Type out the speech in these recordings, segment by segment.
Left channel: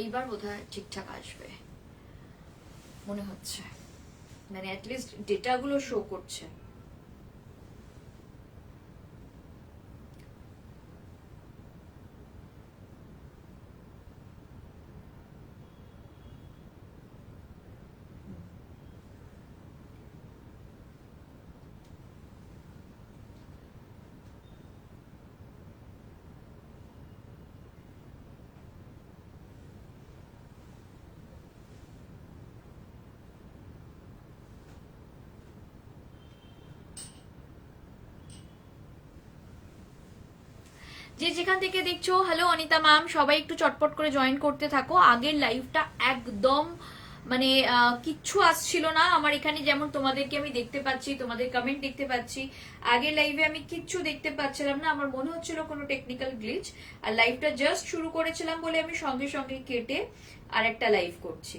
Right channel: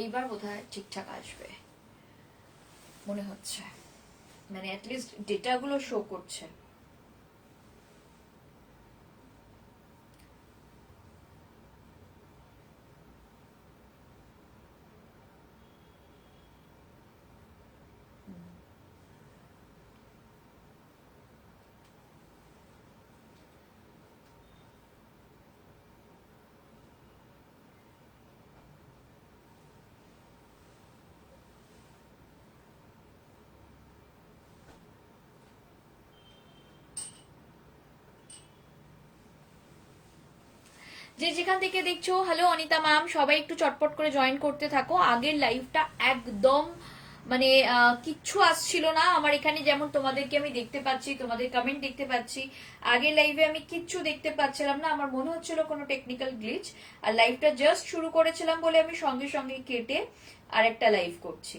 এইবার বোধহয় ঠিকঠাক আসবে মনে হচ্ছে, মানে অ্যাটলিস্ট ডেটাগুলো শো করছে। যে যেখান থেকে দেখছো, হ্যালো অনিতা ম্যাম, সবাই একটু চটপট করে জয়েন করতে থাকো। আগের লাইভটা একদম মানে কিচ্ছু আসছিল না আমার এখানে, যেমন তোমাদেরকে আমি দেখতে পাচ্ছি, তোমাদের কমেন্ট দেখতে পাচ্ছি। আগের লাইভে আমি কিচ্ছু দেখতে পাচ্ছিলাম না, আমার মনে হচ্ছিল কোনো টেকনিক্যাল গ্লিচ। আর লাইভটা জাস্ট শুরু করেছিলাম বলে আমি সঙ্গে সঙ্গে কেটে আর একটা লাইভ করছি।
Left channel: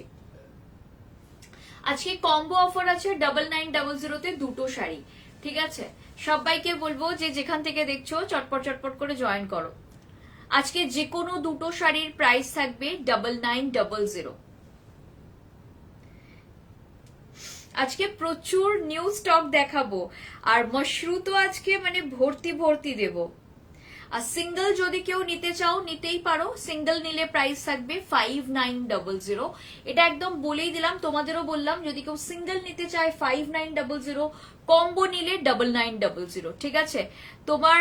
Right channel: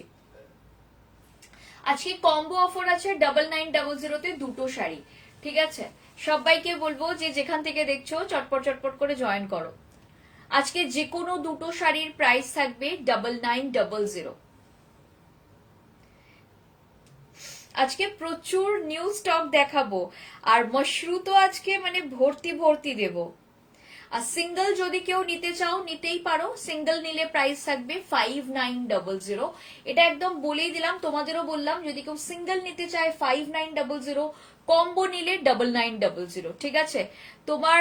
আজকে কম্বো অফার আছে 9900 দুটো শাড়ি, ঠিক আছে? সবাইকে বলবো যে যেখান থেকে দেখছো চটপট চটপট করে জয়েন করো। আজকে যে কোনো দুটো শাড়ির প্রাইস থাকবে 9900। আজকে প্রচুর নিউ স্টক দেখাবো, আর মশরু তো আজকে মানে ভর্তি ভর্তি দেবো। আর সিঙ্গেল যদি কেউ নিতে চাও নিতেই পারো, সিঙ্গেল নিলে প্রাইস থাকবে 5900। এটা একদম বলেই দিলাম, তোমাদেরও বললাম, যদি কেউ সিঙ্গেল নিতে চায় 5900, কম্বো নিলে 9900, ঠিক আছে? তোমার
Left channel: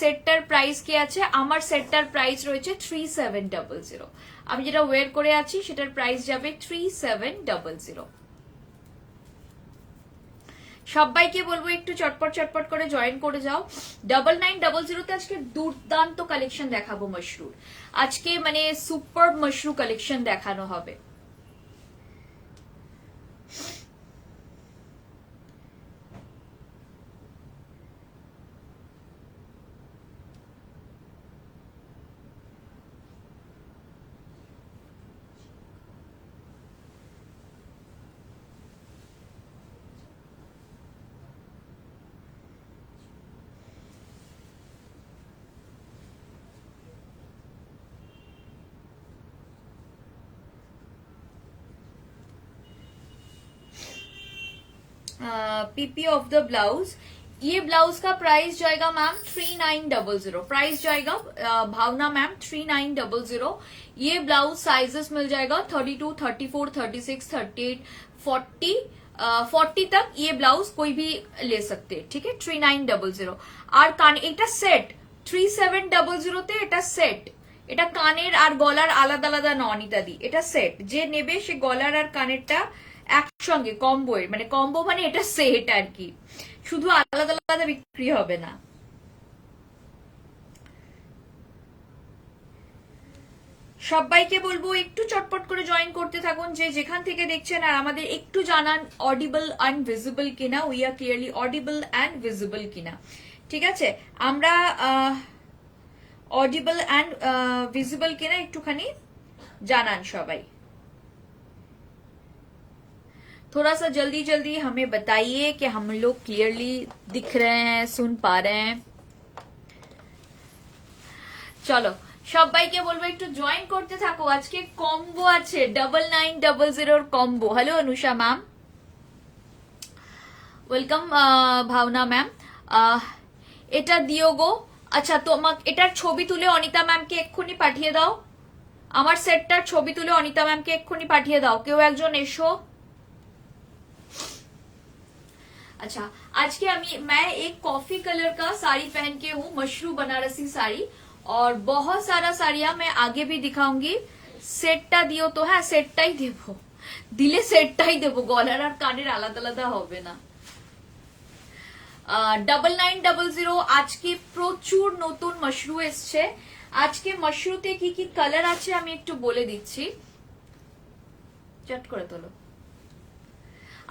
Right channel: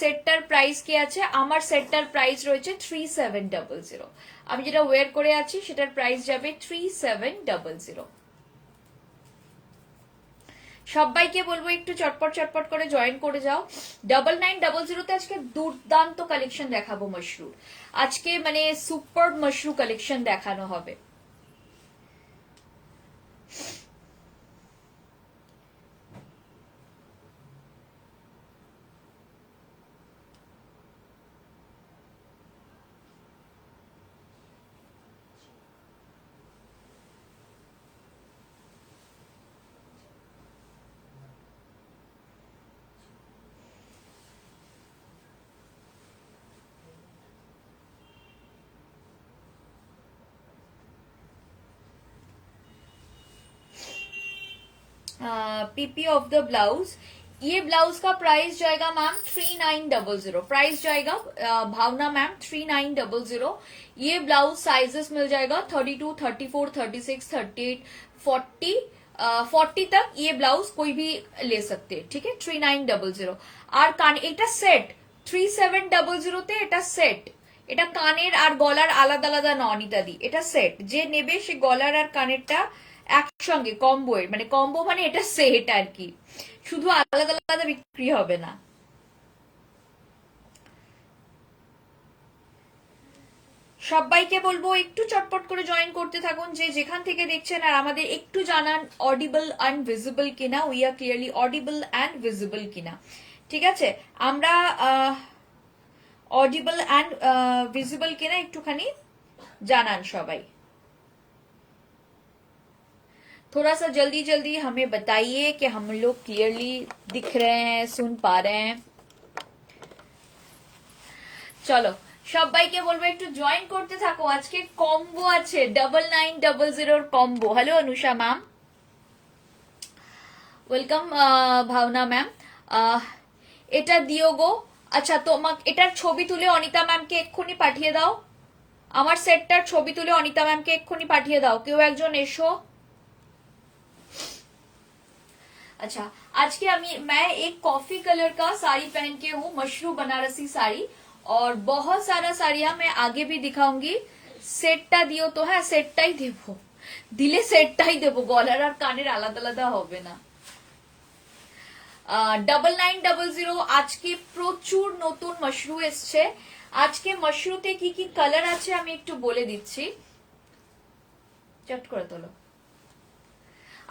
সেটটার প্রাইস কি আছে? আমার সেটটার প্রাইস রয়েছে 3700। আমি যেটা ওয়্যার করে আছি সেটার প্রাইস যাবে 3700। সবাইকে বলবো একটু চটপট চটপট করে জয়েন করে যাও। 9900 তে আজকে দুর্দান্ত কালেকশন দেখাবো মশরুর। আজকে মানে সুপার মশরু কালেকশন দেখানো হবে। पीपी ऑफ द ब्लाउज, ये ब्लाउज का प्राइस जाएगा मैम 3900, प्राइस जाएगा भावना मैम 3900। ये ब्लाउज साइजेस मिल जाएगा 32, 34, 36, 38, 40, 40 तक ये ब्लाउज कोई भी ले सकते हैं, ठीक है? 3900। আর কান এটা সেট 3700 তে, এটা সেট। এটা কানের আর গলার আলাদা আলাদা নন ইত্যাদি, এটা সেট। যে নেবে সে গলার আর কানেরটা একসঙ্গে কম্বো, মানে কম্বো মানে এটা সেট আর কি, শুধু আলাদা আলাদা বিক্রি হবে না। সবাইকে বলবো একটু চটপট করে জয়েন করতে থাকুন যে যেখান থেকে দেখছেন, আর আমাদের একটু জানান অডিবল অ্যান্ড ভিজিবল কিনা, we are clearly audible and visible কিনা, ঠিক আছে? আমরা ऑडिबल एंड विजिबल किना एकटूखानी जानान सबाई। थोड़ा सा जल्दी जल्दी हमें बताइए कि हम लोग क्लियरली दिख रहे हैं, सुन पा रहे हैं। चलो সবাইকে বলবো একটু জয়েন করতে থাকো। আজকে কম্বো আছে 9900 combo. Hello Anusha ma'am, welcome ভাবনা ম্যাম। এটা দিও গো। আচ্ছা তোমাকে এটার ছবি তুলে অনিতা ম্যামকে এক্ষুনি পাঠিয়ে দাও। আমার সেটটার ছবি তুলে অনিতা ম্যামকে এক্ষুনি পাঠিয়ে দাও, কেউ একজন এসো। अच्छा आज के मैं एक कॉफी कलर का साड़ी पहन के हूँ, मशरू बनारसी साड़ी, और बहुत सारा साड़ियां मैं आगे भी दिखाऊंगी। सेटटा दियो तो হ্যাঁ সেটটাই দেবো, দিলে সেটটাই দেবো, গলার আর কানের আলাদা আলাদা হবে না। 9900 আজকে প্রচুর নতুন মশরু এসছে। আজকে মশরুতে কি কি কালার আছে আমি একটু বলে দিচ্ছি, চট করে তোলো।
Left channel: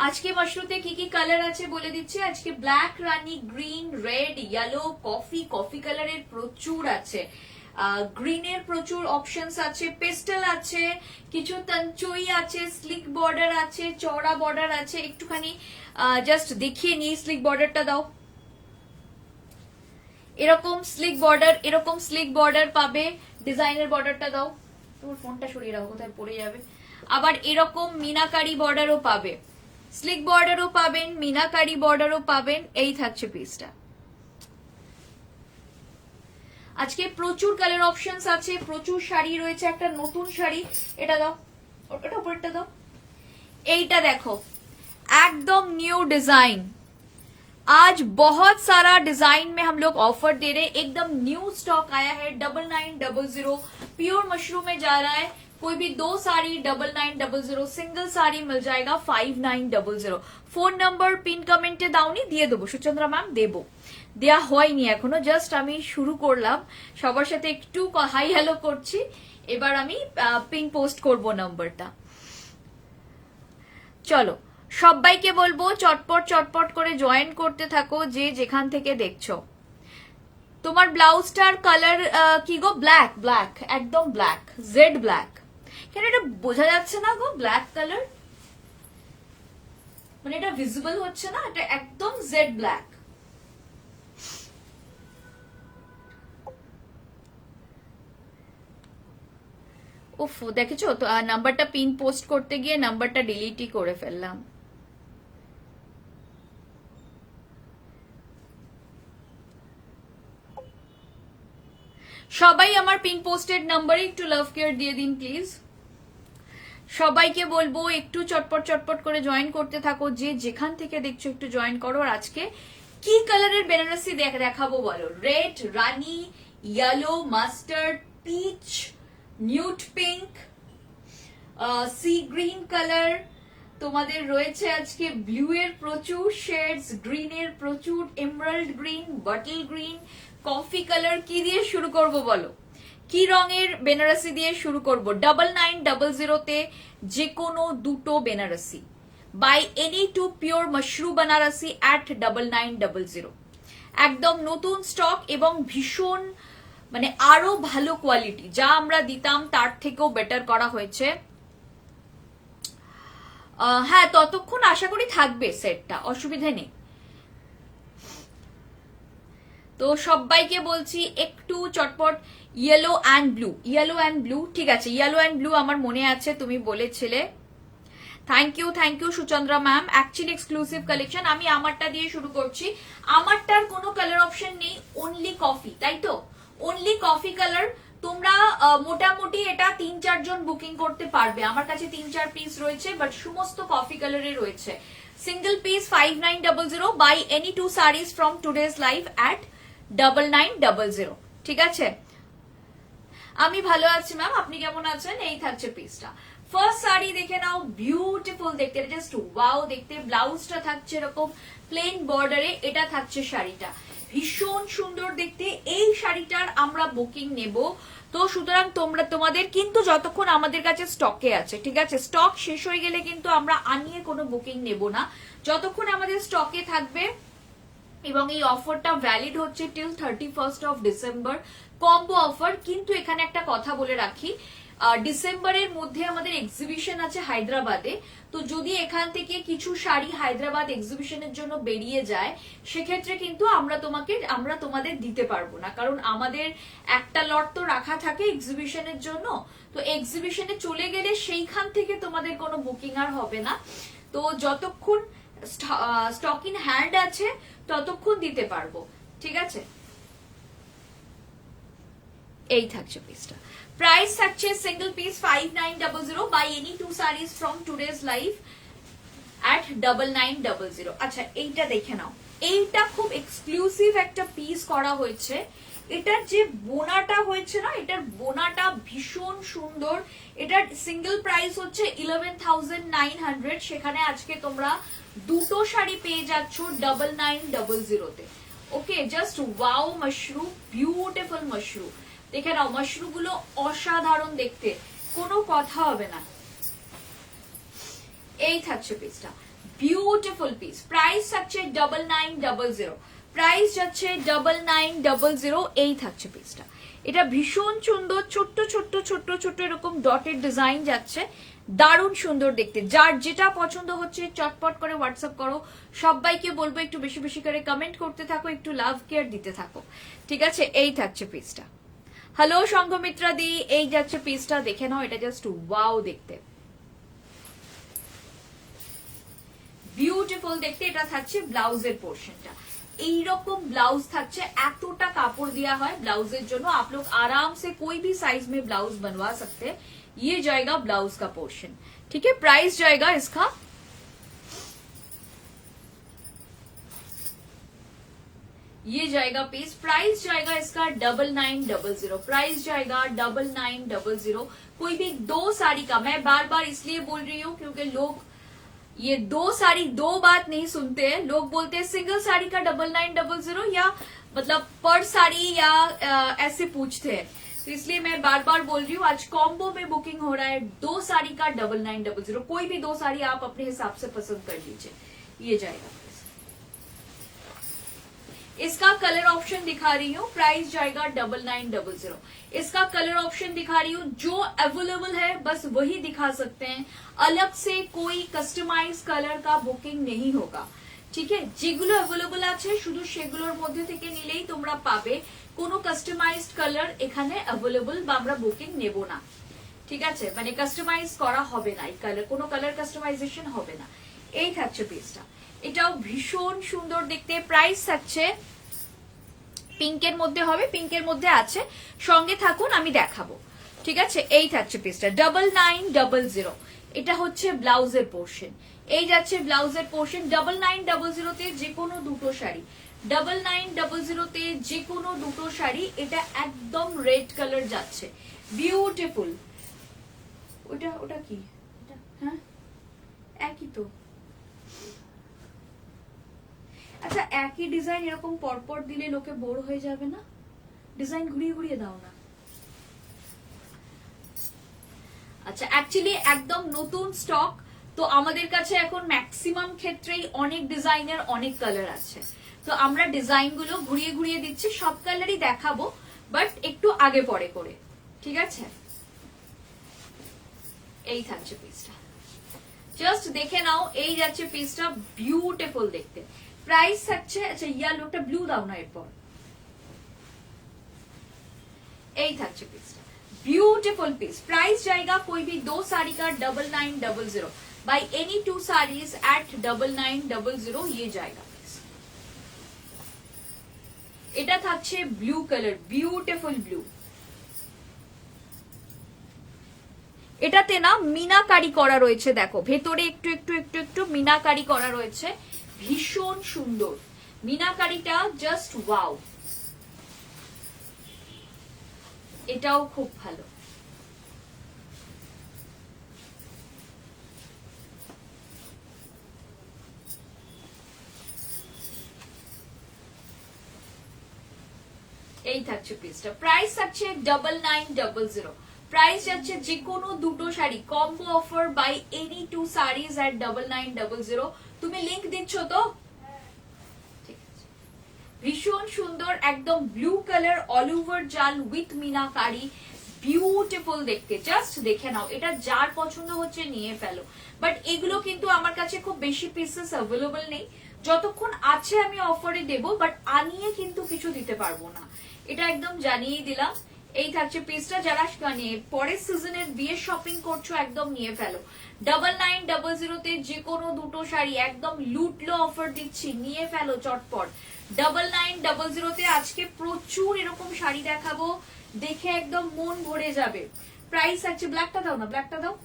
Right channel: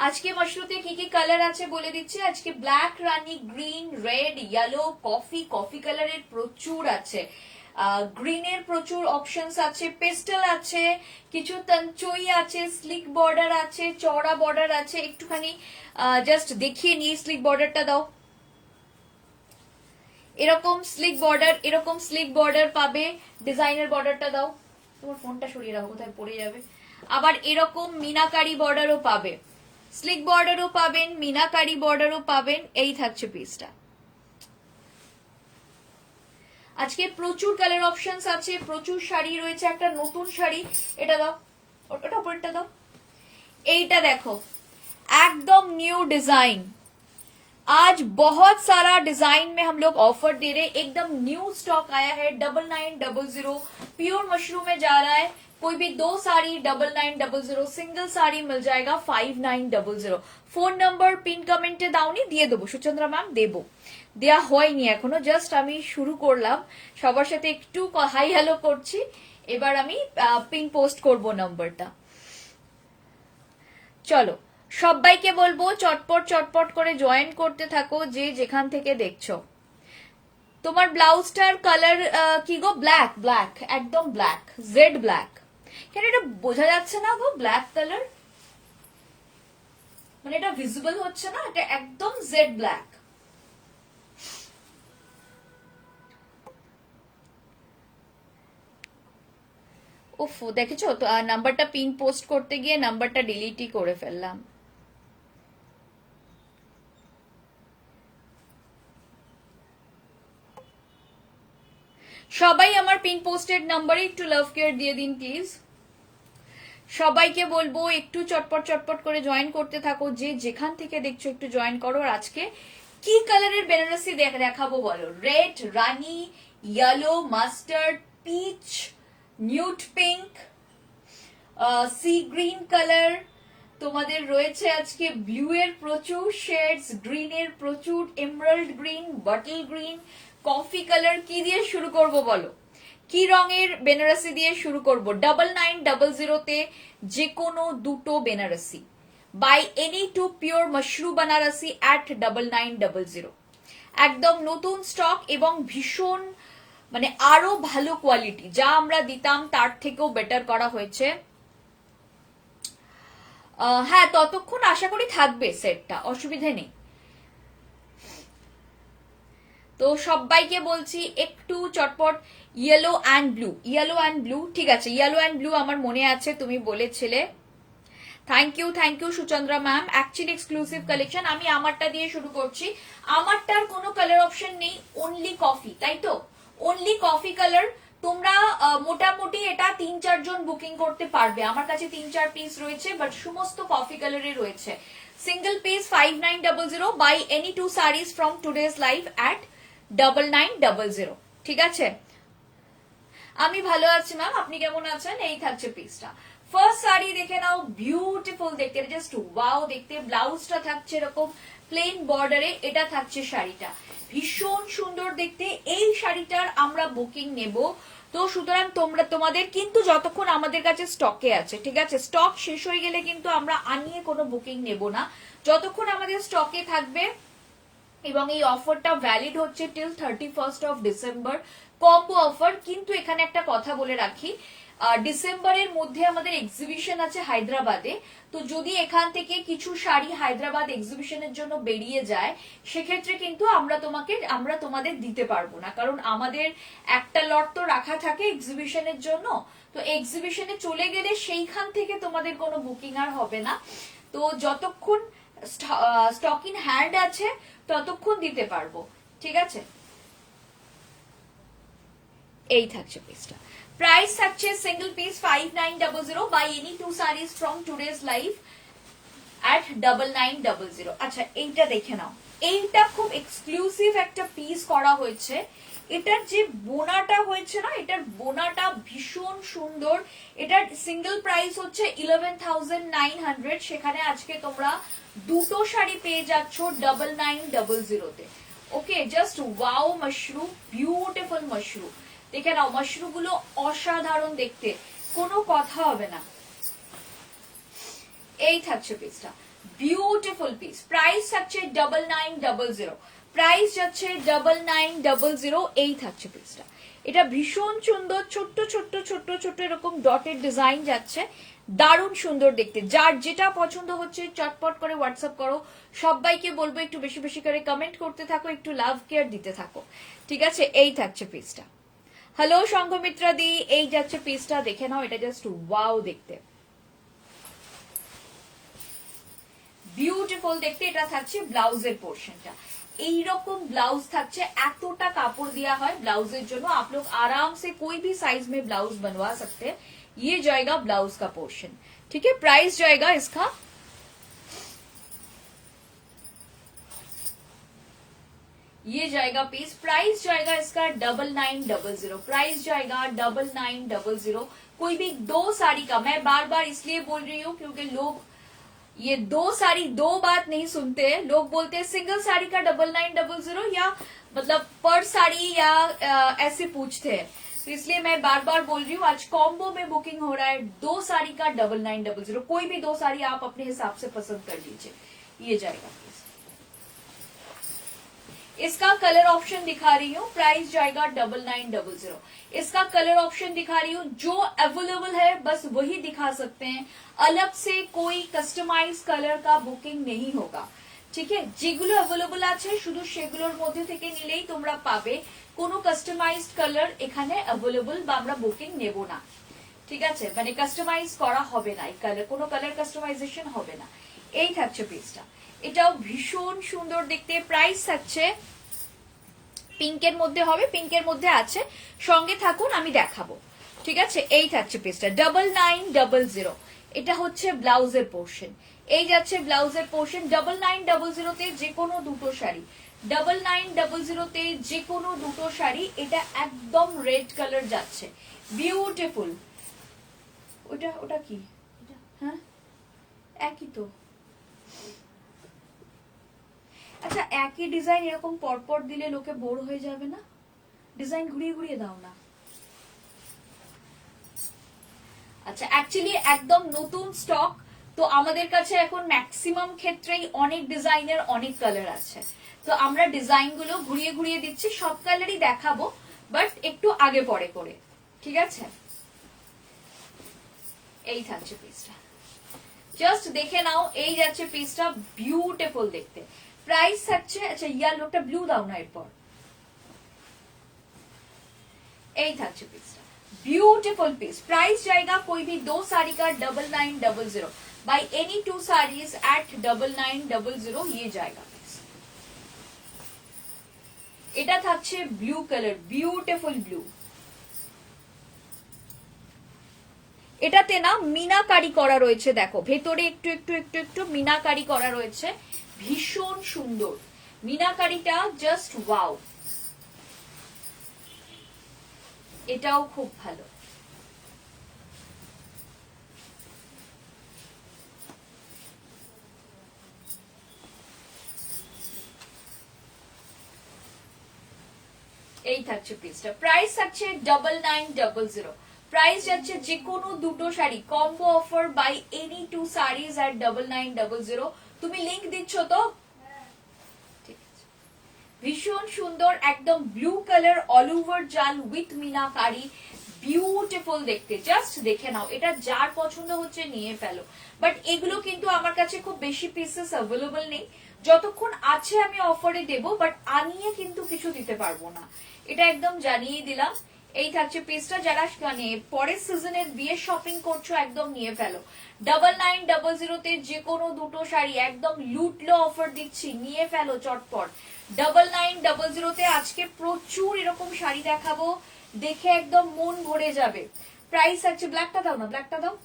আজকে মশরুতে কি কি কালার আছে বলে দিচ্ছি। আজকে ব্ল্যাক, রানী, গ্রিন, রেড, ইয়েলো, কফি কালারের প্রচুর আছে, গ্রিনের প্রচুর অপশনস আছে, পেস্টেল আছে, কিছু তঞ্চই আছে, স্লিক বর্ডার আছে, চওড়া বর্ডার আছে। একটুখানি জাস্ট দেখিয়ে নিই, স্লিক বর্ডারটা দাও। এরকম স্লিক বর্ডার পাবে, ডিজাইনের বর্ডারটা দাও। তোমার ফোনটা সরিয়ে রাখো, কোথায় পড়ে যাবে। আবার এরকম মিনাকারি বর্ডারও পাবে, স্লিক বর্ডারও পাবেন, মিনাকারি বর্ডারও পাবেন। এই থাকছে পিসটা। আজকে প্রচুর কালার অপশনস আছে, প্রচুর শাড়ি রয়েছে। একটা নতুন শাড়ি, এটা দাও, ওটা উপরটা দাও। এইটা देखो एकदम न्यू डिजाइन, आज बहुत सारा डिजाइन में हम लोग ऑफर दे रहे हैं। एकदम न्यू स्टॉक आया है 9900 प्योर मशरूम में जा रहा है। कोई भी 2 साड़ी 9900, सिंगल साड़ी मिल जाएगा 5900। फोन नंबर पिन कमेंटे दाउनी দিয়ে দেবো সুচন্দ্রা ম্যাম, দেবো, দেয়া হয়নি এখনো, জাস্ট আমি শুরু করলাম, সবার সাথে একটু হাই হ্যালো করছি। এবার আমি পিন পোস্ট করব নাম্বারটা। চলো সবাইকে বলবো চটপট চটপট করে জয়েন করতে থাকো, যে যেখান থেকে দেখছো। তোমার ব্লাউজটার কালার কি গো? ব্ল্যাক, ব্ল্যাক, একদম ব্ল্যাক, জেড ব্ল্যাক। কেন এটা বোঝা যাচ্ছে না গো? ব্ল্যাক কালার মানে এটা ভিজিবল হচ্ছে না, এটা একদম জেড ব্ল্যাক। উফ, দেখেছো তো নাম্বারটা পিন পোস্ট করতে গিয়ে নাম্বারটা ডিলিটই করে ফেললাম। সবাই আমার পিন পোস্টেড নাম্বারে একটু লাভ কেয়ার দিয়ে দিন প্লিজ। সবাইকে বলবো একটু চটপট চটপট করে জয়েন করতে থাকো, যে যেখান থেকে দেখছো একটু জয়েন করো। আর আজকে কি কালারের বেনারসি দেখাবো বলো? Red, rani, yellow, mustard, peach, nude pink, sea green colour, তোমাদের রয়েছে আজকে ব্লু এর প্রচুর শেডস, গ্রিন এর প্রচুর, emerald green, bottle green, coffee colour. কি দিয়ে শুরু করব বলো? কি রঙের বেনারসি দিয়ে শুরু করব? 9900 যে কোনো দুটো Banarasi, buy any two pure mashru Banarasi at 9900। একদম নতুন স্টক এবং ভীষণ মানে আরো ভালো কোয়ালিটি, যা আমরা দিতাম তার থেকেও বেটার করা হয়েছে। হ্যাঁ, ততক্ষণ আশা করি থাকবে সেটটা, অসুবিধে নেই। তো সবাইকে বলছি একটু চটপট। Yellow and blue, yellow and blue, ঠিক আছে, ইয়েলো অ্যান্ড ব্লু আমার মনে আছে, তুমি বলেছিলে। Thank you Suchandra ma'am. Actually exclusive collection. আমি আমারটা দিয়ে শুরু করছি। আমারটার কোনো কালার অপশন নেই, অনলি কফি, তাই তো? Only coffee colour. তোমরা মোটামুটি এটা 3-4 জন বুকিং করতে পারবে। আমার কাছে 3-4 পিস রয়েছে, বাট সমস্ত কফি কালারে রয়েছে। Single piece 5900 buy any 2 saris from today's live at 9900। ঠিক আছে, আমি ভালো আছি ম্যাম, আপনি কেমন আছেন? এই থাকছে পিসটা। ফার্স্ট শাড়ি দেখে নাও, বিউটিফুল দেখতে, জাস্ট ওয়াও দেখতে। ব্লাউজটা থাকছে এরকম প্লেন বর্ডারে, এটা থাকছে শাড়িটা, ভীষণ সুন্দর দেখতে। এই শাড়িটার আমরা বুকিং নেব, তো সুতরাং তোমাদের কিন্তু যতক্ষণ আমাদের কাছে স্টকে আছে, ঠিক আছে, স্টক শেষ হয়ে গেলে কিন্তু আমরা আনিয়ে কোনো বুকিং নেব না, যতক্ষণ আমাদের স্টকে থাকবে। এবং এই অফারটা ভ্যালিড হচ্ছে till 31st of December, combo offer. কিন্তু এখানে একটা কথা বলে রাখি, ডিসেম্বরের মধ্যে আমাদের এক্সিবিশন আছে হায়দ্রাবাদে, তো যদি এখান থেকে কিছু শাড়ি হায়দ্রাবাদ এক্সিবিশনের জন্য বেরিয়ে যায়, সেক্ষেত্রে কিন্তু আমরা তোমাদের দিতে পারবো না, কারণ আমাদের একটা লট তো রাখা থাকে এক্সিবিশনের জন্য। তো এক্সিবিশনে চলে গেলে সেইখান থেকে তোমাদের কোনো বুকিং আর হবে না। তো যতক্ষণ স্টক ইন হ্যান্ড আছে ততক্ষণ দিতে পারবো, ঠিক আছে। এই থাকছে পিসটা। প্রাইস থাকছে single piece 5900 buy any 2 saris from today's live at 9900। আচ্ছা, এইটা দেখে নাও, এইটা খুব এক্সক্লুসিভ একটা পিস করা হয়েছে। এটার যে বোনাটা হয়েছে না, এটার বোনাটা ভীষণ সুন্দর। এটার সিঙ্গেল প্রাইস হচ্ছে 11,900, সেখানে আজকে তোমরা দুটো শাড়ি পেয়ে যাচ্ছ 9900 তে। Okay, just wow mashru, beautiful mashru. দেখে নাও, মাশরু গুলো অসাধারণ দেখতে, কোনো কথা হবে না। এই থাকছে পিসটা, বিউটিফুল পিস। প্রাইস থাকছে 9900, প্রাইস যাচ্ছে 9900। এই থাকছে পিসটা, এটা ভীষণ সুন্দর, ছোট্ট ছোট্ট ছোট্ট ছোট্ট এরকম ডটের ডিজাইন যাচ্ছে, দারুণ সুন্দর দেখতে। যার যেটা পছন্দ হচ্ছে চটপট করে হোয়াটসঅ্যাপ করো। সবাইকে বলবো একটু বেশি বেশি করে কমেন্ট করতে থাকো, একটু লাভ কেয়ার দিতে থাকো, ঠিক আছে। এই থাকছে পিসটা, হ্যালো সংঘমিত্রা দি, এই যাচ্ছে পিসটা, দেখে নাও, এটা জাস্ট ওয়াও দেখতে, বিউটিফুল দেখতে। এটা থাকছে ব্লাউজের পোর্শনটা, এইরকম ব্লাউজ থাকছে, এতটা কাপড় दिया হয় ब्लाउजेर জন্য। आप लोग आराम से कोई भी साइज में ब्लाउज बनवा सकते हैं। ये जाएगा ब्लाउज का पोर्शन, ठीक है। प्राइस जाएगा इसका ये जाएगा पीस, प्राइस जाएगा इसका 9900, प्राइस जाएगा 9900। कोई भी दो साड़ी का, मैं बार बार इसलिए बोल रही हूँ क्योंकि लोग ये दो साड़ी दो बात नहीं सुनते हैं। लोग बोलते हैं सिंगल साड़ी का 9900 या मतलब पर साड़ी या ऐसे पूछते हैं, तो इसलिए मैं बार बार बोल रही हूँ आज कॉम्बो में बुकिंग हो रहा है, दो साड़ी का 9900। कोई भी दो साड़ी आप अपने हिसाब से पसंद कर लीजिए। ये जाएगा, इसका कलर ऑप्शन दिखा रही हूँ, प्राइस जाएगा 9900। इसका कलर ऑप्शन दिखा रही हूँ, जो अवेलेबल है बस वही दिखा सकते हैं, अलग से कोई कस्टमाइज कलर का बुकिंग नहीं होगा, ठीक है। যেগুলো अवेलेबल আছে শুধু সেগুলোর মধ্যে থেকে নিলেই তোমরা পাবে, কোনো কাস্টমাইজড কালার এখানে अवेलेबल বা আমরা বুকিং নেব না, ঠিক আছে। মানে কাস্টমাইজ করা হবে না, এই কালার কোনো কালার কাস্টমাইজেশন হবে না। এই থাকছে পিসটা, এটাও ভীষণ সুন্দর দেখতে। প্রাইস থাকছে পিঙ্কের মধ্যে হবে, পিঙ্কের মধ্যে আছে, সঙ্গে থাকুন আমি দেখাবো, ঠিক আছে। এই থাকছে পিসটা 9900, এটা হচ্ছে ব্লাউজের পোর্শন, এই যাচ্ছে ব্লাউজের পোর্শন। 9900 তে যে কোনো দুটো শাড়ি, 9900 তে যে কোনো দুটো শাড়ি, এটা একদম রেড কালার যাচ্ছে, বিউটিফুল। ওটা ওটা কি, হ্যাঁ একই তো, আচ্ছা একই ডিজাইন এরকম পরপর দিলে লোকে বোর হয়ে যাবে না? ডিজাইন ঘুরিয়ে ঘুরিয়ে দাও না। আচ্ছা অ্যাকচুয়ালি একদম নতুন স্টক তো আমাদের কাছে এখন ম্যাক্সিমাম ক্ষেত্রেই অনেক ডিজাইনের অনেক কালার আছে, তো আমরা ডিজাইন গুলো ঘুরিয়ে ঘুরিয়ে দিচ্ছি, সব কালারই দেখাবো বাট একটু আগে পরে করে, ঠিক আছে। এই থাকছে পিসটা, জাস্ট দেখে নাও, এই যাচ্ছে পিসটা, বিউটিফুল দেখতে। प्राइस থাকছে, আচ্ছা ইয়ার লোকটা ব্লু দাও না, এরপর এই থাকছে পিসটা, ब्यूटीफुल पीस। प्राइस जाएगा कोई भी दो साड़ी का 9900, by any two saris at 9900 ये जाएगा पीस। এটা থাকছে ব্লু কালার, বিউটিফুল ব্লু। এটাতে না মিনাকারি করা রয়েছে, দেখো ভেতরে একটু একটু একটু একটু মিনাকারি করা রয়েছে, ভীষণ সুন্দর মিনাকারিটা, জাস্ট ওয়াও। এটাও খুব ভালো। এই থাকছে পিসটা, প্রাইস থাকছে 9900, প্রাইস যাচ্ছে যে কোনো দুটো sari, combo offer buy any two saris at 9900। তুমি লিংক দিচ্ছ তো? ঠিক আছে, ভীষণ সুন্দর, একদম ব্লু কালার, অল ওভার জাল উইথ মিনাকারি, বিউটিফুল দেখতে। জাস্ট দেখে নাও, এটা যার পছন্দ হচ্ছে নিয়ে ফেলো, বাট এগুলো কিন্তু আমার কাছে খুব বেশি পিসেস অ্যাভেলেবল নেই, যতক্ষণ আছে আমি অফারে দেবো, বাট আনিয়ে কিন্তু কিছু দিতে পারবো না, এটা একদম জানিয়ে দিলাম। এই থাকছে পিসটা, যারা নিয়ে পরের সিজনের বিয়ের শপিং করছো একদম নিয়ে ফেলো। 9900 তে যে কোনো দুটো শাড়ি একদম লুটলো অফার দিচ্ছি, নিয়ে ফেলো চটপট। 9900 তে আজকে প্রচুর এরকম শাড়ি দেখাবো, দেখে একদম মন ভরে যাবে। প্রাইস থাকছে, ব্ল্যাকটা দাও না, ব্ল্যাকটা দাও।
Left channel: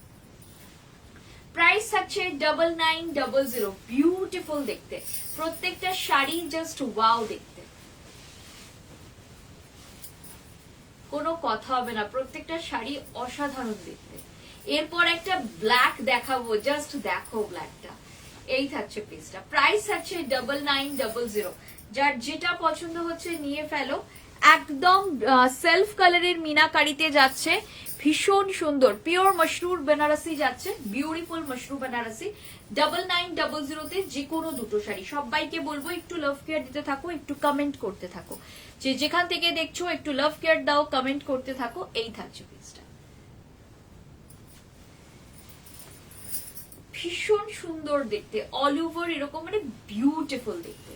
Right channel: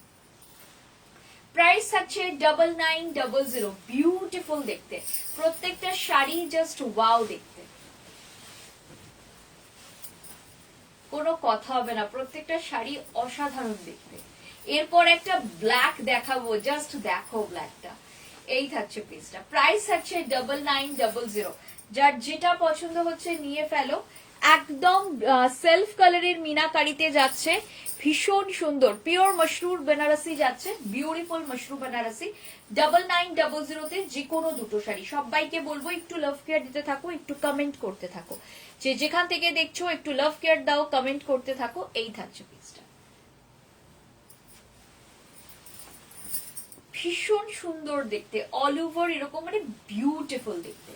প্রাইস থাকছে 9900, বিউটিফুল দেখতে, প্রত্যেকটা শাড়ি জাস্ট ওয়াও দেখতে, কোনো কথা হবে না, প্রত্যেকটা শাড়ি অসাধারণ দেখতে। এরপর একটা ব্ল্যাক দেখাবো, জাস্ট দেখো ব্ল্যাকটা। এই থাকছে পিসটা, প্রাইস থাকছে 9900, যার যেটা পছন্দ হচ্ছে নিয়ে ফেলো। একদম সেলফ কালারের মিনাকারিতে যাচ্ছে, ভীষণ সুন্দর পিওর মশরুর বেনারসি যাচ্ছে, বিউটিফুল মশরু বেনারসি। 9900 তে যে কোনো দুটো শাড়ি। সবাইকে বলবো একটু লাভ কেয়ার দিতে থাকো, একটু কমেন্ট করতে থাকো, যে যেখান থেকে দেখছো একটু লাভ কেয়ার দাও, কমেন্ট করতে থাকো। এই থাকছে পিসটা, ভীষণ সুন্দর দেখতে, অল ওভার এরকম, মানে বিউটিফুল দেখতে।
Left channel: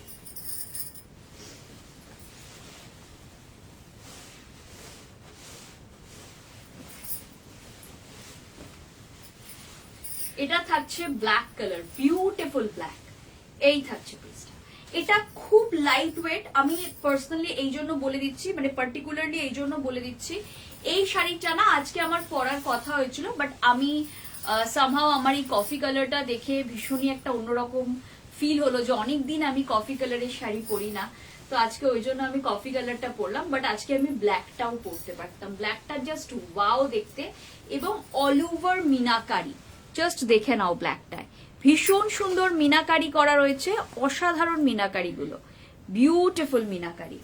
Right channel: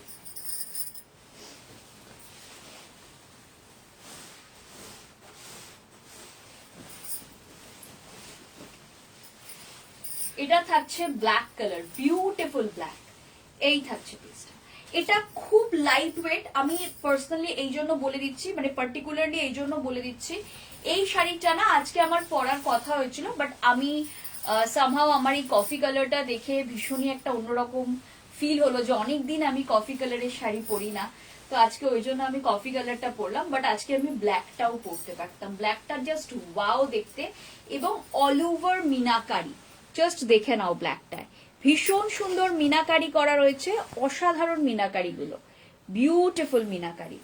এটা থাকছে ব্ল্যাক কালার, বিউটিফুল ব্ল্যাক। এই থাকছে পিসটা। এটা খুব লাইট ওয়েট, আমি পার্সোনালি এই জন্য বলে দিচ্ছি, মানে পার্টিকুলারলি এই জন্য বলে দিচ্ছি, এই শাড়িটা না আজকে আমার পরার কথা হয়েছিল, বাট আমি সামহাও আমার এই কফি কালারটা দেখে ভীষণই একটা অন্যরকম ফিল হলো যে অনেকদিন আমি কফি কালারের শাড়ি পরি না, তো আজকে ওই জন্য আমি কফি কালারটা পরলাম। বাট আজকে আমি ব্ল্যাকটাও পরতে পারতাম, ব্ল্যাকটা জাস্ট ওয়াও দেখতে, এবং অল ওভার মিনাকারি, জাস্ট দেখে নাও ব্ল্যাকটায় ভীষণ সুন্দর মিনাকারি করা রয়েছে, অসাধারণ মিনাকারি গুলো, বিউটিফুল মিনাকারি।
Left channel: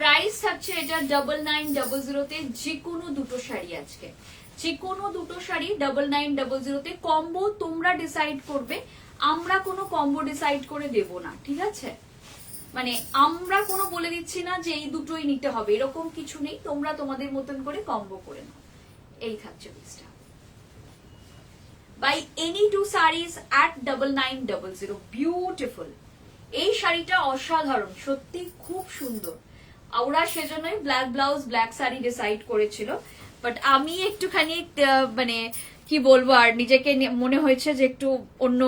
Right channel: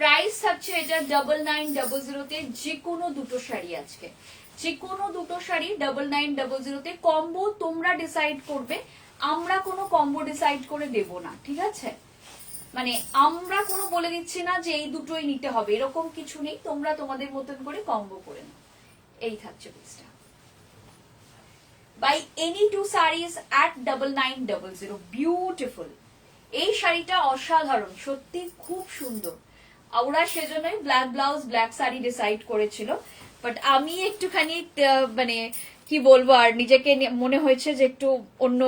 প্রাইস থাকছে এটা 9900 যে কোনো দুটো শাড়ি, আজকে যে কোনো দুটো শাড়ি 9900 কম্বো তোমরা ডিসাইড করবে, আমরা কোনো কম্বো ডিসাইড করে দেব না, ঠিক আছে? মানে আমরা কোনো বলে দিচ্ছি না যে এই দুটোই নিতে হবে, এরকম কিছু নেই, তোমরা তোমাদের মতন করে কম্বো করে নাও। এই থাকছে পিসটা। By any two saris at 9900, beautiful. এই শাড়িটা অসাধারণ, সত্যি খুব সুন্দর। ওরা সেজন্যই black blouse black sari decide করেছিল, বাট আমি একটুখানি মানে কি বলবো, আর নিজেকে মনে হয়েছে যে একটু অন্য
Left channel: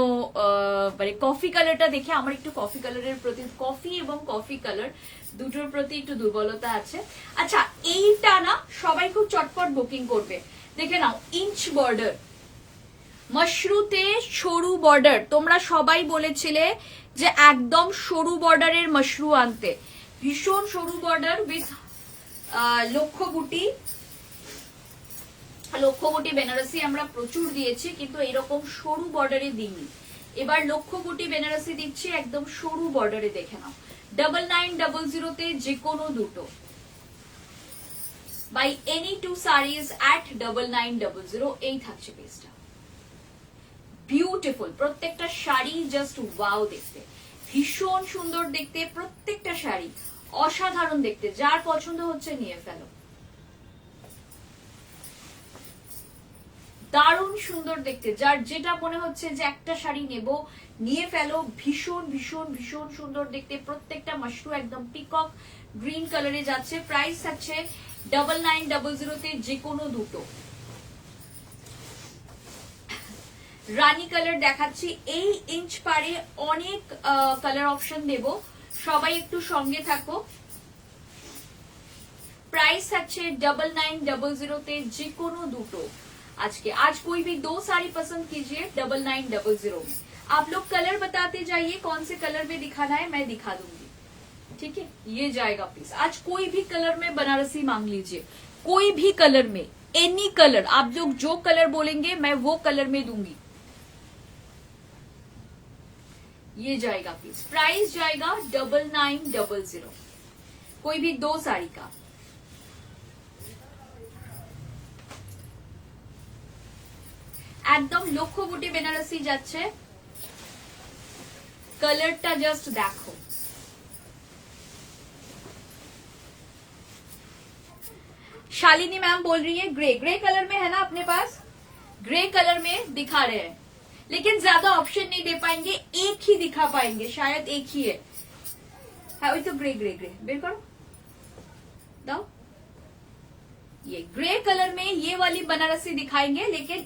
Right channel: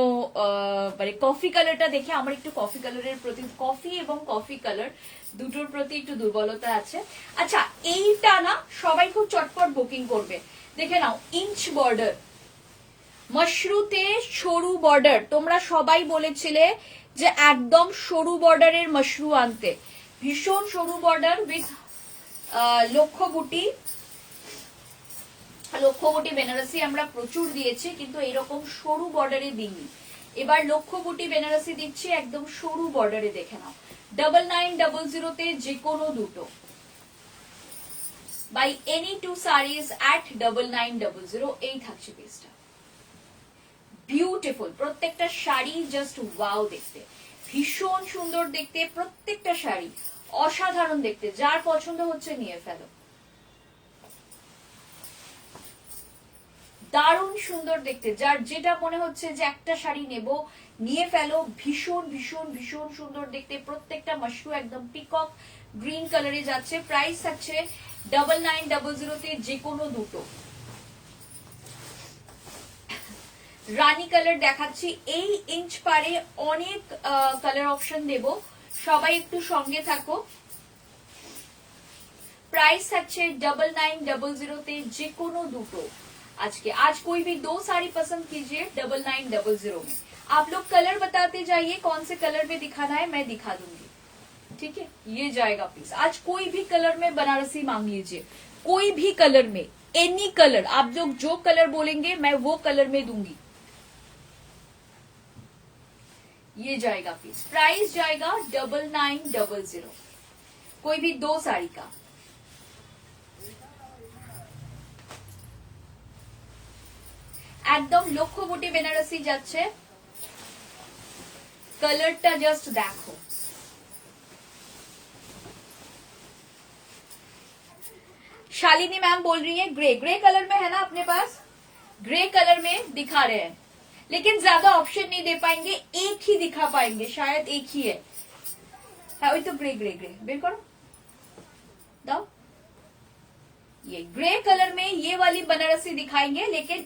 মানে কফি কালারটা দেখে আমার একটু কফি কালারের প্রতি, কফি এবং কফি কালার দুটোর প্রতি একটু দুর্বলতা আছে। আচ্ছা, এইটা না সবাই খুব চটপট বুকিং করবে, দেখে নাও, ইঞ্চ বর্ডার, মশরুতে সরু বর্ডার। তোমরা সবাই বলেছিলে যে একদম সরু বর্ডারের মশরু আনতে, ভীষণ সরু বর্ডার উইথ লক্ষ্য বুটি। লক্ষ্য বুটি বেনারসি আমরা প্রচুর দিয়েছি, কিন্তু এরকম সরু বর্ডারে দিইনি। এবার লক্ষ্য বুটি বেনারসি দিচ্ছি একদম সরু বর্ডারে, দেখে নাও। 9900 যে কোনো দুটো, by any two saris at 9900। এই থাকছে পিসটা, বিউটিফুল। প্রত্যেকটা শাড়ি জাস্ট ওয়াও দেখতে, ভীষণ সুন্দর দেখতে, প্রত্যেকটা শাড়ি অসাধারণ দেখতে। যার পছন্দ হচ্ছে নিয়ে ফেলো, দারুণ সুন্দর দেখতে। যার যেটা মনে হচ্ছে যে একটা শাড়ি নেব, নিয়ে ফেলো, ভীষণ ভীষণ ভীষণ সুন্দর দেখতে। প্রত্যেকটা মাশরু একদম পিকক গ্রিন কালারে যাচ্ছে। প্রাইস থাকছে 9900 যে কোনো দুটো। রানী কালার দেখাচ্ছি, এই ইঞ্চ পারে অনেক কালার অপশন দেব, সবাই একটু সঙ্গে থাকো। प्राइस থাকছে 9900 যে কোনো দুটো। आज कोई भी दो साड़ी पसंद कीजिए 9900 में। आप लोग कलर बताते जाइए, कौन से कलर में दिखाना है मैं दिखा दूंगी, ठीक है? ये जाएगा पीस। आज कोई भी कलर में बनारसी मांग लीजिए, कोई भी कलर में, एनी कलर, आप लोग जो कलर बोलेंगे मैं वो कलर में दूंगी। ये जाएगा पीस, प्राइस जाएगा 9900, कोई भी दो साड़ी का। একদম লক্ষ্য বুটি বেনারসি যাচ্ছে, কালারটা জাস্ট দেখো। शालिनी मैम बोल रही है ग्रे, ग्रे कलर में है ना अपने पास, ग्रे कलर में दिखा रहे हैं, लेकिन ज्यादा ऑप्शन नहीं दे पाएंगे, एक ही दिखा पाएंगे, शायद एक ही है। वही तो ग्रे ग्रे ग्रे बेर करो, दाओ। ये ग्रे कलर में ये वाली बनारसी दिखाएंगे, लेकिन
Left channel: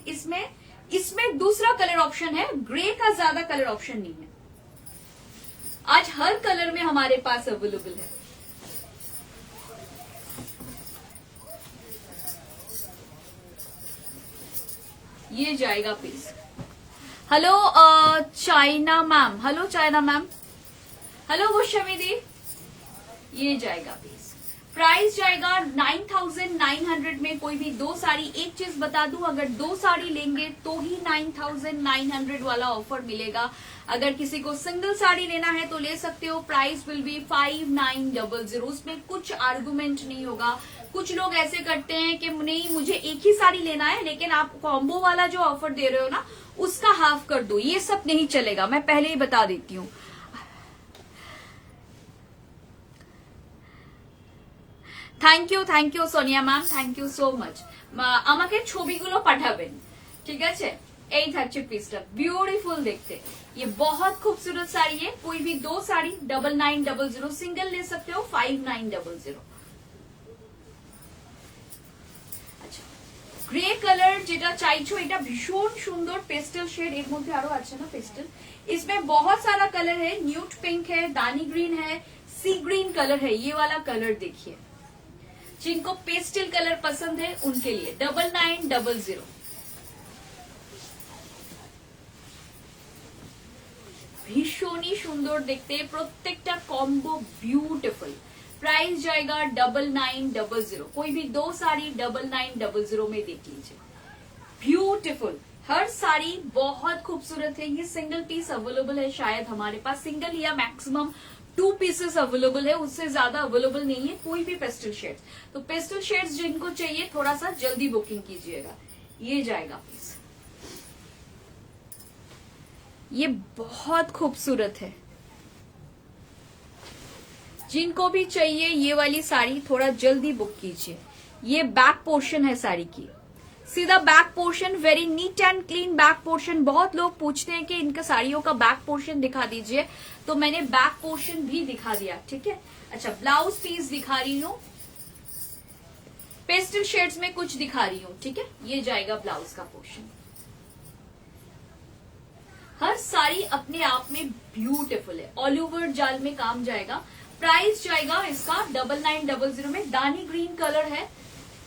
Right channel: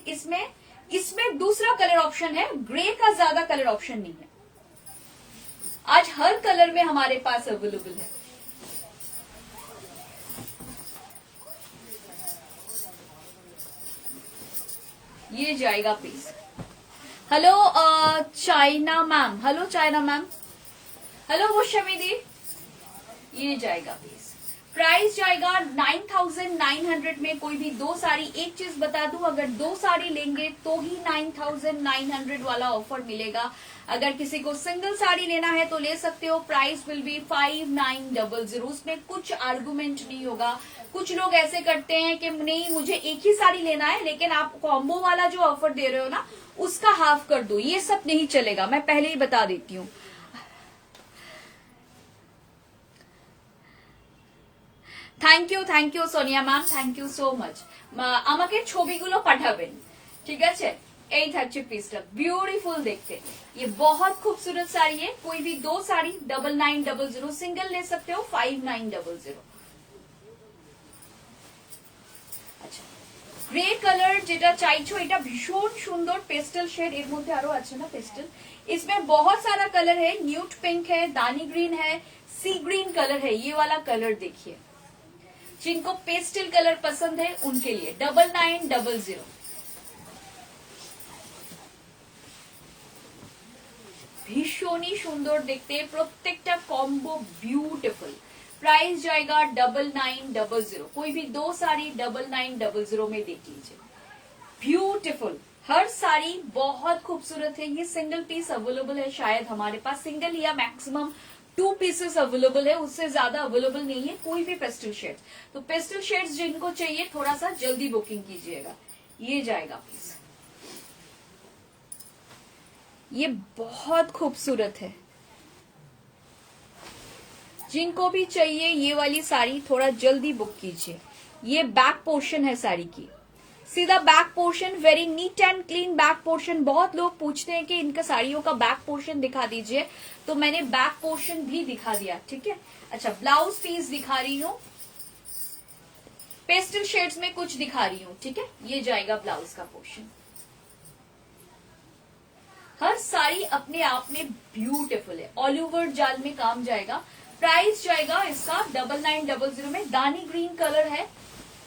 इसमें दूसरा कलर ऑप्शन है, ग्रे का ज्यादा कलर ऑप्शन नहीं है। आज हर कलर में हमारे पास अवेलेबल है। ये जाएगा piece. Hello Chaina ma'am, hello Chaina ma'am, hello वो शमीदी। ये जाएगा पीस, प्राइस जाएगा 9900 में। कोई भी दो साड़ी, एक चीज बता दूं, अगर दो साड़ी लेंगे तो ही 9900 वाला ऑफर मिलेगा। अगर किसी को सिंगल साड़ी लेना है तो ले सकते हो, प्राइस विल बी 5900। उसमें कुछ आर्गुमेंट नहीं होगा। कुछ लोग ऐसे करते हैं कि नहीं मुझे एक ही साड़ी लेना है, लेकिन आप कॉम्बो वाला जो ऑफर दे रहे हो ना उसका हाफ कर दो, ये सब नहीं चलेगा, मैं पहले ही बता देती हूँ। Thank you Sonia ma'am, thank you so much. আমাকে ছবিগুলো পাঠাবেন, ঠিক আছে? এই থাকছে পিসটা, বিউটিফুল দেখতে, ये बहुत खूबसूरत साड़ी है। कोई भी दो साड़ी 9900, सिंगल ले सकते हो 5900। अच्छा, গ্রে কালার যেটা চাইছো এটা ভীষণ সুন্দর পেস্টেল शेड, এর মধ্যে আরো আছে না পেস্টেল, इसमें बहुत सारा कलर है, न्यूट पिंक है, दानी ग्रीन है, सी ग्रीन कलर है, ये वाला कलर देखिए। जिनको पेस्टल कलर पसंद है उनके लिए 9900। ভীষণই সুন্দর দেখতে, প্রত্যেকটা কম্বো ब्यूटीफुल। प्राइस जाएगा 9900। कोई भी दो साड़ी 9900 में देख लीजिए। ब्यूटीफुल, हर साड़ी बहुत खूबसूरत है। ये सिंगल पीस अवेलेबल है, शायद हमारे पास सिंगल या मैक्सिमम 2 पीसेस अवेलेबल है, उससे ज्यादा अवेलेबल नहीं है कोई भी पेस्टल शेड्स। तो पेस्टल शेड्स जिनको चाहिए थोड़ा सा जल्दी बुकिंग कीजिएगा। ये जाएगा पीस, ये बहुत खूबसूरत है। जिनको भी चाहिए ये वाली साड़ी थोड़ा जल्दी बुक कीजिए। ये बैक पोर्शन है साड़ी की, सीधा back portion, very neat and clean back portion. बहुत लोग पूछते हैं कि इनका साड़ियों का बैक पोर्शन दिखा दीजिए, तो मैंने बैक पोर्शन भी दिखा दिया, ठीक है। अच्छा, ब्लाउज पीस दिखा रही हूँ, पेस्टल शेड्स में कुछ दिखा रही हूँ, ठीक है। ये जाएगा ब्लाउज का पोर्शन। हर साड़ी अपने आप में ब्यूटीफुल है, ऑल ओवर जाल में काम जाएगा। प्राइस जाएगा इसका 9900 में। दानी ग्रीन कलर है,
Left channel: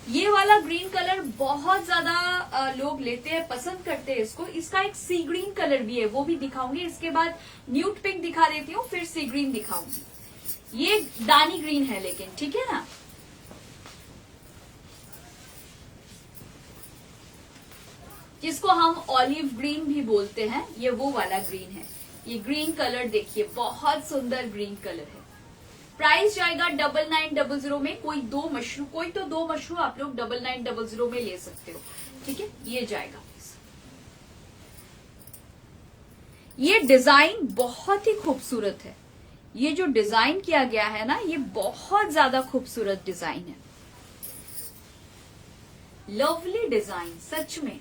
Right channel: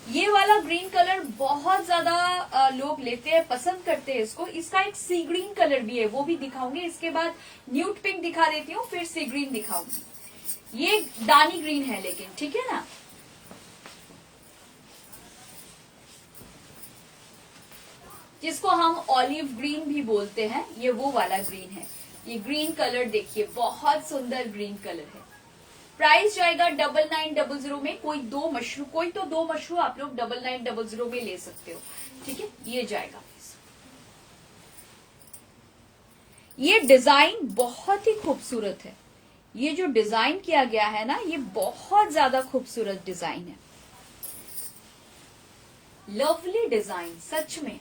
ये वाला ग्रीन कलर बहुत ज्यादा लोग लेते हैं, पसंद करते हैं इसको। इसका एक सी ग्रीन कलर भी है, वो भी दिखाऊंगी। इसके बाद न्यूट पिंक दिखा देती हूँ, फिर सी ग्रीन दिखाऊंगी। ये दानी ग्रीन है लेकिन, ठीक है ना। जिसको हम ऑलिव ग्रीन भी बोलते हैं, ये वो वाला ग्रीन है। ये ग्रीन कलर देखिए, बहुत सुंदर ग्रीन कलर है। प्राइस जाएगा 9900 में। कोई तो दो मशरू आप लोग 9900 में ले सकते हो, ठीक है। ये जाएगा। ये डिजाइन बहुत ही खूबसूरत है। ये जो डिजाइन किया गया है ना, ये बहुत ज्यादा खूबसूरत डिजाइन है। लवली डिजाइन, सच में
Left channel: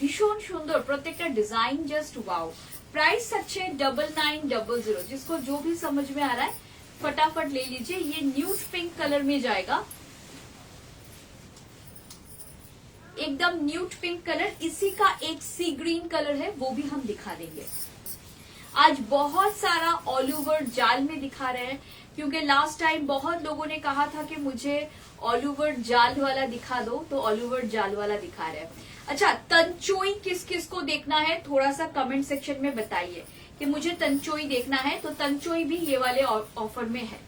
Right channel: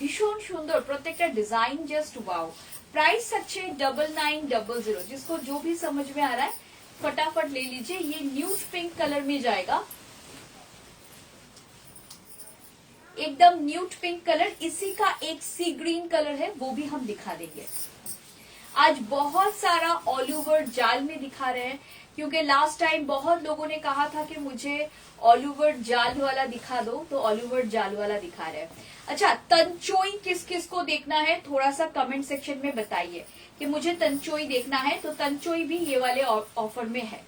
भीषण सुंदर, प्रत्येकটা डिजाइन जस्ट वाओ। प्राइस अच्छे 9900। जिसको जो भी समझ में आ रहा है फटाफट ले लीजिए। ये न्यूट पिंक कलर में जाएगा, एकदम न्यूट पिंक कलर। इसी का एक सी ग्रीन कलर है, वो भी हम दिखा देंगे। आज बहुत सारा ऑल ओवर जाल में दिखा रहे हैं, क्योंकि लास्ट टाइम बहुत लोगों ने कहा था कि मुझे ऑल ओवर जाल वाला दिखा दो, तो ऑल ओवर जाल वाला दिखा रहे हैं। अच्छा, तंचोई किस किस को देखना है थोड़ा सा कमेंट सेक्शन में बताइए कि मुझे तंचोई देखना है। तो तंचोई भी ये वाले ऑफर में है।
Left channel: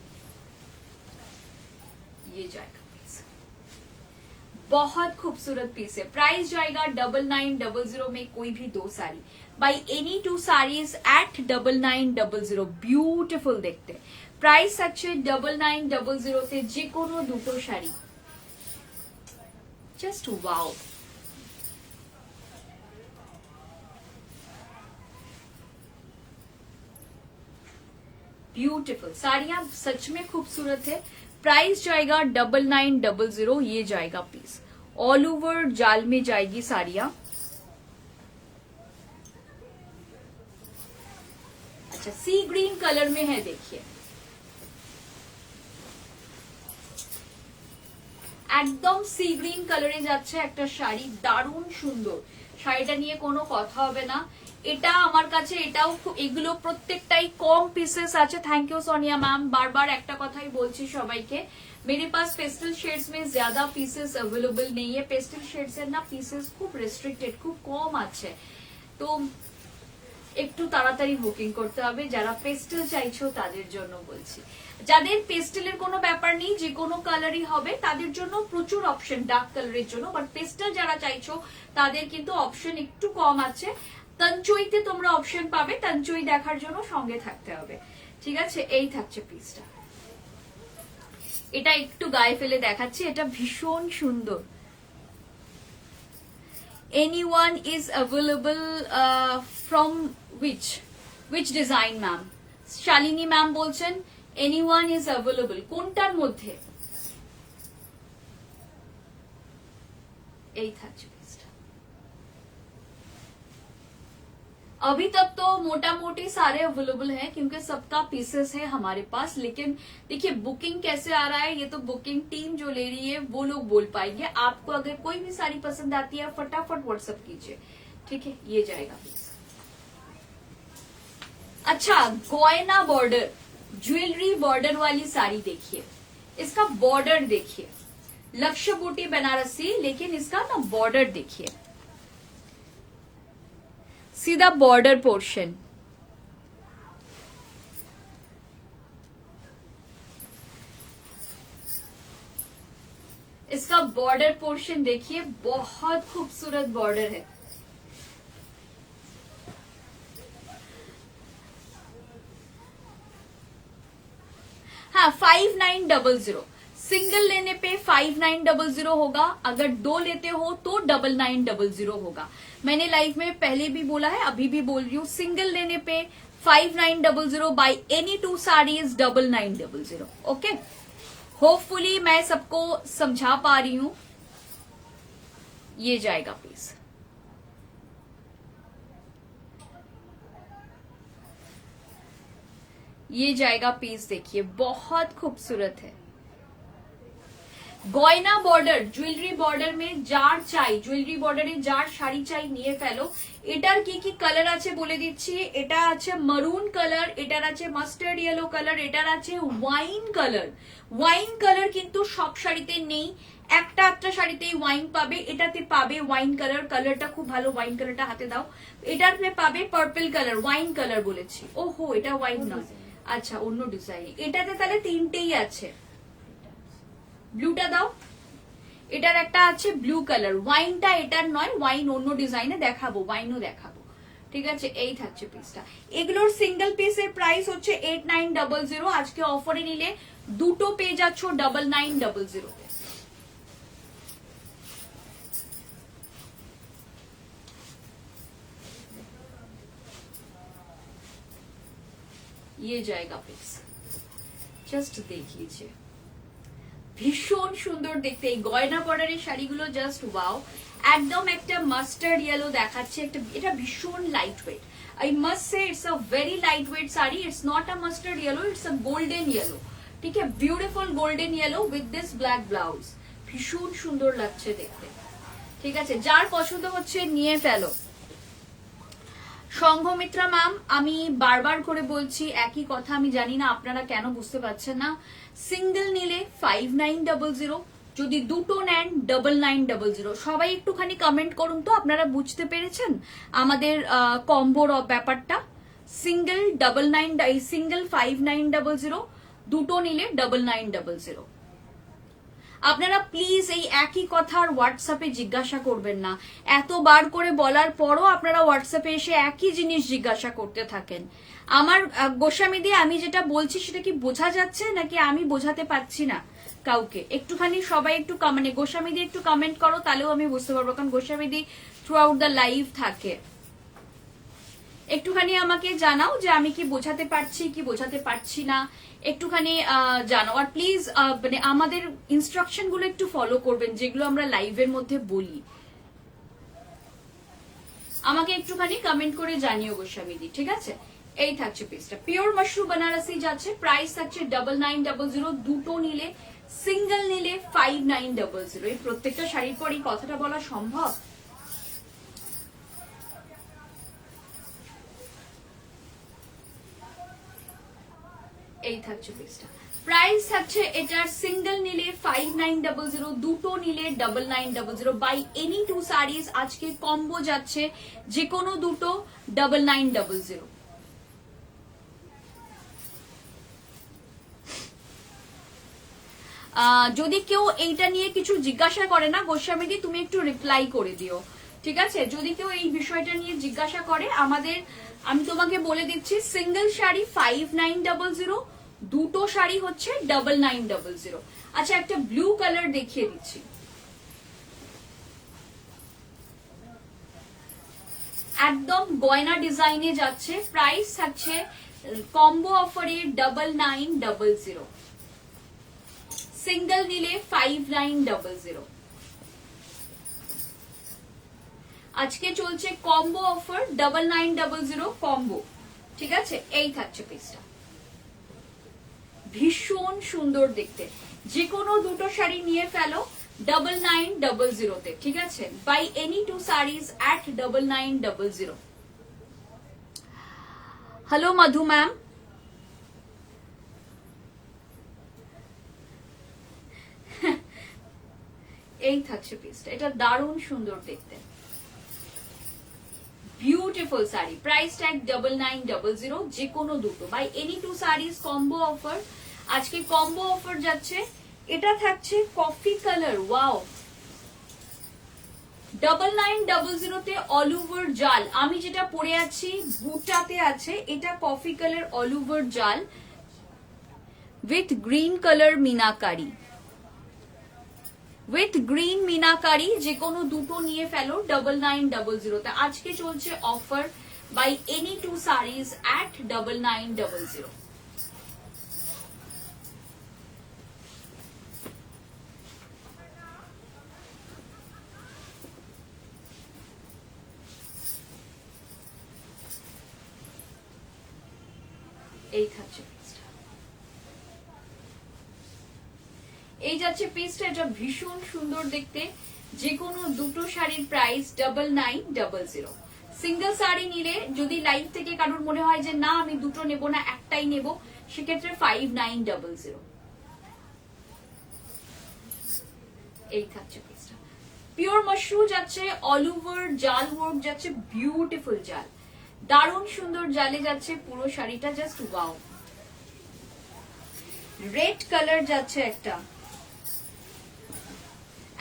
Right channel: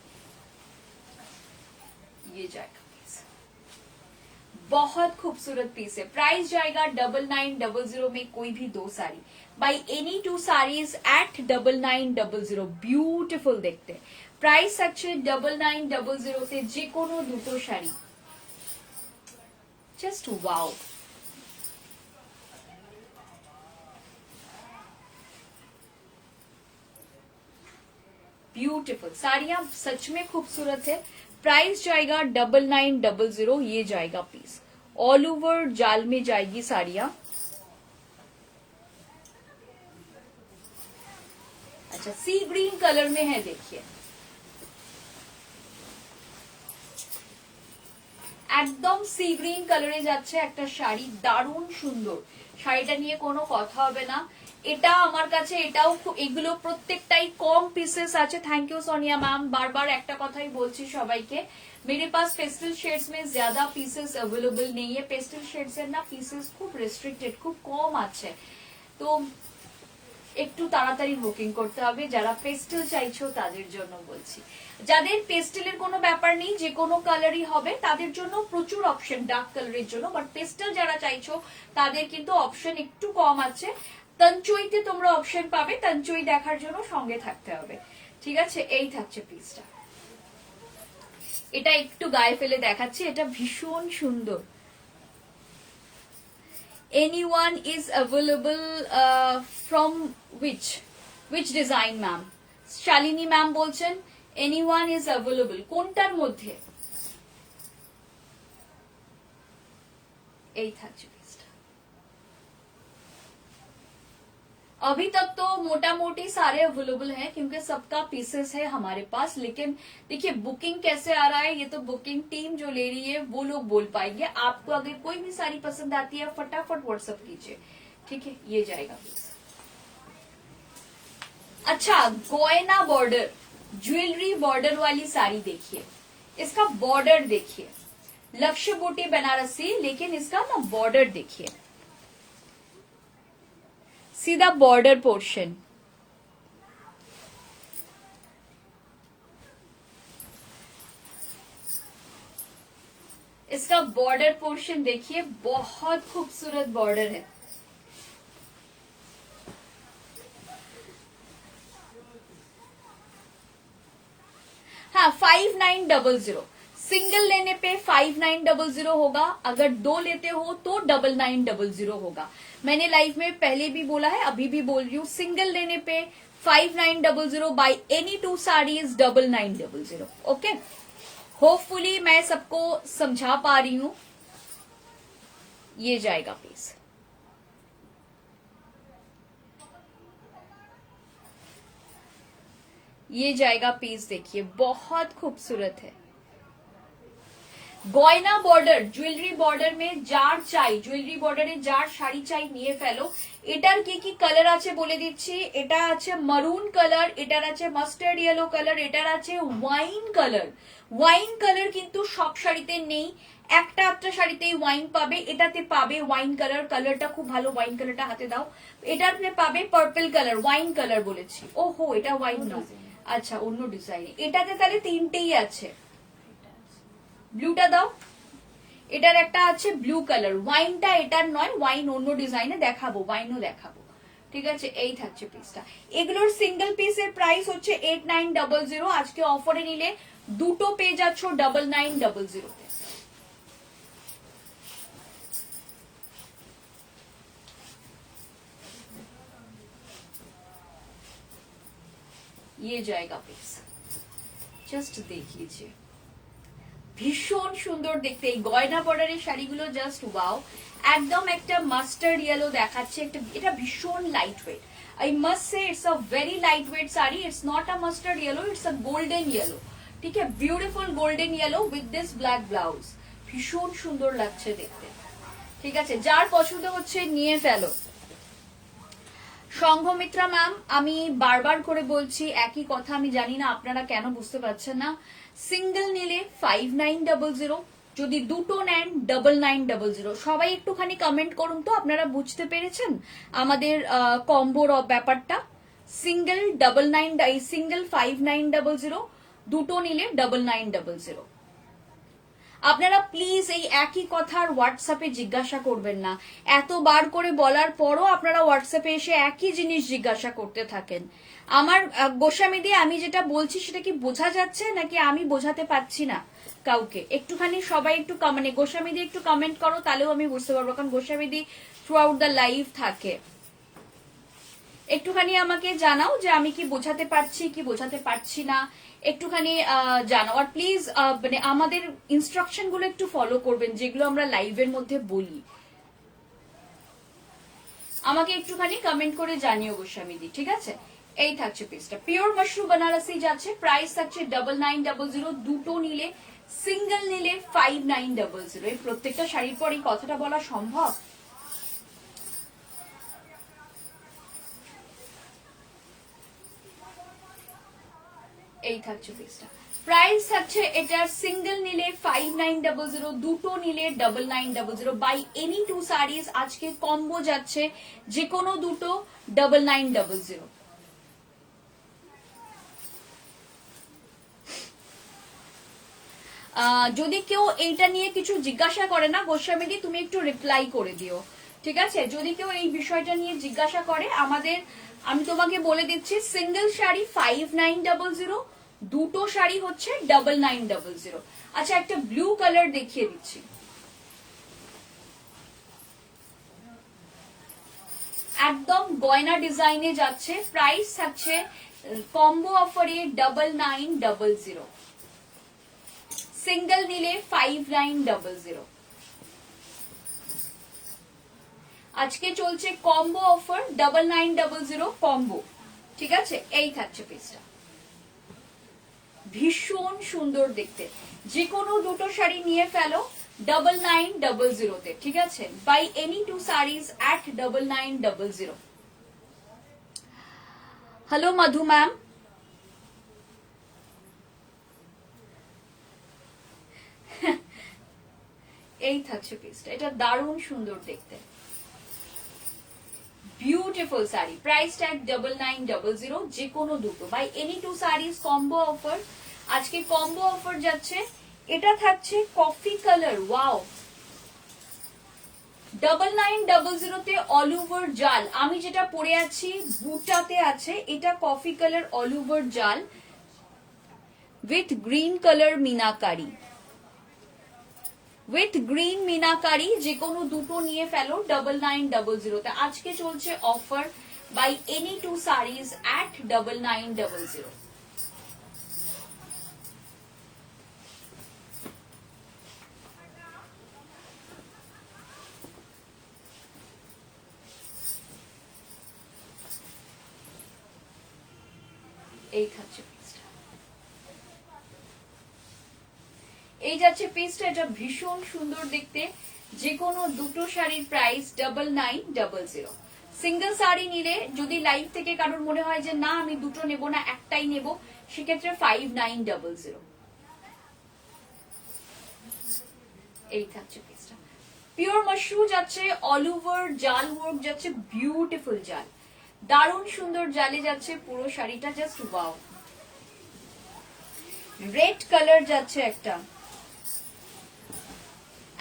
ये जाएगा पीस, बहुत खूबसूरत पीस है। प्राइस जाएगा 9900 में। कोई भी दो sari, by any 2 saris at 9900। Beautiful देखते। प्राइस अच्छे 9900 তে যে কোনো দুটো শাড়ি জাস্ট ওয়াও। ब्यूटीफुल साड़ियां सच में खूबसूरत है। प्राइस जाएगा 9900। ये जाएगा पीस, ऑल ओवर जाल में जाएगी साड़ियां। अच्छा, सी ग्रीन कलर में है, देखिए একদম সি গ্রিন কালারে যাচ্ছে একটা শাড়ি, দারুণ সুন্দর। শাড়িটা নিয়ে কোনো কথা হবে না। এটা আমার কাছে এটাও এগুলো প্রত্যেকটাই কম পিসেস আছে। Thank you Sonia ma'am. बार बार একটা কথাই বলছি সবাইকে, मेरे पास पेस्टल शेड्स में ज्यादा पीसेस अवेलेबल नहीं है। पेस्टल शेड्स এর না পিসেস খুব রেস্ট্রিক্টেড, খুব কম আছে। তো একটু তাড়াতাড়ি বুকিং করতে হবে। যারা পেস্টেল চাইছো তাদের জন্য বলছি। যাদের পেস্টেলের কোনো ব্যাপার নেই, যে কোনো কালারই হবে, তাদের জন্য প্রচুর অপশন ডার্ক কালারের জন্য। বাট পেস্টেল যারা চাইছো তাদের কিন্তু অপশন একটু কম আছে। তঞ্চইতে তোমরা অপশন পাবে, তঞ্চই দেখার জন্য সঙ্গে থাকতে হবে, ঠিক আছে। এই থাকছে পিসটা, এটা একটু গায়ে ফেলে দেখাচ্ছি। এটা ভীষণ সুন্দর। Anyone is available from which design ma'am? Shalini ma'am বলছেন anyone is available কোনটার মধ্যে? এই থাকছে পিসটা। अभी तक तो मोटा मोटी सारे अवेलेबल हैं क्योंकि सबका पीसेस है हमारे पास, लेकिन देखिए बुकिंग कैसे आ रहा है ये तो बुकिंग टीम जो ले रही है वो लोग बोल पाएंगे। आपको अगर कोई भी साड़ी पसंद आती है फटाफट व्हाट्सएप कीजिए, ठीक है। ये जाएगा। अच्छा, गोयना बॉर्डर ज्वेलरी बॉर्डर वाली साड़ी देखिए, इसका बॉर्डर देखिए, लक्ष्य बूटी बनारसी, लेकिन इसका ना बॉर्डर देखिए, सीधा बॉर्डर पोर्शन। इसका बॉर्डर पोर्शन देखिए, बहुत खूबसूरत बॉर्डर है। हाँ, 5900 सिंगल लेने पे 5900 होगा, अगर दो लेते हो तो 9900 होगा। मैंने लाइव में पहले भी बोला है, अभी भी बोल रही हूँ, सिंगल लेने पे 5900, bye any two saris 9900। Okay, hopefully मैं सबको समझा पा रही हूँ। ये जाएगा प्लीज। ये जाएगा पीस, देखिए बहुत खूबसूरत है। গয়না বর্ডার জুয়েলারি বর্ডার মে যার চাই, জুয়েলারি বর্ডারে যার শাড়ি চাই নিয়ে ফেলো। এটার কি কি কালার আছে বলে দিচ্ছি। এটা আছে মারুন কালার, এটার আছে মাস্টার্ড ইয়েলো কালার, এটার আছে ওয়াইন কালার। ওয়াইন কালার কিন্তু সব শাড়িতে নেই, একটা একটা শাড়িতেই ওয়াইন পাবে। এটাতে পাবে ওয়াইন কালার, কালারটা খুব ভালো, ওয়াইন কালারটা হাতে দাও। এটাতে পাবে পার্পল কালার, ওয়াইন কালার বলেছি। ওহো, এটা ওয়াইন না, আচ্ছা অন্য ডিজাইন। এটাতে তাহলে তিনটেই আছে। ব্লুটা দাও, এটার একটা আছে ব্লু কালার, ওয়াইনটা এটার নয়, ওয়াইন অন্য ডিজাইনে দেখাবো, ওয়াইনও দেখাবো, ঠিক আছে। এই থাকছে পিসটা। এগুলোর সিঙ্গেল পিসের প্রাইস হচ্ছে 8900। আজকে অফারে নিলে দুটো পেয়ে যাচ্ছ 9900। ये जाएगा पिस, জাস্ট দেখ लीजिए, ভীষণ সুন্দর দেখতে। এই গয়না বর্ডারের শাড়িগুলো জাস্ট ওয়াও। একদম একটা মাস্টার্ড ইয়েলো দেখাচ্ছে, একটা এটা ভীষণ light weight. I must say it's a very light weight sari. It's not a mustard yellow, it's a golden yellow, ঠিক আছে। Beautiful golden yellow with this black blouse, ভীষণ সুন্দর লাগছে দেখতে, ঠিক আছে। যার পছন্দ হচ্ছে নিয়ে ফেলো। সংঘমিত্রা ম্যাম, আমি বারবার করে বলছি একই কথা, আমি জানি না আপনারা কেন বুঝতে পারছেন না। সিঙ্গেল নিলে 5900, যদি দুটো নেন 9900। সবাই একটুখানি কমেন্ট করুন তো আপনারা বুঝতে পেরেছেন আমাদের কম্বোর ব্যাপারটা। সিঙ্গেল 99, সিঙ্গেল 5900, দুটো নিলে 9900। আপনারা প্লিজ এই একই কথার হোয়াটসঅ্যাপে জিজ্ঞাসা করবেন না। এতবার করে বলার পরও আপনারা হোয়াটসঅ্যাপে এসে একই জিনিস জিজ্ঞাসা করতে থাকেন। আমার গোস্বামীদি, আমি যেটা বলছি সেটা কি বোঝা যাচ্ছে নাকি আমি বোঝাতে পারছি না কাউকে? একটুখানি সবাই একটু মানে গোস্বামীদি একটু কমেন্ট করো, তাহলেও আমি বুঝতে পারবো, কারণ গোস্বামীদি থ্রু আউট দ্য লাইভ থাকে। একটুখানি আমাকে জানাও যে আমি কি বোঝাতে পারছি কি বোঝাতে পারছি না, একটুখানি জানাও। আর প্লিজ মানে আমাদের ইনস্ট্রাকশন গুলো একটু ফলো করবেন, যেগুলো আমরা লাইভের মধ্যে বলি। আমাকে একটুখানি কমেন্ট করে জানিও গোস্বামীদি, ঠিক আছে। এই থাকছে পিসটা, পিওর মাশরুম বেনারসি যাচ্ছে, প্রাইস থাকছে 9900। দুটো নিলে, সিঙ্গেল নিলে 5900। এই প্রত্যেকটা শাড়ির পর এই কথাটা বলা সম্ভব? এই থাকছে পিসটা, প্রাইস থাকছে এটার সিঙ্গেল নিলে 5900, দুটো নিলে 9900। বাই এনি টু শাড়িজ আজকে কম্বো যাচ্ছে, যে কোনো দুটো 9900। যদি কেউ এইটা নিয়ে কিছু জিজ্ঞাসা করে না গোস্বামীদি, তুমি একটু রিপ্লাই করে দিও, ঠিক আছে। যদি কেউ এই বিষয়টা নিয়ে জিজ্ঞাসা করে আমাদের, আমি তোমাকে বলে দিচ্ছি, সিঙ্গেল শাড়ি 5900, দুটো শাড়ি হচ্ছে 9900। আচ্ছা, একটা ব্লু কালার দেখিয়ে দিচ্ছি, একদম গয়না ডিজাইনে যাচ্ছে, প্রাইস থাকছে কম্বো অফারে 9900। সিঙ্গেল নিলে 5900। আজকে চলছে কম্বো অফার 9900 কম্বো, ঠিক আছে? এই থাকছে পিসটা, ভীষণ সুন্দর দেখতে। যে কোনো দুটো শাড়ি নিয়ে ফেলো 9900 তে, ঠিক আছে? By any two saris at 9900। Hello Madhu ma'am, এই থাকছে পিসটা, এটা দারুণ সুন্দর দেখতে, বিউটিফুল শাড়ি, প্রাইস ট্যাগ 9900, যে কোনো দুটো by any two saris combo offer. আজকে কম্বো অফার যাচ্ছে, এটা থাকছে কফি কালার, ওয়াও, 9900 তে অল ওভার জাল। আমি যেটা পরে আছি বুটাতে আছে, এটা কফি কালার অল ওভার জাল with green colour meenakari, with green meenakari, যে কোনো দুটো নিয়ে ফেলো 9900 তে। আজকে চলছে offer buy any two saris at 9900। এই থাকছে পিসটা, এই যাচ্ছে পিসটা, এটা ভীষণ সুন্দর দেখতে। যে কোনো দুটো শাড়ির প্রাইস 9900। সিঙ্গেল শাড়ি নিলে যদি লাইভ থেকে কারোর মনে হয় যে না আমি দুটো নেব না, একটাই নেব, সেক্ষেত্রে 5900। এই থাকছে পিসটা, পিওর মাশরু যাচ্ছে, অল ওভার জাল ওয়ার্ক যাচ্ছে, বিউটিফুল জাল, দারুণ সুন্দর জালে যাচ্ছে পুরো শাড়িটা, জাস্ট ওয়াও। রেড কালার যাচ্ছে একটা,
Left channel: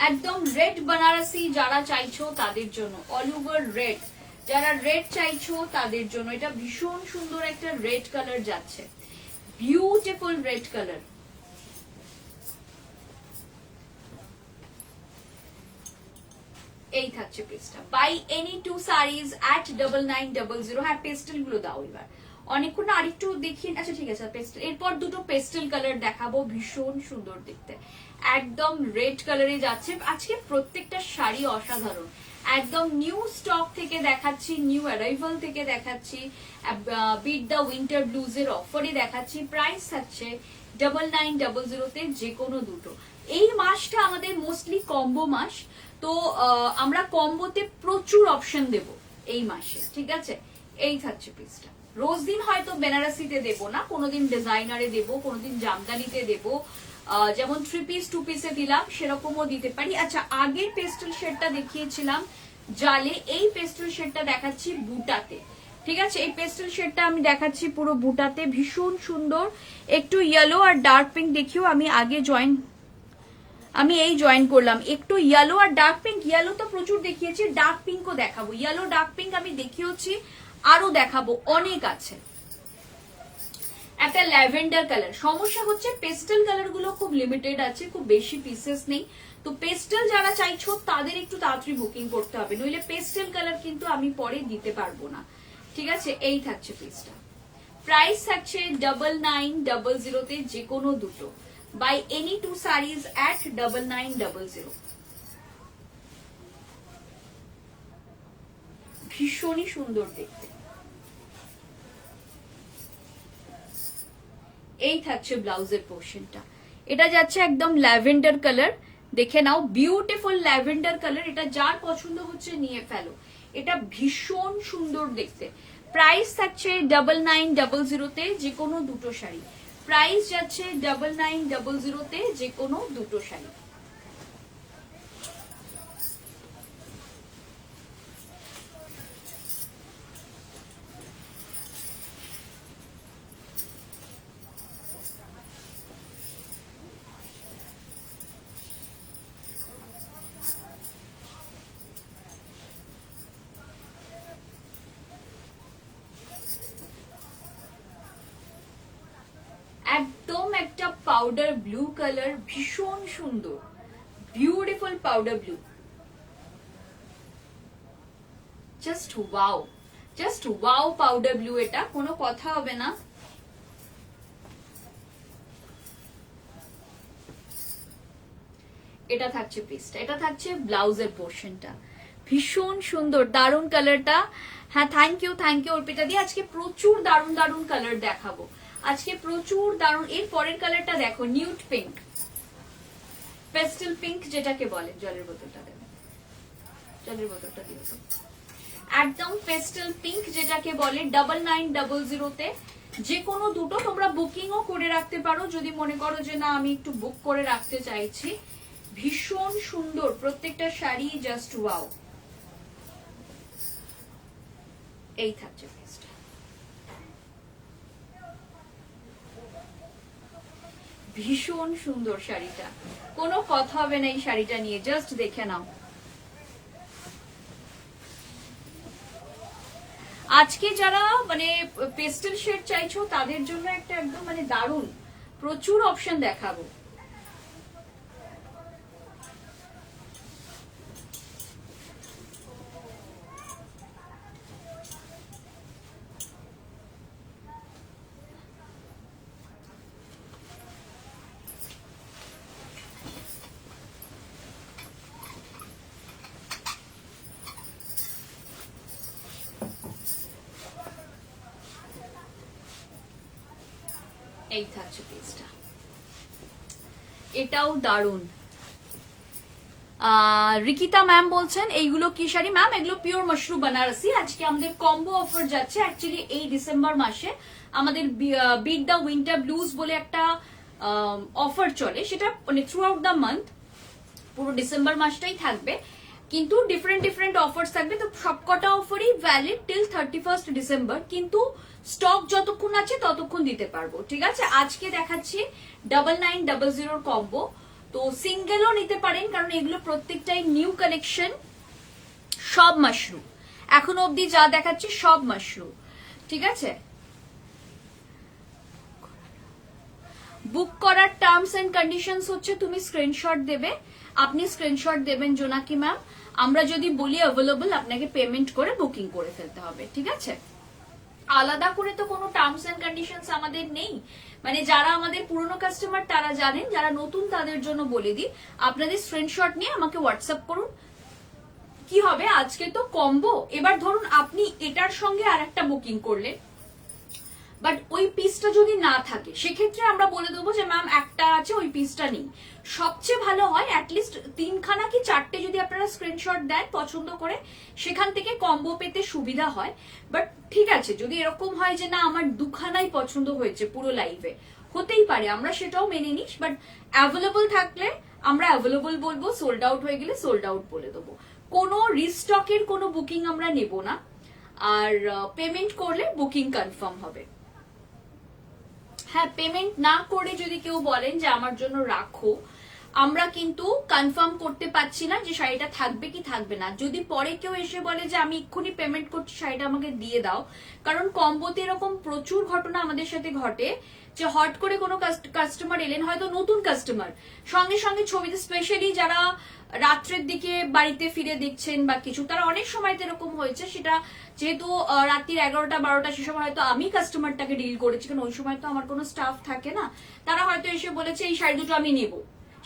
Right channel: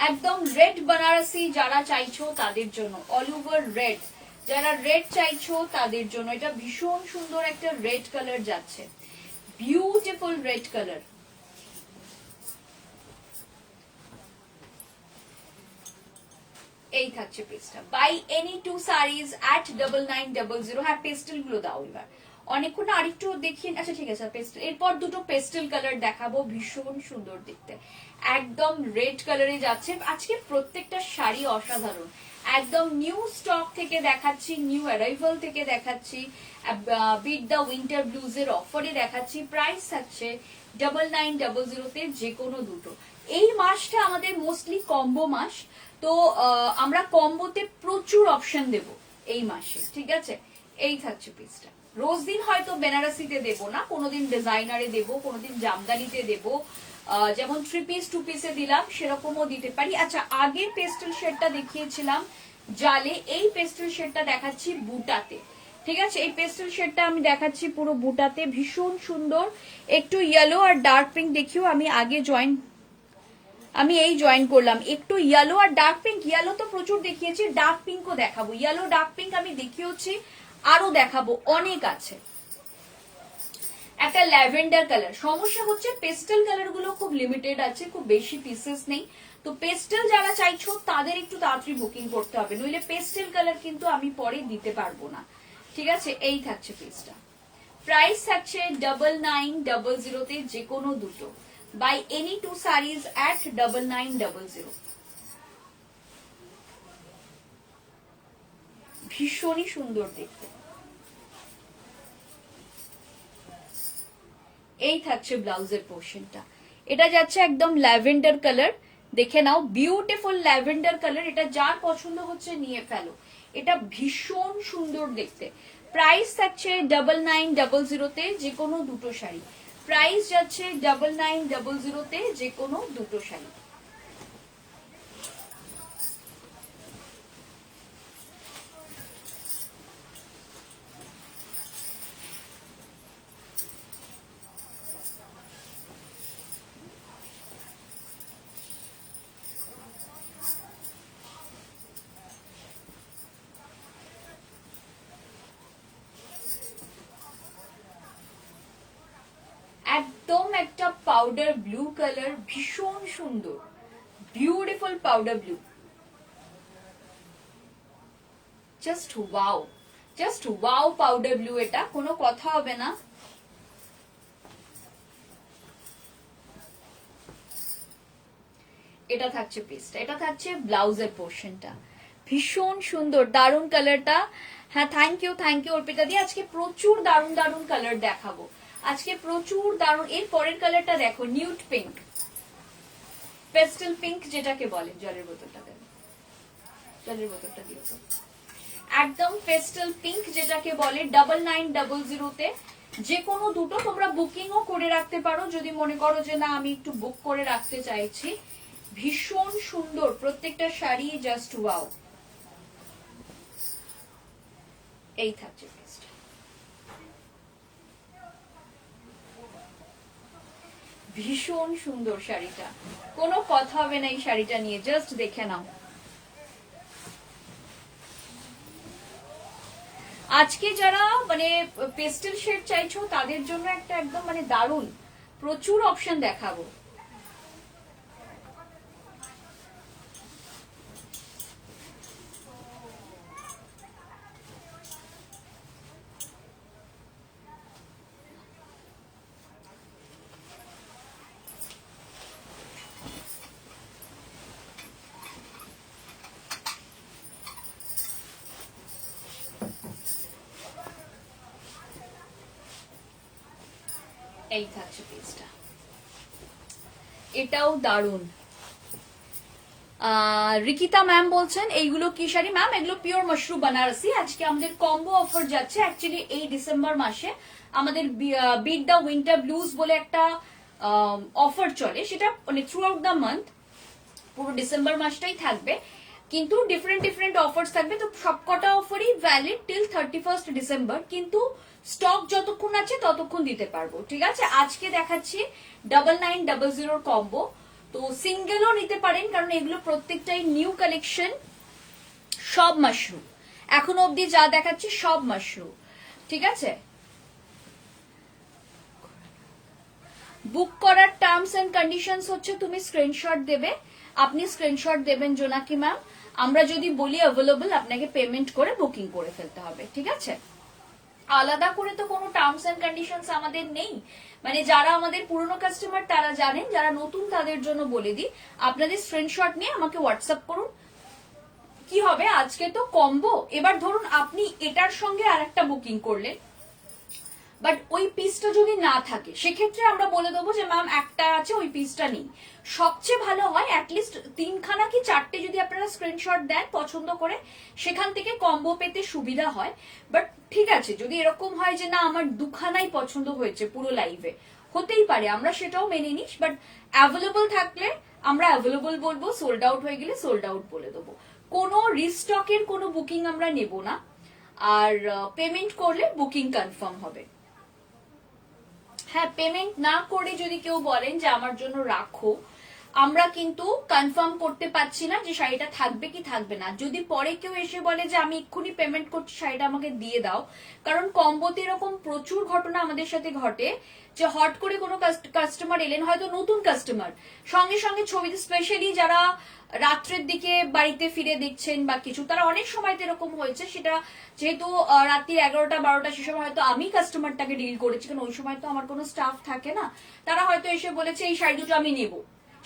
একদম রেড বানারসি যারা চাইছো তাদের জন্য, অল ওভার রেড, যারা রেড চাইছো তাদের জন্য এটা ভীষণ সুন্দর একটা রেড কালার যাচ্ছে, বিউটিফুল রেড কালার। এই থাকছে পিসটা, by any two saris at 9900। হ্যাঁ পেস্টেল গুলো দাও এবার, অনেকক্ষণ আরেকটু দেখিয়ে, আচ্ছা ঠিক আছে পেস্টেল, এরপর দুটো পেস্টেল কালার দেখাবো, ভীষণ সুন্দর দেখতে, একদম রেড কালারে যাচ্ছে। আজকে প্রত্যেকটা শাড়ি অসাধারণ, একদম নিউ স্টক থেকে দেখাচ্ছি, নিউ অ্যারাইভাল থেকে দেখাচ্ছি, বিট দ্য উইন্টার ব্লুজ এর অফারে দেখাচ্ছি। প্রাইস থাকছে 9900 তে, যে কোনো দুটো। এই মাসটা আমাদের মোস্টলি কম্বো মাস, তো আমরা কম্বোতে প্রচুর অপশন দেব এই মাসে, ঠিক আছে? এই থাকছে পিসটা, রোজ দিন হয়তো বেনারসিতে দেবো না, কোনোদিন ডিজাইনারে দেবো, কোনোদিন জামদানিতে দেবো, যেমন 3 পিস 2 পিসে দিলাম সেরকমও দিতে পারি। আচ্ছা আগের পেস্টেল শেডটা দেখিয়েছিলাম জালে, এই পেস্টেল শেডটা দেখাচ্ছি বুটাতে, ঠিক আছে? এই পেস্টেল শেডটা আমি দেখাচ্ছি পুরো বুটাতে, ভীষণ সুন্দর, একটু ইয়েলো আর ডার্ক পিঙ্ক দেখিও। আমি এই জয়েন করলাম, একটু ইয়েলো আর ডার্ক পিঙ্ক, ইয়েলো তো প্রচুর দেখিয়েছি, ডার্ক পিঙ্কও দেখাবো, ইয়েলো ডার্ক পিঙ্ক আমি দেখিয়েছি, আরো দেখাবো, অনেক আছে। একটা ল্যাভেন্ডার কালার, সমস্যা হচ্ছে পেস্টেল কালার গুলো খুব লিমিটেড আছে, খুব বেশি পিসেস নেই, তো পেস্টেল যারা চাইছো তাদের একটু তাড়াতাড়ি বুকিং করতে হবে, নইলে পেস্টেল কালার কিন্তু আমি পরে দিতে পারবো না, ঠিক আছে? এই থাকছে পিসটা, প্রাইস থাকছে 9900 তে, যে কোনো দুটো, by any two saris at 9900। ভীষণই সুন্দর দেখতে। এই থাকছে ব্লাউজের পোর্শনটা, এটা যাচ্ছে একদম ল্যাভেন্ডার কালার, দেখে নাও, বিউটিফুল ল্যাভেন্ডার কালার, এটা যার পছন্দ হচ্ছে নিয়ে ফেলো, এটা ভীষণ সুন্দর দেখতে। প্রাইস থাকছে 9900 তে, যে কোনো দুটো শাড়ি, প্রাইস যাচ্ছে 9900 তে, যে কোনো দুটো শাড়ি। একদম একটা পাউডার ব্লু কালার, ভীষণ সুন্দর, beautiful powder blue, just wow, just wow powder blue, এটা কোনো কথা হবে না। এটা থাকছে পিসটা, এটা থাকছে ব্লাউজের পোর্শনটা, ভীষণ সুন্দর, দারুণ কালারটা। হ্যাঁ থ্যাংক ইউ অর্পিতা দি। আজকে প্রচুর দারুণ দারুণ কালার দেখাবো, আজকে প্রচুর দারুণ। এর পরের কালারটা দেখো, নিউড পিঙ্ক, পেস্টেল পিঙ্ক যেটাকে বলে। জলের বোতলটা দেন, জলের বোতলটা দিয়ে তো। একদম পেস্টেল পিঙ্ক যেটাকে বলে, 9900 যে কোনো দুটো তোমরা বুকিংও করে রাখতে পারো যদি মনে করো যে না আমি একটু বুক করে রাখতে চাইছি। ভীষণ সুন্দর প্রত্যেকটা শাড়ি, জাস্ট ওয়াও। এই থাকছে ভীষণ সুন্দর শাড়িটা, কোনো কথা হবে না এই শাড়িটা নিয়ে, জাস্ট দেখে নাও। আজকে যারা মানে পেস্টেল শেড চাইছো তাদের জন্য একটা একদম মানে দারুণ প্রচুর অপশন দেখাবো। এই থাকছে পিসটা, এটাও দারুন। রিকিতা ম্যাম বলছেন এইগুলো কি শাড়ি ম্যাম? এগুলো পিওর মাশরু বানারসি। আজকে আমাদের কম্বো অফার যাচ্ছে অ্যাকচুয়ালি এই ডিসেম্বর মাসে আমাদের বিট দ্য উইন্টার ব্লুজ বলে একটা অফার চলে, সেটা মানে থ্রু আউট দ্য মান্থ, পুরো ডিসেম্বর মাসটাই থাকবে, কিন্তু ডিফারেন্ট ডিফারেন্ট অফার্স থাকবে। তো সবকটা অফারই ভ্যালিড টিল 31 ডিসেম্বর, কিন্তু স্টক যতক্ষণ আছে ততক্ষণ দিতে পারবো, ঠিক আছে? আজকে দেখাচ্ছি 9900 কম্বো, তো সিঙ্গেলও নিতে পারেন কারণ এগুলো প্রত্যেকটাই নিউ কালেকশন, সব মাশরুম এখনো অবধি যা দেখাচ্ছি সব মাশরুম, ঠিক আছে? বুক করার টার্মস এন্ড কন্ডিশনস হচ্ছে তুমি স্ক্রিনশট দেবে, আপনি স্ক্রিনশট দেবেন জোনাকি ম্যাম, আমরা যদি বলি অ্যাভেলেবল আপনাকে পেমেন্ট করে বুকিং করে ফেলতে হবে, ঠিক আছে? আলাদা করে তো কোনো টার্মস এন্ড কন্ডিশনস আমাদের নেই, মানে যারা আমাদের পুরনো কাস্টমার তারা জানেন, যারা নতুন তাদের জন্য বলে দিই, আপনাদের স্ক্রিনশট নিয়ে আমাকে হোয়াটসঅ্যাপ করুন। কি হবে আজকে তো কম্বো, এবার ধরুন আপনি এটার সঙ্গে আরেকটা বুকিং করলেন, বাট ওই পিসটা যদি না থাকে সেক্ষেত্রে আমরা বলে দেবো যে ম্যাম একটা আছে ওই পিসটা নেই। সবচেয়ে ভালো হয় অ্যাটলিস্ট 3খানা কি 4টে যদি আপনারা স্ক্রিনশট দেন পছন্দ করে, সেখান থেকে কম্বো পেতে সুবিধা হয়। বাট ঠিক আছে, যদি এরকম হয় যে না আমার 2খানাই পছন্দ হয়েছে পুরো লাইভে, হতেই পারে, আমরা সেটাও মেনে নিস, বাট অ্যাভেলেবল থাকলে আমরা অ্যাভেলেবল বলবো, সোল্ড আউট হয়ে গেলে সোল্ড আউট বলে দেবো। কোনো রিস্টকের কোনো বুকিং আমরা নেব না, আর পেমেন্ট করলে বুকিং কনফার্ম হবে। হ্যাঁ, পেমেন্ট না করে যদি কেউ বলেন যে আমার জন্য রাখো, আমরা কিন্তু কনফার্ম করতে পারছি না যে শাড়িটা থাকবে কি থাকবে না। যদি পরে কেউ এসে বলে যে আমি এক্ষুনি পেমেন্ট করছি শাড়িটা আমাকে দিয়ে দাও, কারণ কম্বোতে এরকম প্রচুর ঘটনা আমাদের সাথে ঘটে যে হট করে কোনো কাস্টমার এলেন, হয়তো নতুন কাস্টমার, সঙ্গে সঙ্গে ছবিতে, স্পেশালি যারা রাত্রের দিকে বাড়িতে ফিরে দেখছেন বা কিছু, তারা অনেক সময় এরকম হয়েছে, সেটা যেহেতু রাত্রি 11টা 12টা সে সময় হয়তো আমি কাস্টমারটাকে ডিল করেছি, কারণ ওই সময় তো আমার কোনো স্টাফ থাকে না, তারা হয়তো এসে বলেছে এই শাড়ি দুটো আমি নেব,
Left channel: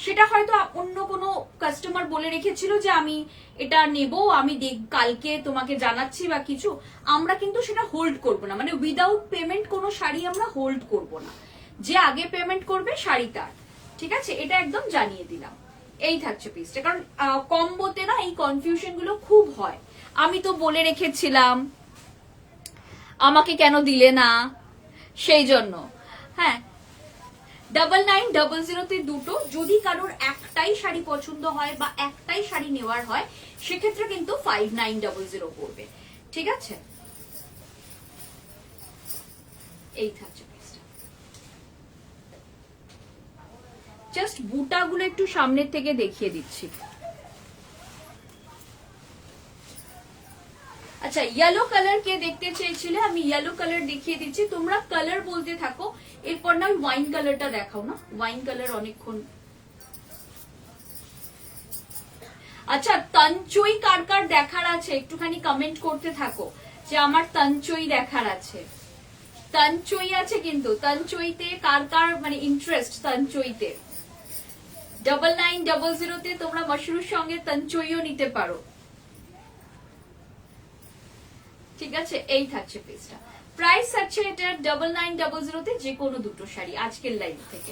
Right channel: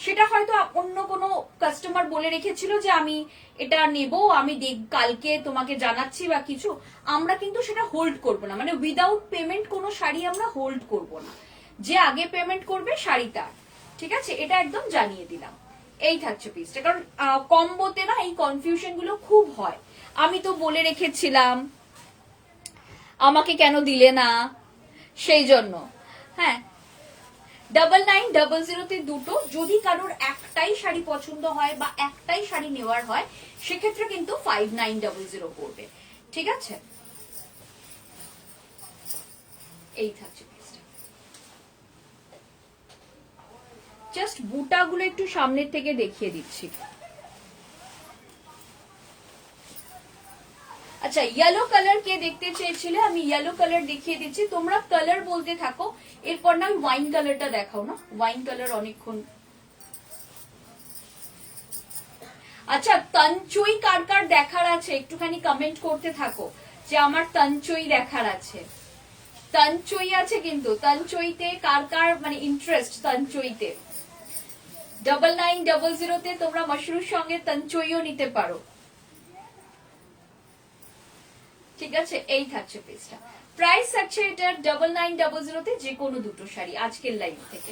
সেটা হয়তো অন্য কোনো কাস্টমার বলে রেখেছিল যে আমি এটা নেব, আমি কালকে তোমাকে জানাচ্ছি বা কিছু, আমরা কিন্তু সেটা হোল্ড করব না, মানে উইদাউট পেমেন্ট কোনো শাড়ি আমরা হোল্ড করব না, যে আগে পেমেন্ট করবে শাড়িটা, ঠিক আছে? এটা একদম জানিয়ে দিলাম। এই থাকছে পিসটা, কারণ কম্বোতে না এই কনফিউশন গুলো খুব হয়, আমি তো বলে রেখেছিলাম আমাকে কেন দিলে না, সেই জন্য। হ্যাঁ, 9900 দুটো, যদি কারোর একটাই শাড়ি পছন্দ হয় বা একটাই শাড়ি নেওয়ার হয় সেক্ষেত্রে কিন্তু 5900 পড়বে, ঠিক আছে? এই থাকছে জাস্ট বুটাগুলো একটু সামনের থেকে দেখিয়ে দিচ্ছি। আচ্ছা, ইয়েলো কালার কে দেখতে চেয়েছিলে, আমি ইয়েলো কালার দেখিয়ে দিচ্ছি, তোমরা কালার বলতে থাকো, এরপর না ওয়াইন কালারটা দেখাও না, ওয়াইন কালার অনেকক্ষণ। আচ্ছা, তঞ্চুই কার কার দেখার আছে একটুখানি কমেন্ট করতে থাকো যে আমার তঞ্চুই দেখার আছে। তঞ্চুই আছে কিন্তু, তঞ্চুইতে কার কার মানে ইন্টারেস্ট, তঞ্চুইতে 9900 তোমরা মাশরুর সঙ্গে তঞ্চুইও নিতে পারো। ঠিক আছে, এই থাকছে পিসটা। প্রাইস থাকছে এটা 9900 তে যে কোনো দুটো শাড়ি আজকের লাইভ থেকে।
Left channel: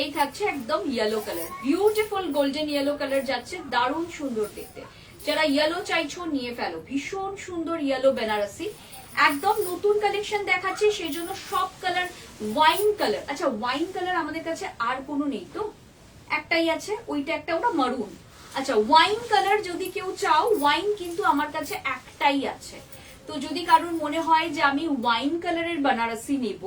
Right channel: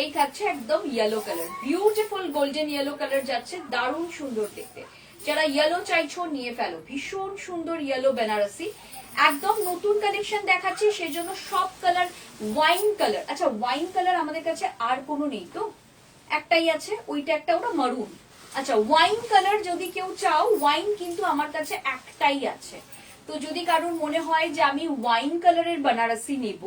এই থাকছে একদম yellow colour, beautiful golden yellow colour যাচ্ছে, দারুণ সুন্দর দেখতে। যারা ইয়েলো চাইছো নিয়ে ফেলো, ভীষণ সুন্দর ইয়েলো বেনারসি, একদম নতুন কালেকশন দেখাচ্ছে সেই জন্য সব কালার ওয়াইন কালার। আচ্ছা ওয়াইন কালার আমাদের কাছে আর কোনো নেই তো, একটাই আছে, ওইটা একটা, ওটা মারুন। আচ্ছা ওয়াইন কালার যদি কেউ চাও, ওয়াইন কিন্তু আমার কাছে একটাই আছে। তো যদি কারোর মনে হয় যে আমি ওয়াইন কালারের বেনারসি নেব,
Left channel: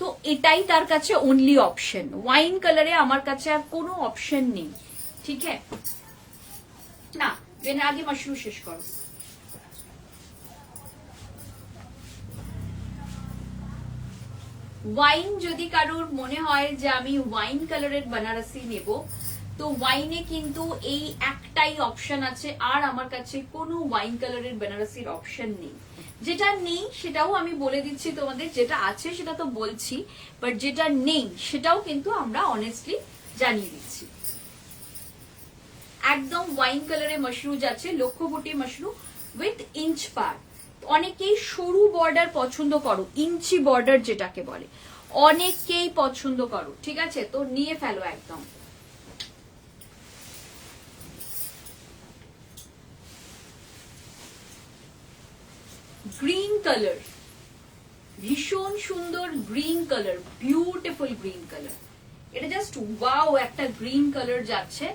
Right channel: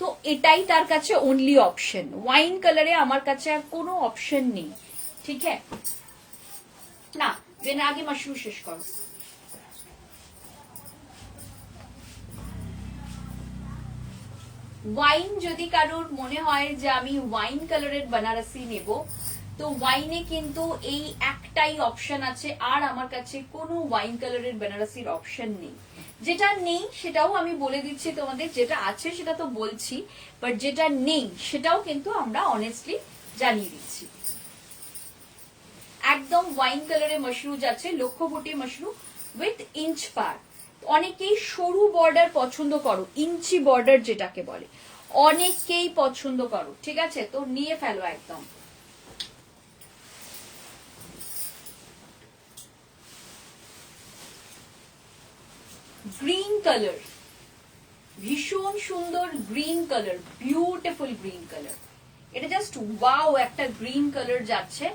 তো এটাই তার কাছে অনলি অপশন। ওয়াইন কালারে আমার কাছে আর কোনো অপশন নেই, ঠিক আছে না। যেন আগে মাশরুম শেষ কর। ওয়াইন যদি কারোর মনে হয় যে আমি ওয়াইন কালারের বেনারসি নেব, তো ওয়াইনে কিন্তু এই একটাই অপশন আছে, আর আমার কাছে কোনো ওয়াইন কালারের বেনারসির অপশন নেই। যেটা নেই সেটাও আমি বলে দিচ্ছি তোমাদের, যেটা আছে সেটা তো বলছি, বাট যেটা নেই সেটাও কিন্তু আমরা অনেস্টলি জানিয়ে দিচ্ছি। একদম ওয়াইন কালারে মাশরুম যাচ্ছে, লক্ষ্যবতী মাশরুম উইথ ইঞ্চ পার। অনেকেই সরু বর্ডার পছন্দ করো, ইঞ্চি বর্ডার যেটাকে বলে, অনেকেই পছন্দ করো, ঠিক আছে, তো নিয়ে ফেলো একদম। গ্রিন কালার, ভীষণ সুন্দর green colour, beautiful green colour, এটা জাস্ট ওয়াও একটা গ্রিন কালার যাচ্ছে,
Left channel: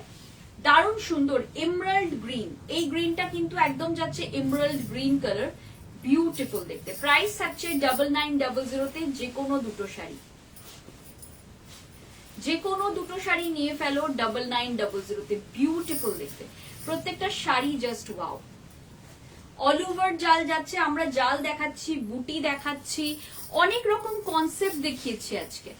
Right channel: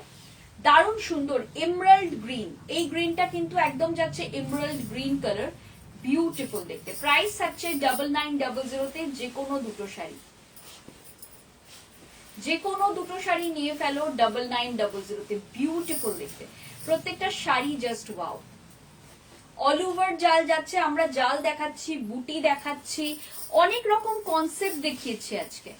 দারুণ সুন্দর এমরাল্ড গ্রিন। এই গ্রিনটা কিন্তু একদম যাচ্ছে এমরাল্ড গ্রিন কালার, বিউটিফুল দেখতে। প্রাইস থাকছে 9900 তে যে কোনো দুটো শাড়ি, যে কোনো দুটো শাড়ি নিয়ে ফেলো 9900 তে, বিউটিফুল দেখতে প্রত্যেকটা sari, just wow. All over জাল যাচ্ছে, আমরা জাল দেখাচ্ছি, বুটি দেখাচ্ছি, অনেক রকম কনসেপ্ট দেখিয়েছি আজকে,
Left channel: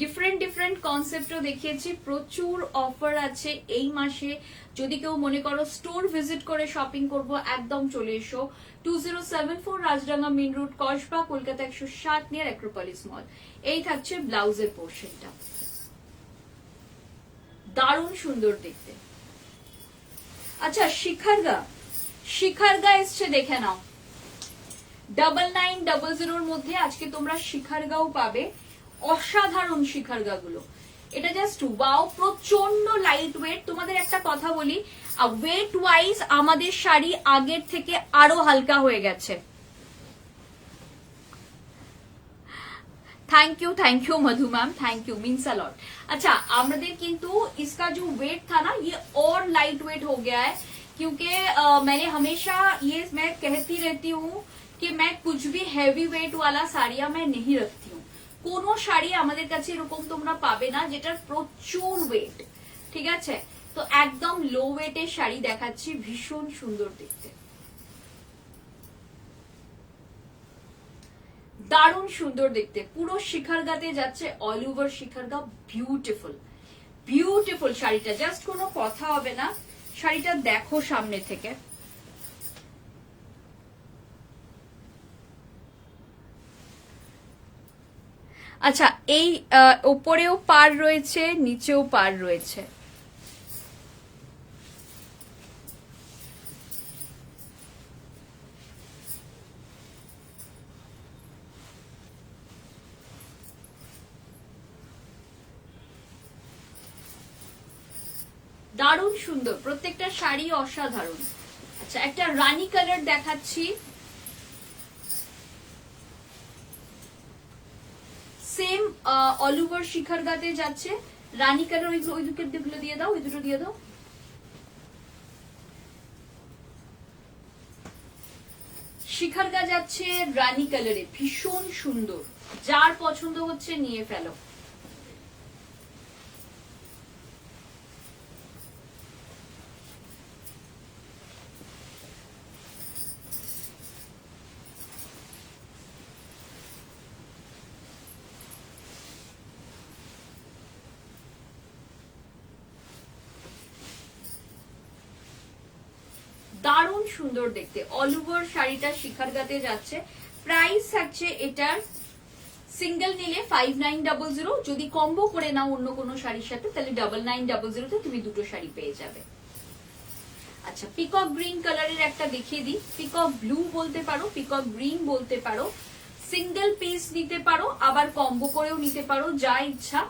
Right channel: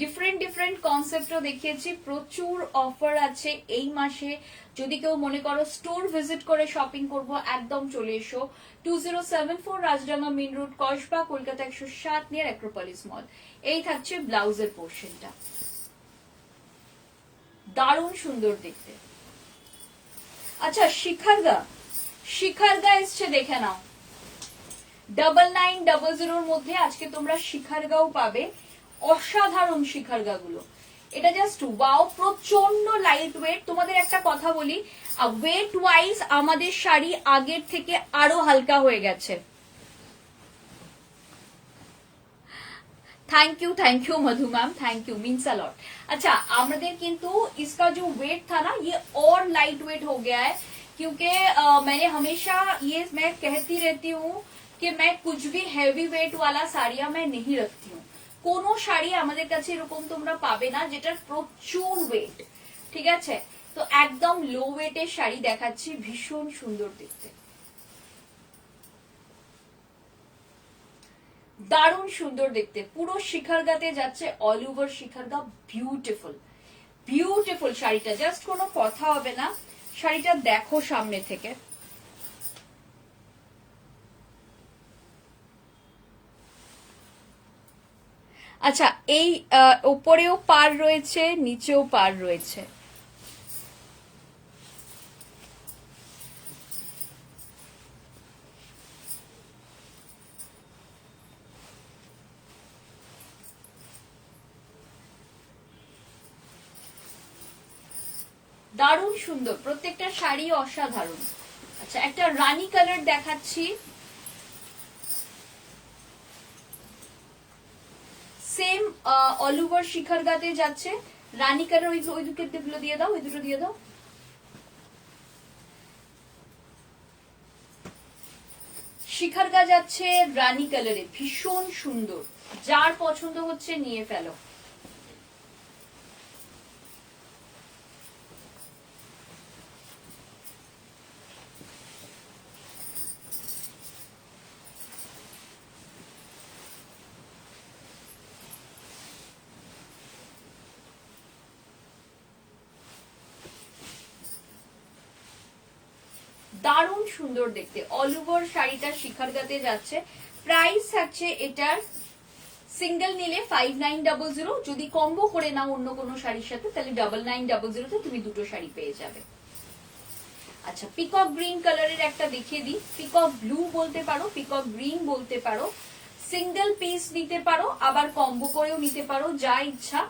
ডিফারেন্ট ডিফারেন্ট কনসেপ্টও দেখিয়েছি। প্রচুর অফার আছে এই মাসে। যদি কেউ মনে করো স্টোর ভিজিট করে শপিং করব, একদম চলে এসো। 2074 Rajdanga main road, Kasba, Kolkata 107 near Acropolis mall. এই থাকছে ব্লাউজের পোর্শনটা, দারুণ সুন্দর দেখতে। আচ্ছা শিখারগা, শিখারগা এসছে দেখে নাও, 9900 মধ্যে আজকে তোমরা শিখারগাও পাবে, অসাধারণ শিখারগা গুলো। এটা জাস্ট ওয়াও, প্রচন্ড লাইট ওয়েট। তোমাদের একটা কথা বলি, ওয়েট ওয়াইজ আমাদের শাড়ি আগের থেকে আরো হালকা হয়ে গেছে। Thank you Madhu ma'am, thank you, means a lot. अच्छा আমাদের কিন্তু इसका जो वेट था ना, ये और लाइट वेट हो गया है, क्योंकि मैंने हमेशा ये मैं कहती रहती हूँ कि मैं कुछ भी हैवी वेट वाला साड़ियां मैं नहीं रखती हूँ। কোনো শাড়ি আমাদের কাছে এরকম তোমরা পাবে না যেটার প্রচুর ওয়েট, ঠিক আছে। তো একদম লো ওয়েটের শাড়ি দেখাচ্ছি, ভীষণ সুন্দর দেখতে, দারুণ সুন্দর দেখতে। পুরো শিখারগাতে যাচ্ছে, অল ওভার শিখারগা, বিউটিফুল বিউটিফুল শাড়িটা, জাস্ট কোনো কথা হবে না। শাড়িটা দেখো সামনে থেকে, আচ্ছা এই উপরেও পার রয়েছে, নিচেও পার রয়েছে। দারুণ সুন্দর, প্রত্যেকটা শাড়ি অসাধারণ। আচ্ছা একটা রানী কালার দেখাচ্ছি, সেম অল ওভার শিখারগাতে যাচ্ছে, রানী কালার। ওই দুটো দিয়ে দাও, ওই দুটো দিয়ে দাও। শিখারগা যাচ্ছে রানী কালারে, ভীষণ সুন্দর, যার পছন্দ হচ্ছে নিয়ে ফেলো। দারুণ সুন্দর দেখতে, অল ওভার শাড়িটা শিখারগাতে যাচ্ছে। প্রাইস থাকছে এটার সিঙ্গেল নিলে 5900, যদি কম্বো করে নাও অন্য কোনো শাড়ির সাথে তাহলে 9900 তে তুমি দুটো শাড়ি পেয়ে যাবে। আচ্ছা, পিকক গ্রিন কালারের একটা দেখিয়ে দিই, পিকক ব্লু বলতে পারো, পিকক গ্রিন বলতে পারো, সিঙ্গেল পিস নিতে পারো, আবার কম্বো করেও নিতে পারো, যা ইচ্ছা।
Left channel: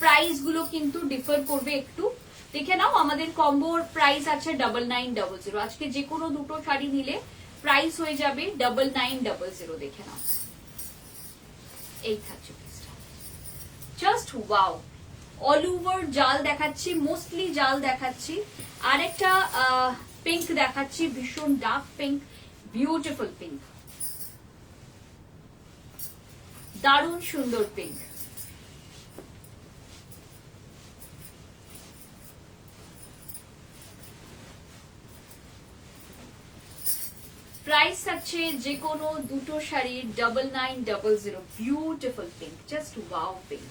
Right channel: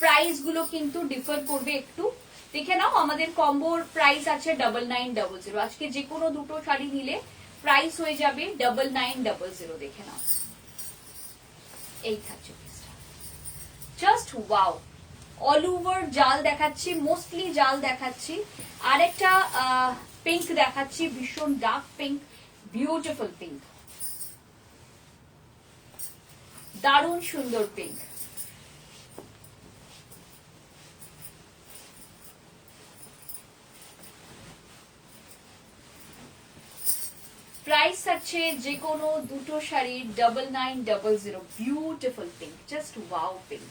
প্রাইস গুলো কিন্তু ডিফার করবে একটু, দেখে নাও। আমাদের কম্বোর প্রাইস আছে 9900। আজকে যে কোনো দুটো শাড়ি নিলে প্রাইস হয়ে যাবে 9900। দেখে নাও, এই থাকছে জাস্ট ওয়াও। অল ওভার জাল দেখাচ্ছি, মোস্টলি জাল দেখাচ্ছি। আরেকটা পিঙ্ক দেখাচ্ছি, ভীষণ ডার্ক পিঙ্ক, বিউটিফুল পিঙ্ক, দারুণ সুন্দর পিঙ্ক। প্রাইস থাকছে যে কোনো দুটো sari 9900। Beautiful pink, just wow pink.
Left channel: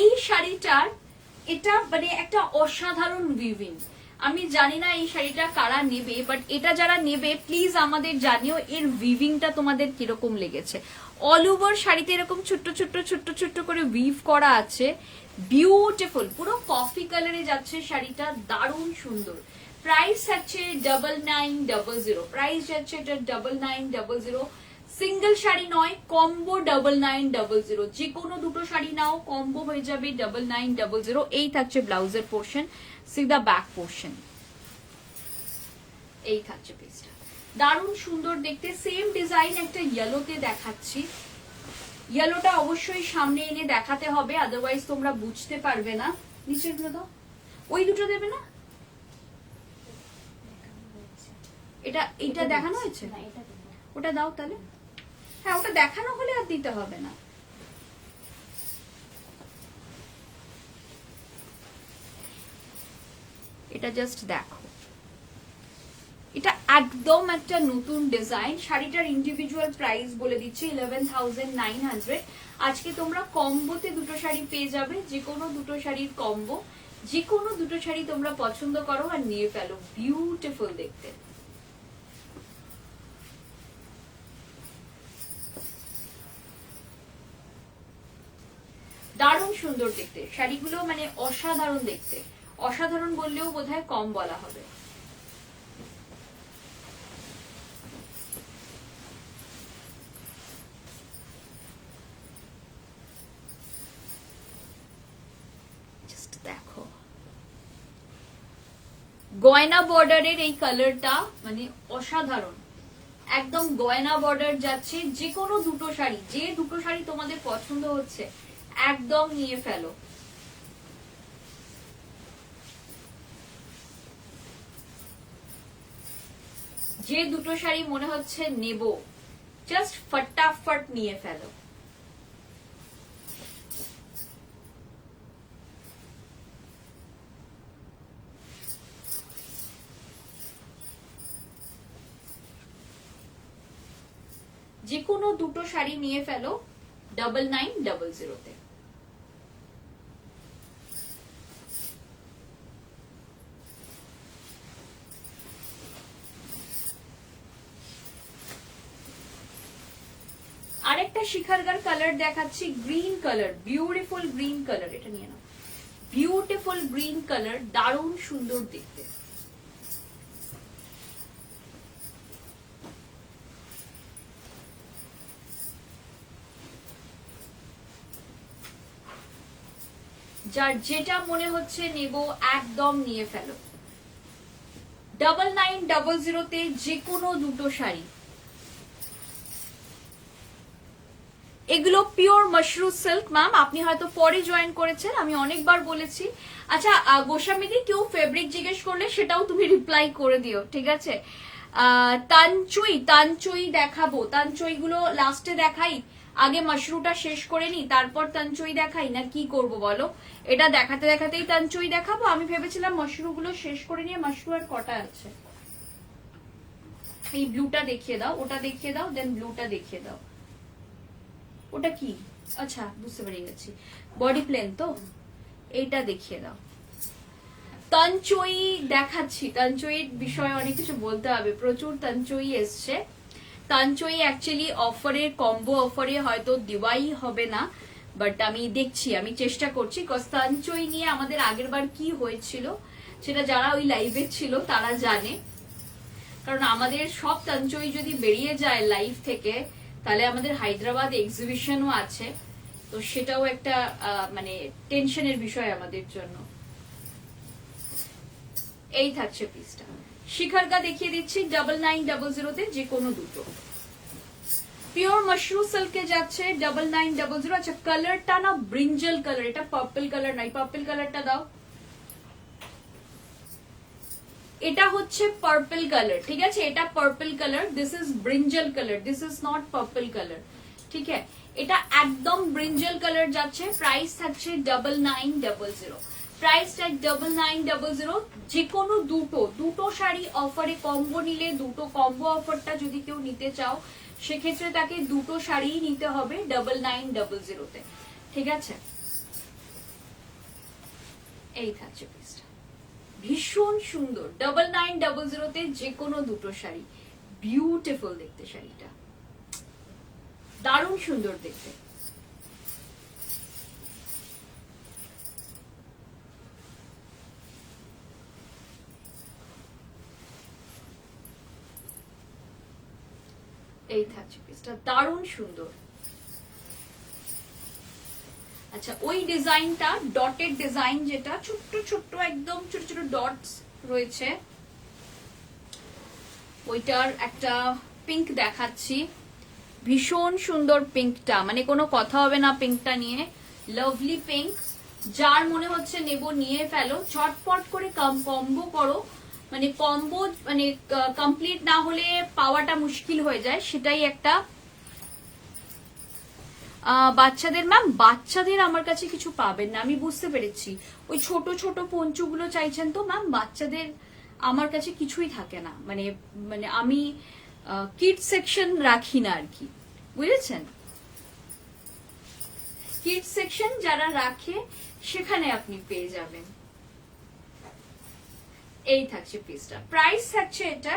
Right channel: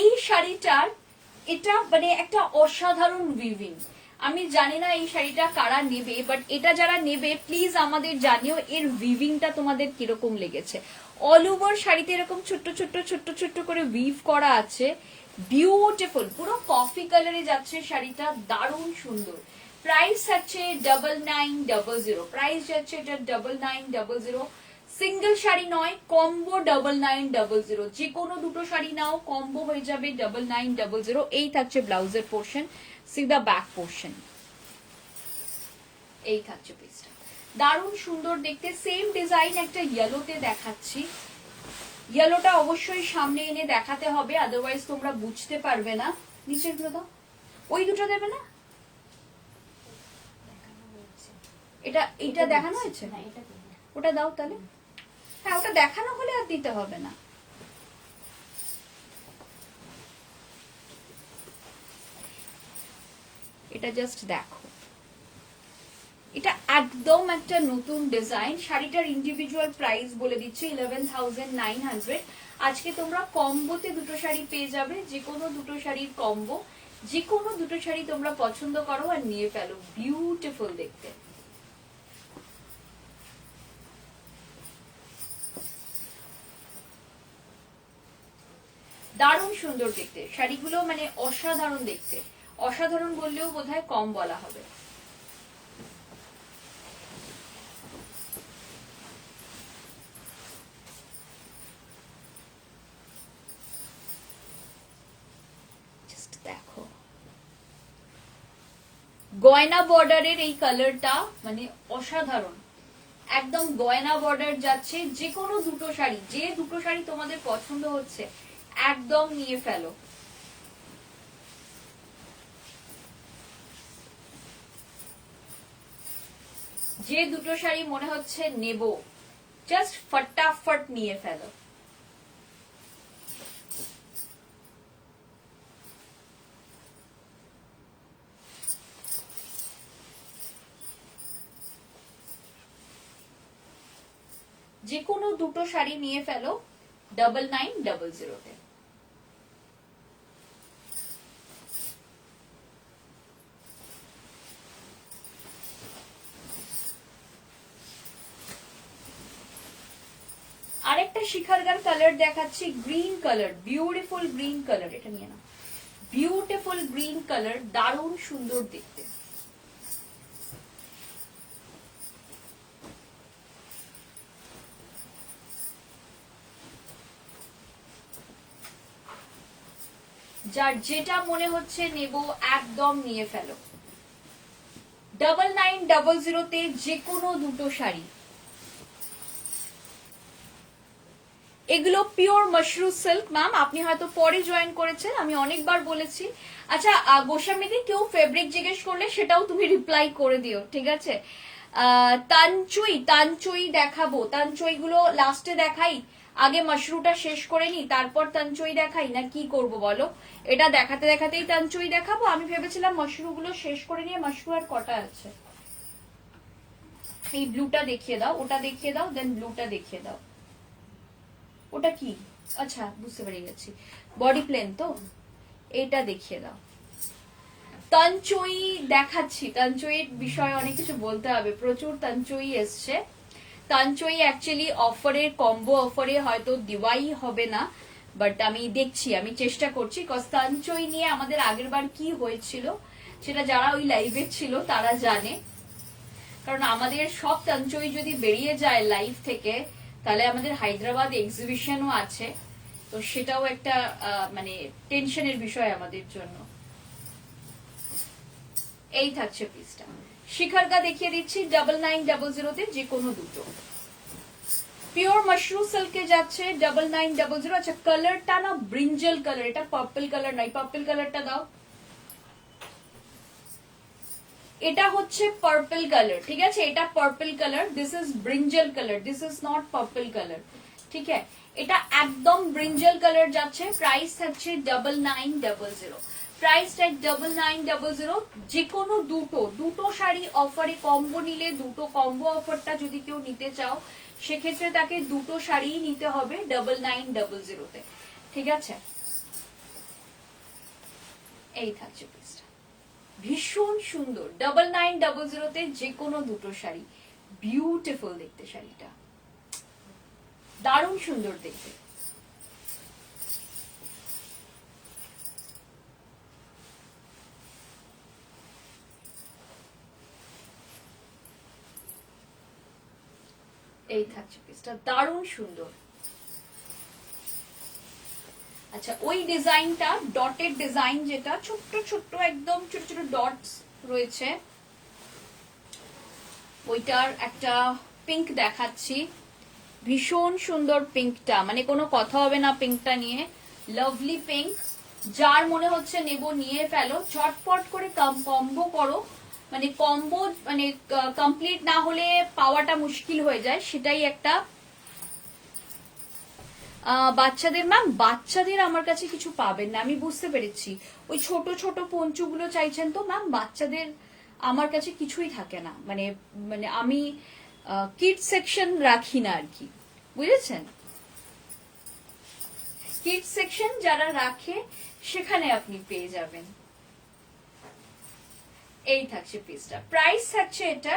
এই শাড়িটার এটা মানে একটা অসাধারণ উইভিং। আমি জানি না এই শাড়িটা কারা নেবে, বাট এটা যারা নেবে প্লিজ আমাদের জানিও এর উইভিংটা তোমাদের কিরকম লেগেছে। অল ওভার শাড়িতে এরকম ছোট্ট ছোট্ট ছোট্ট ছোট্ট করে উইভ করা আছে, বিউটিফুল, পুরো কফি কালারে যাচ্ছে শাড়িটা, দারুণ সুন্দর। প্রাইস আছে 9900। প্রাইস যাচ্ছে এটা 9900। সিঙ্গেল শাড়ি নয়, কম্বো 9900। যে কোনো দুটো শাড়ি নাও, কম্বো হয়ে যাবে 9900। এই থাকছে ব্লাউজের portion, see the back portion, এই থাকছে পিসটা, দারুণ সুন্দর দেখতে। সেম ডিজাইন একটা ইয়েলোতে দেখাচ্ছি, ইয়েলোটা অবশ্যই সামনে এনে দেখাতে হবে, আদারওয়াইজ তোমরা বুঝতে পারবে না। নিচে গুলো দাও, ওই দুটো দেবে না, এটা এইটা দেখানো হয়েছে, ওটা দাও তাহলে। হ্যাঁ, ওটা দেখানো হলে আর দিতে হবে না। এটা জাস্ট দেখো, এটা একদম একটা নতুন ডিজাইন। শাড়িটার ইন্ডিভিজুয়াল প্রাইস বলে দিচ্ছি 11,900। আজকে তোমরা কম্বোতে দুটো শাড়ি পেয়ে যাবে, যে কোনো দুটো শাড়ির কম্বো, যে কোনো দুটো শাড়ি তোমরা পছন্দ করো আর নিয়ে ফেলো। বিউটিফুল দেখতে, দারুণ সুন্দর দেখতে শাড়িগুলো, মানে অসাধারণ দেখতে। অসাধারণ বললেও বোধহয় কম বলা হবে। দেখো, গয়না বর্ডারের এই কালারটা মানে অসাধারণ, একদম গয়না বর্ডার যাচ্ছে। যে কোনো দুটো শাড়ি, যে দুটো শাড়ি তোমাদের পছন্দ হচ্ছে একদম নিয়ে ফেলো। যে দুটো শাড়ি মনে হচ্ছে নেব, জাস্ট ফটাফট নিয়ে ফেলো। যে কোনো দুটো শাড়ি নিয়ে ফেলো 9900-তে। আরেকটা শিখারগার কালার দেখাচ্ছি, green colour, beautiful green colour. এটা নিয়ে নাও, বিউটিফুল গ্রিন কালার, দারুণ সুন্দর দেখতে। যার যেটা মনে হচ্ছে নেব একদম নিয়ে ফেলো। 9900-তে যে কোনো দুটো শাড়ি। এগুলো পিওর মাশরু সিল্ক ম্যাম, আপনি হয়তো পরে জয়েন করেছেন, আমি অনেকবার বলেছি। আচ্ছা গোস্বামীদি, কেউ ফেব্রিক জিজ্ঞেস করলে সেটাও তুমি রিপ্লাই করে দিও, ঠিক আছে? তানচুই দেখাবো, তানচুই গুলো লাস্টে দেখাই, আগে মাশরুটা শেষ করে নি, তারপর তানচুই দেখাই, না কি করব বলো? এটা দেখাতে দেখাতেই তানচুই দেখাবো। আমি ভেবেছিলাম মাশরু গুলো শেষ করে নিয়ে, মাশরু আর কটা আছে। এই ব্লুটা দেখিয়ে দাও, ওটা দেখিয়ে দাও, দেন ব্লুটা দেখিয়ে দাও। ওটা কি? আচ্ছা বুঝতে পেরে গেছি, বডি প্লেন তো। এইটা দেখিয়ে দাও। তানচই দেখাচ্ছি, তানচইয়ের বিষয়ে অনেক কিছু বলতে হবে, প্রচুর তানচই এসছে। তানচই অ্যাকচুয়ালি অফারের, কম্বো অফারে হয়তো দেওয়াই হবে না, বাট আমি দেখছি, আমি চেষ্টা করছি। কজ তানচই নিয়ে আমাদের আগের বার কি হয়েছিল সেটা যারা ওই লাইভে ছিল তারা জানে। কারণ আমাদের সব তানচই যদি বেরিয়ে যায় লাইভ থেকে, তাহলে আমাদের হায়দ্রাবাদ এক্সিবিশনও আছে, তো সেটাও একটা মানে টেনশনের বিষয় আমাদের জন্য। এই থাকছে পিসটা। শিখারকা দেখিয়ে দিচ্ছি 9900 যে কোনো দুটো। পিওর মাশরুম সিল্কে যাচ্ছে 9900। আচ্ছা কালারটা না ব্রিঞ্জল কালার, এটা পার্পল কালার নাই, পার্পল কালারটা দাও। এটা হচ্ছে পার্পল কালার, ঠিক আছে, এটা purple colour, this is brinjal colour, this is not purple colour, ঠিক আছে। এটা একদম ব্রিঞ্জল কালার যাচ্ছে, প্রাইস থাকছে 9900। Price tag 9900। যে কোনো দুটো শাড়ি অফারে কম্বো নিলে, দুটো কম্বো অফারটা যদি কেউ নিতে চাও সেক্ষেত্রে তাকে দুটো শাড়ি নিতে হবে 9900 তে, ঠিক আছে। এই থাকছে পিসটা, ভীষণ সুন্দর 9900 তে যে কোনো দুটো শাড়ি, বিউটিফুল দেখতে শাড়িটা, দারুণ সুন্দর দেখতে। এই থাকছে পিসটা, দারুণ সুন্দর। আচ্ছা ওই ডিজাইনটা ডটেড ডিজাইন, যেটা ছোট্ট ছোট্ট একদম ছোট ছোট ডটস রয়েছে, ওইটার একটা পিঙ্ক দেখাচ্ছি, ভীষণ সুন্দর পিঙ্কটা, মানে কোনো কথা হবে না পিঙ্কটা নিয়ে, লাভলি পিঙ্ক। যার মনে হচ্ছে নেব নিয়ে ফেলো, চটপট করে কম্বো করো, মানে কম্বো মানে কমপ্লিট না হলে পাওয়াটা মুশকিল হয়ে যায়, সেটাই একটা। বাচ্চাদের ম্যাম, বাচ্চাদের আমার কাছে কিছু পাবেন না, আমি বুঝতে পেরেছি। ওই ছোট ছোট পঞ্চুগুলো চাইছেন তো ম্যাম, বাচ্চাদের আমার কাছে কিছুই থাকে না, মানে মানে আমি কিড সেকশন রাখি না আর কি, বুঝেছেন। কিড সেকশন যারা রাখে সেখানে আপনি পেয়ে যাবেন। এই থাকছে পিসটা, প্রাইস থাকছে এটা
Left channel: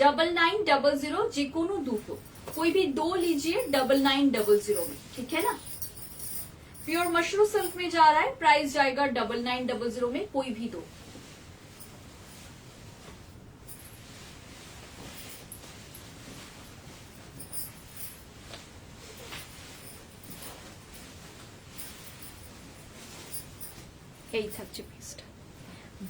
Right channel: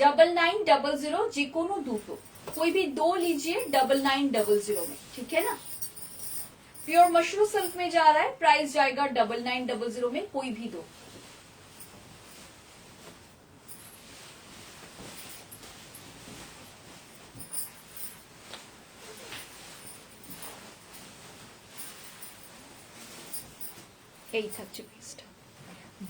9900, যে কোনো দুটো, कोई भी दो लीजिए 9900 में, ठीक है ना। प्योर मशरूम सिल्क में जा रहा है, प्राइस जाएगा 9900 में, कोई भी दो। এই থাকছে পিসটা,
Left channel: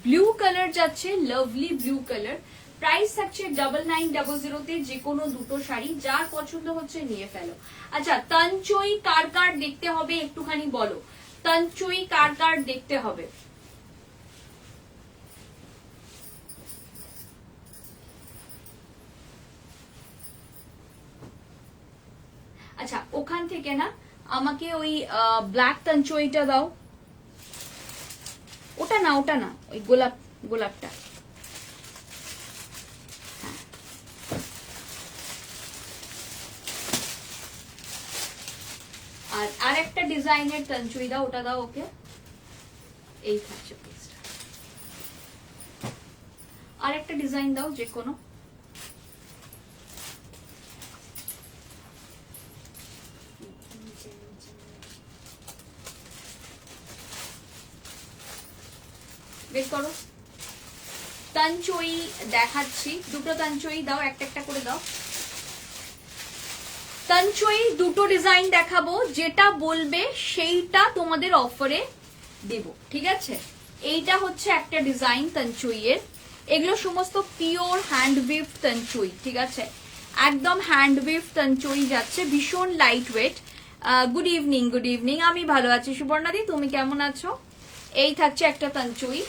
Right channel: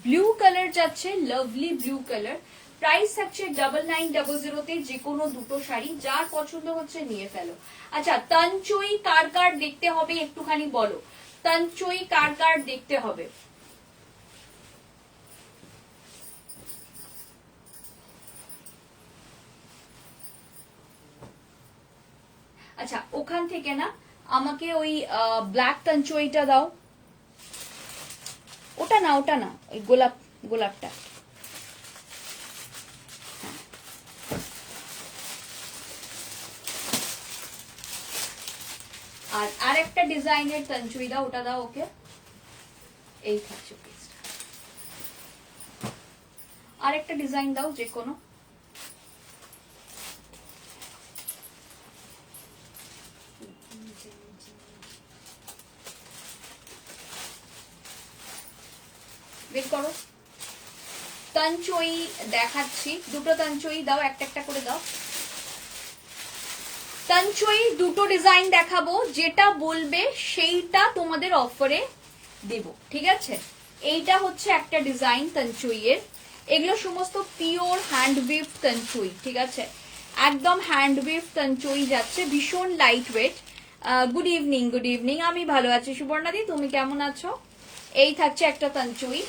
ব্লু কালার যাচ্ছে, লাভলি ব্লু কালার, প্রাইস থাকছে 9900 তে যে কোনো দুটো শাড়ি, যার পছন্দ হচ্ছে নিয়ে ফেলো। আচ্ছা তানচই কার কার দেখতে হবে একটুখানি বলো, তানচই কার কার দেখতে হবে। আচ্ছা ওখান থেকে না আমাকে ওই ব্ল্যাক তানচইটা দাও, ওটা না ওটা না, ওই গোলাপ, গোলাপটা। আর আরেকটা ডিজাইনের তানচুই দাও, ওটা দাও ওকে। এই থাকছে পিসটা, আরেকটা ডিজাইন দাও যে কোনো। বের করো, তানচই দেখাচ্ছি, দুটো তানচই দাও, একটা একটা করে দাও। তানচই দুটো ডিজাইন দেখাবো, যেটা বলবে সেইটা তোমাদের অফারে দেব, ঠিক আছে। এইটা হচ্ছে একটা ডিজাইন তানচুইয়ের, এগুলো সমস্ত পিওর হ্যান্ড উইভ তানচুই, ঠিক আছে, একদম হ্যান্ড উইভ তানচুই যাচ্ছে, ভীষণ light weight. Good evening, good evening, আমি ভালো আছি সুবর্ণাদি, তুমি কেমন আছো। এই থাকছে একটা তানচুই,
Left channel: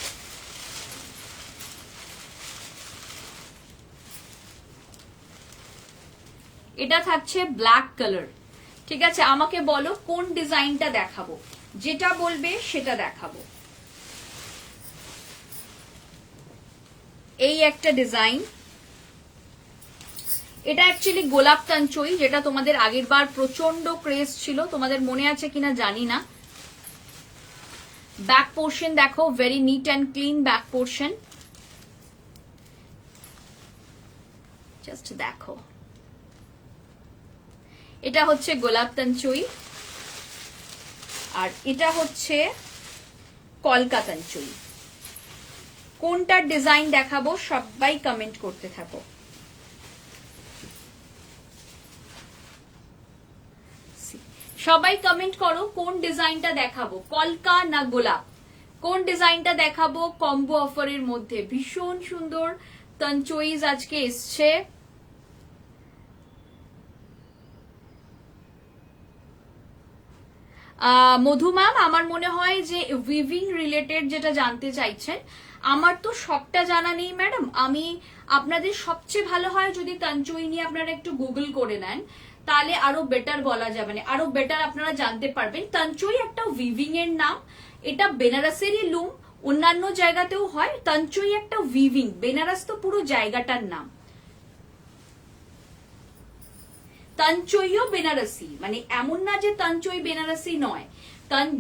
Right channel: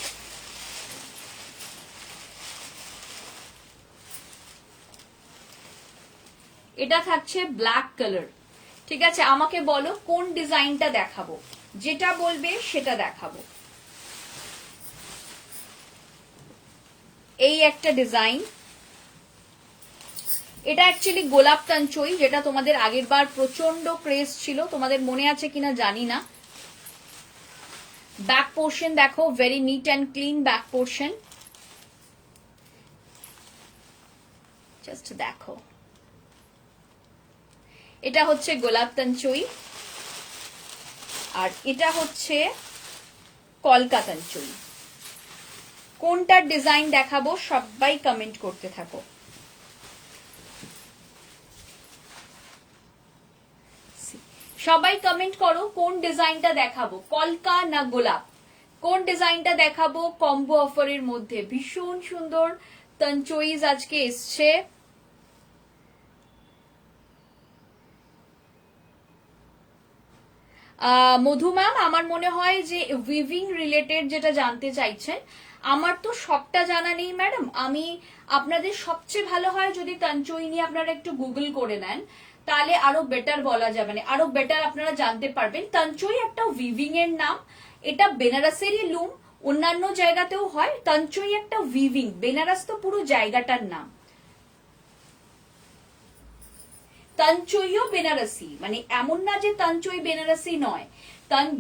এটা থাকছে ব্ল্যাক কালার, ঠিক আছে। আমাকে বলো কোন ডিজাইনটা দেখাবো, যেটা বলবে সেটা দেখাবো। এই একটা ডিজাইন, এটা অ্যাকচুয়ালি গোলাপ তানচই, যেটা তোমাদের আগের বার প্রচন্ড ক্রেজ ছিল, তোমাদের মনে আছে কিনা জানি না। ব্যাক পোর্শন দেখো, very neat and clean back portion. Just দেখো, এটা হচ্ছে গোলাপ তঞ্চুই, আর এটা হচ্ছে কলকা তঞ্চুই। কোনটার ডিজাইন দেখাবো সবাই কমেন্ট করতে থাকো। সবাই কমেন্ট করো কোন ডিজাইনটা দেখাবো, কলকা না গোলাপ, কোন ডিজাইনটা দেখাবো কম্বো অফারের মধ্যে। ভীষণ সুন্দর তঞ্চুইজ আজকে এসছে। মধু ম্যাম, আমার মনে হয় যে উইভিং রিলেটেড যেটা জানতে চাইছেন, আমার তো সবটা জানা নেই ম্যাডাম। আমি আপনাদের সবচেয়ে ভালো হয় যদি তঞ্চুই নিয়ে আপনারা একটু গুগল করে নেন, তাহলে আরো বেটার বলা যাবে, মানে আরো বেটার আপনারা জানতে পারবেন। তঞ্চুই একটা উইভিং এর নাম, এটা বেনারসেরই লুম, অন্যান্য জায়গাতেও হয়। তঞ্চুই একটা উইভিং, বেনারস তো পুরো জায়গাটার নাম। তঞ্চুইও বেনারসি, মানে এমন না যে তঞ্চুই বেনারসি নয়।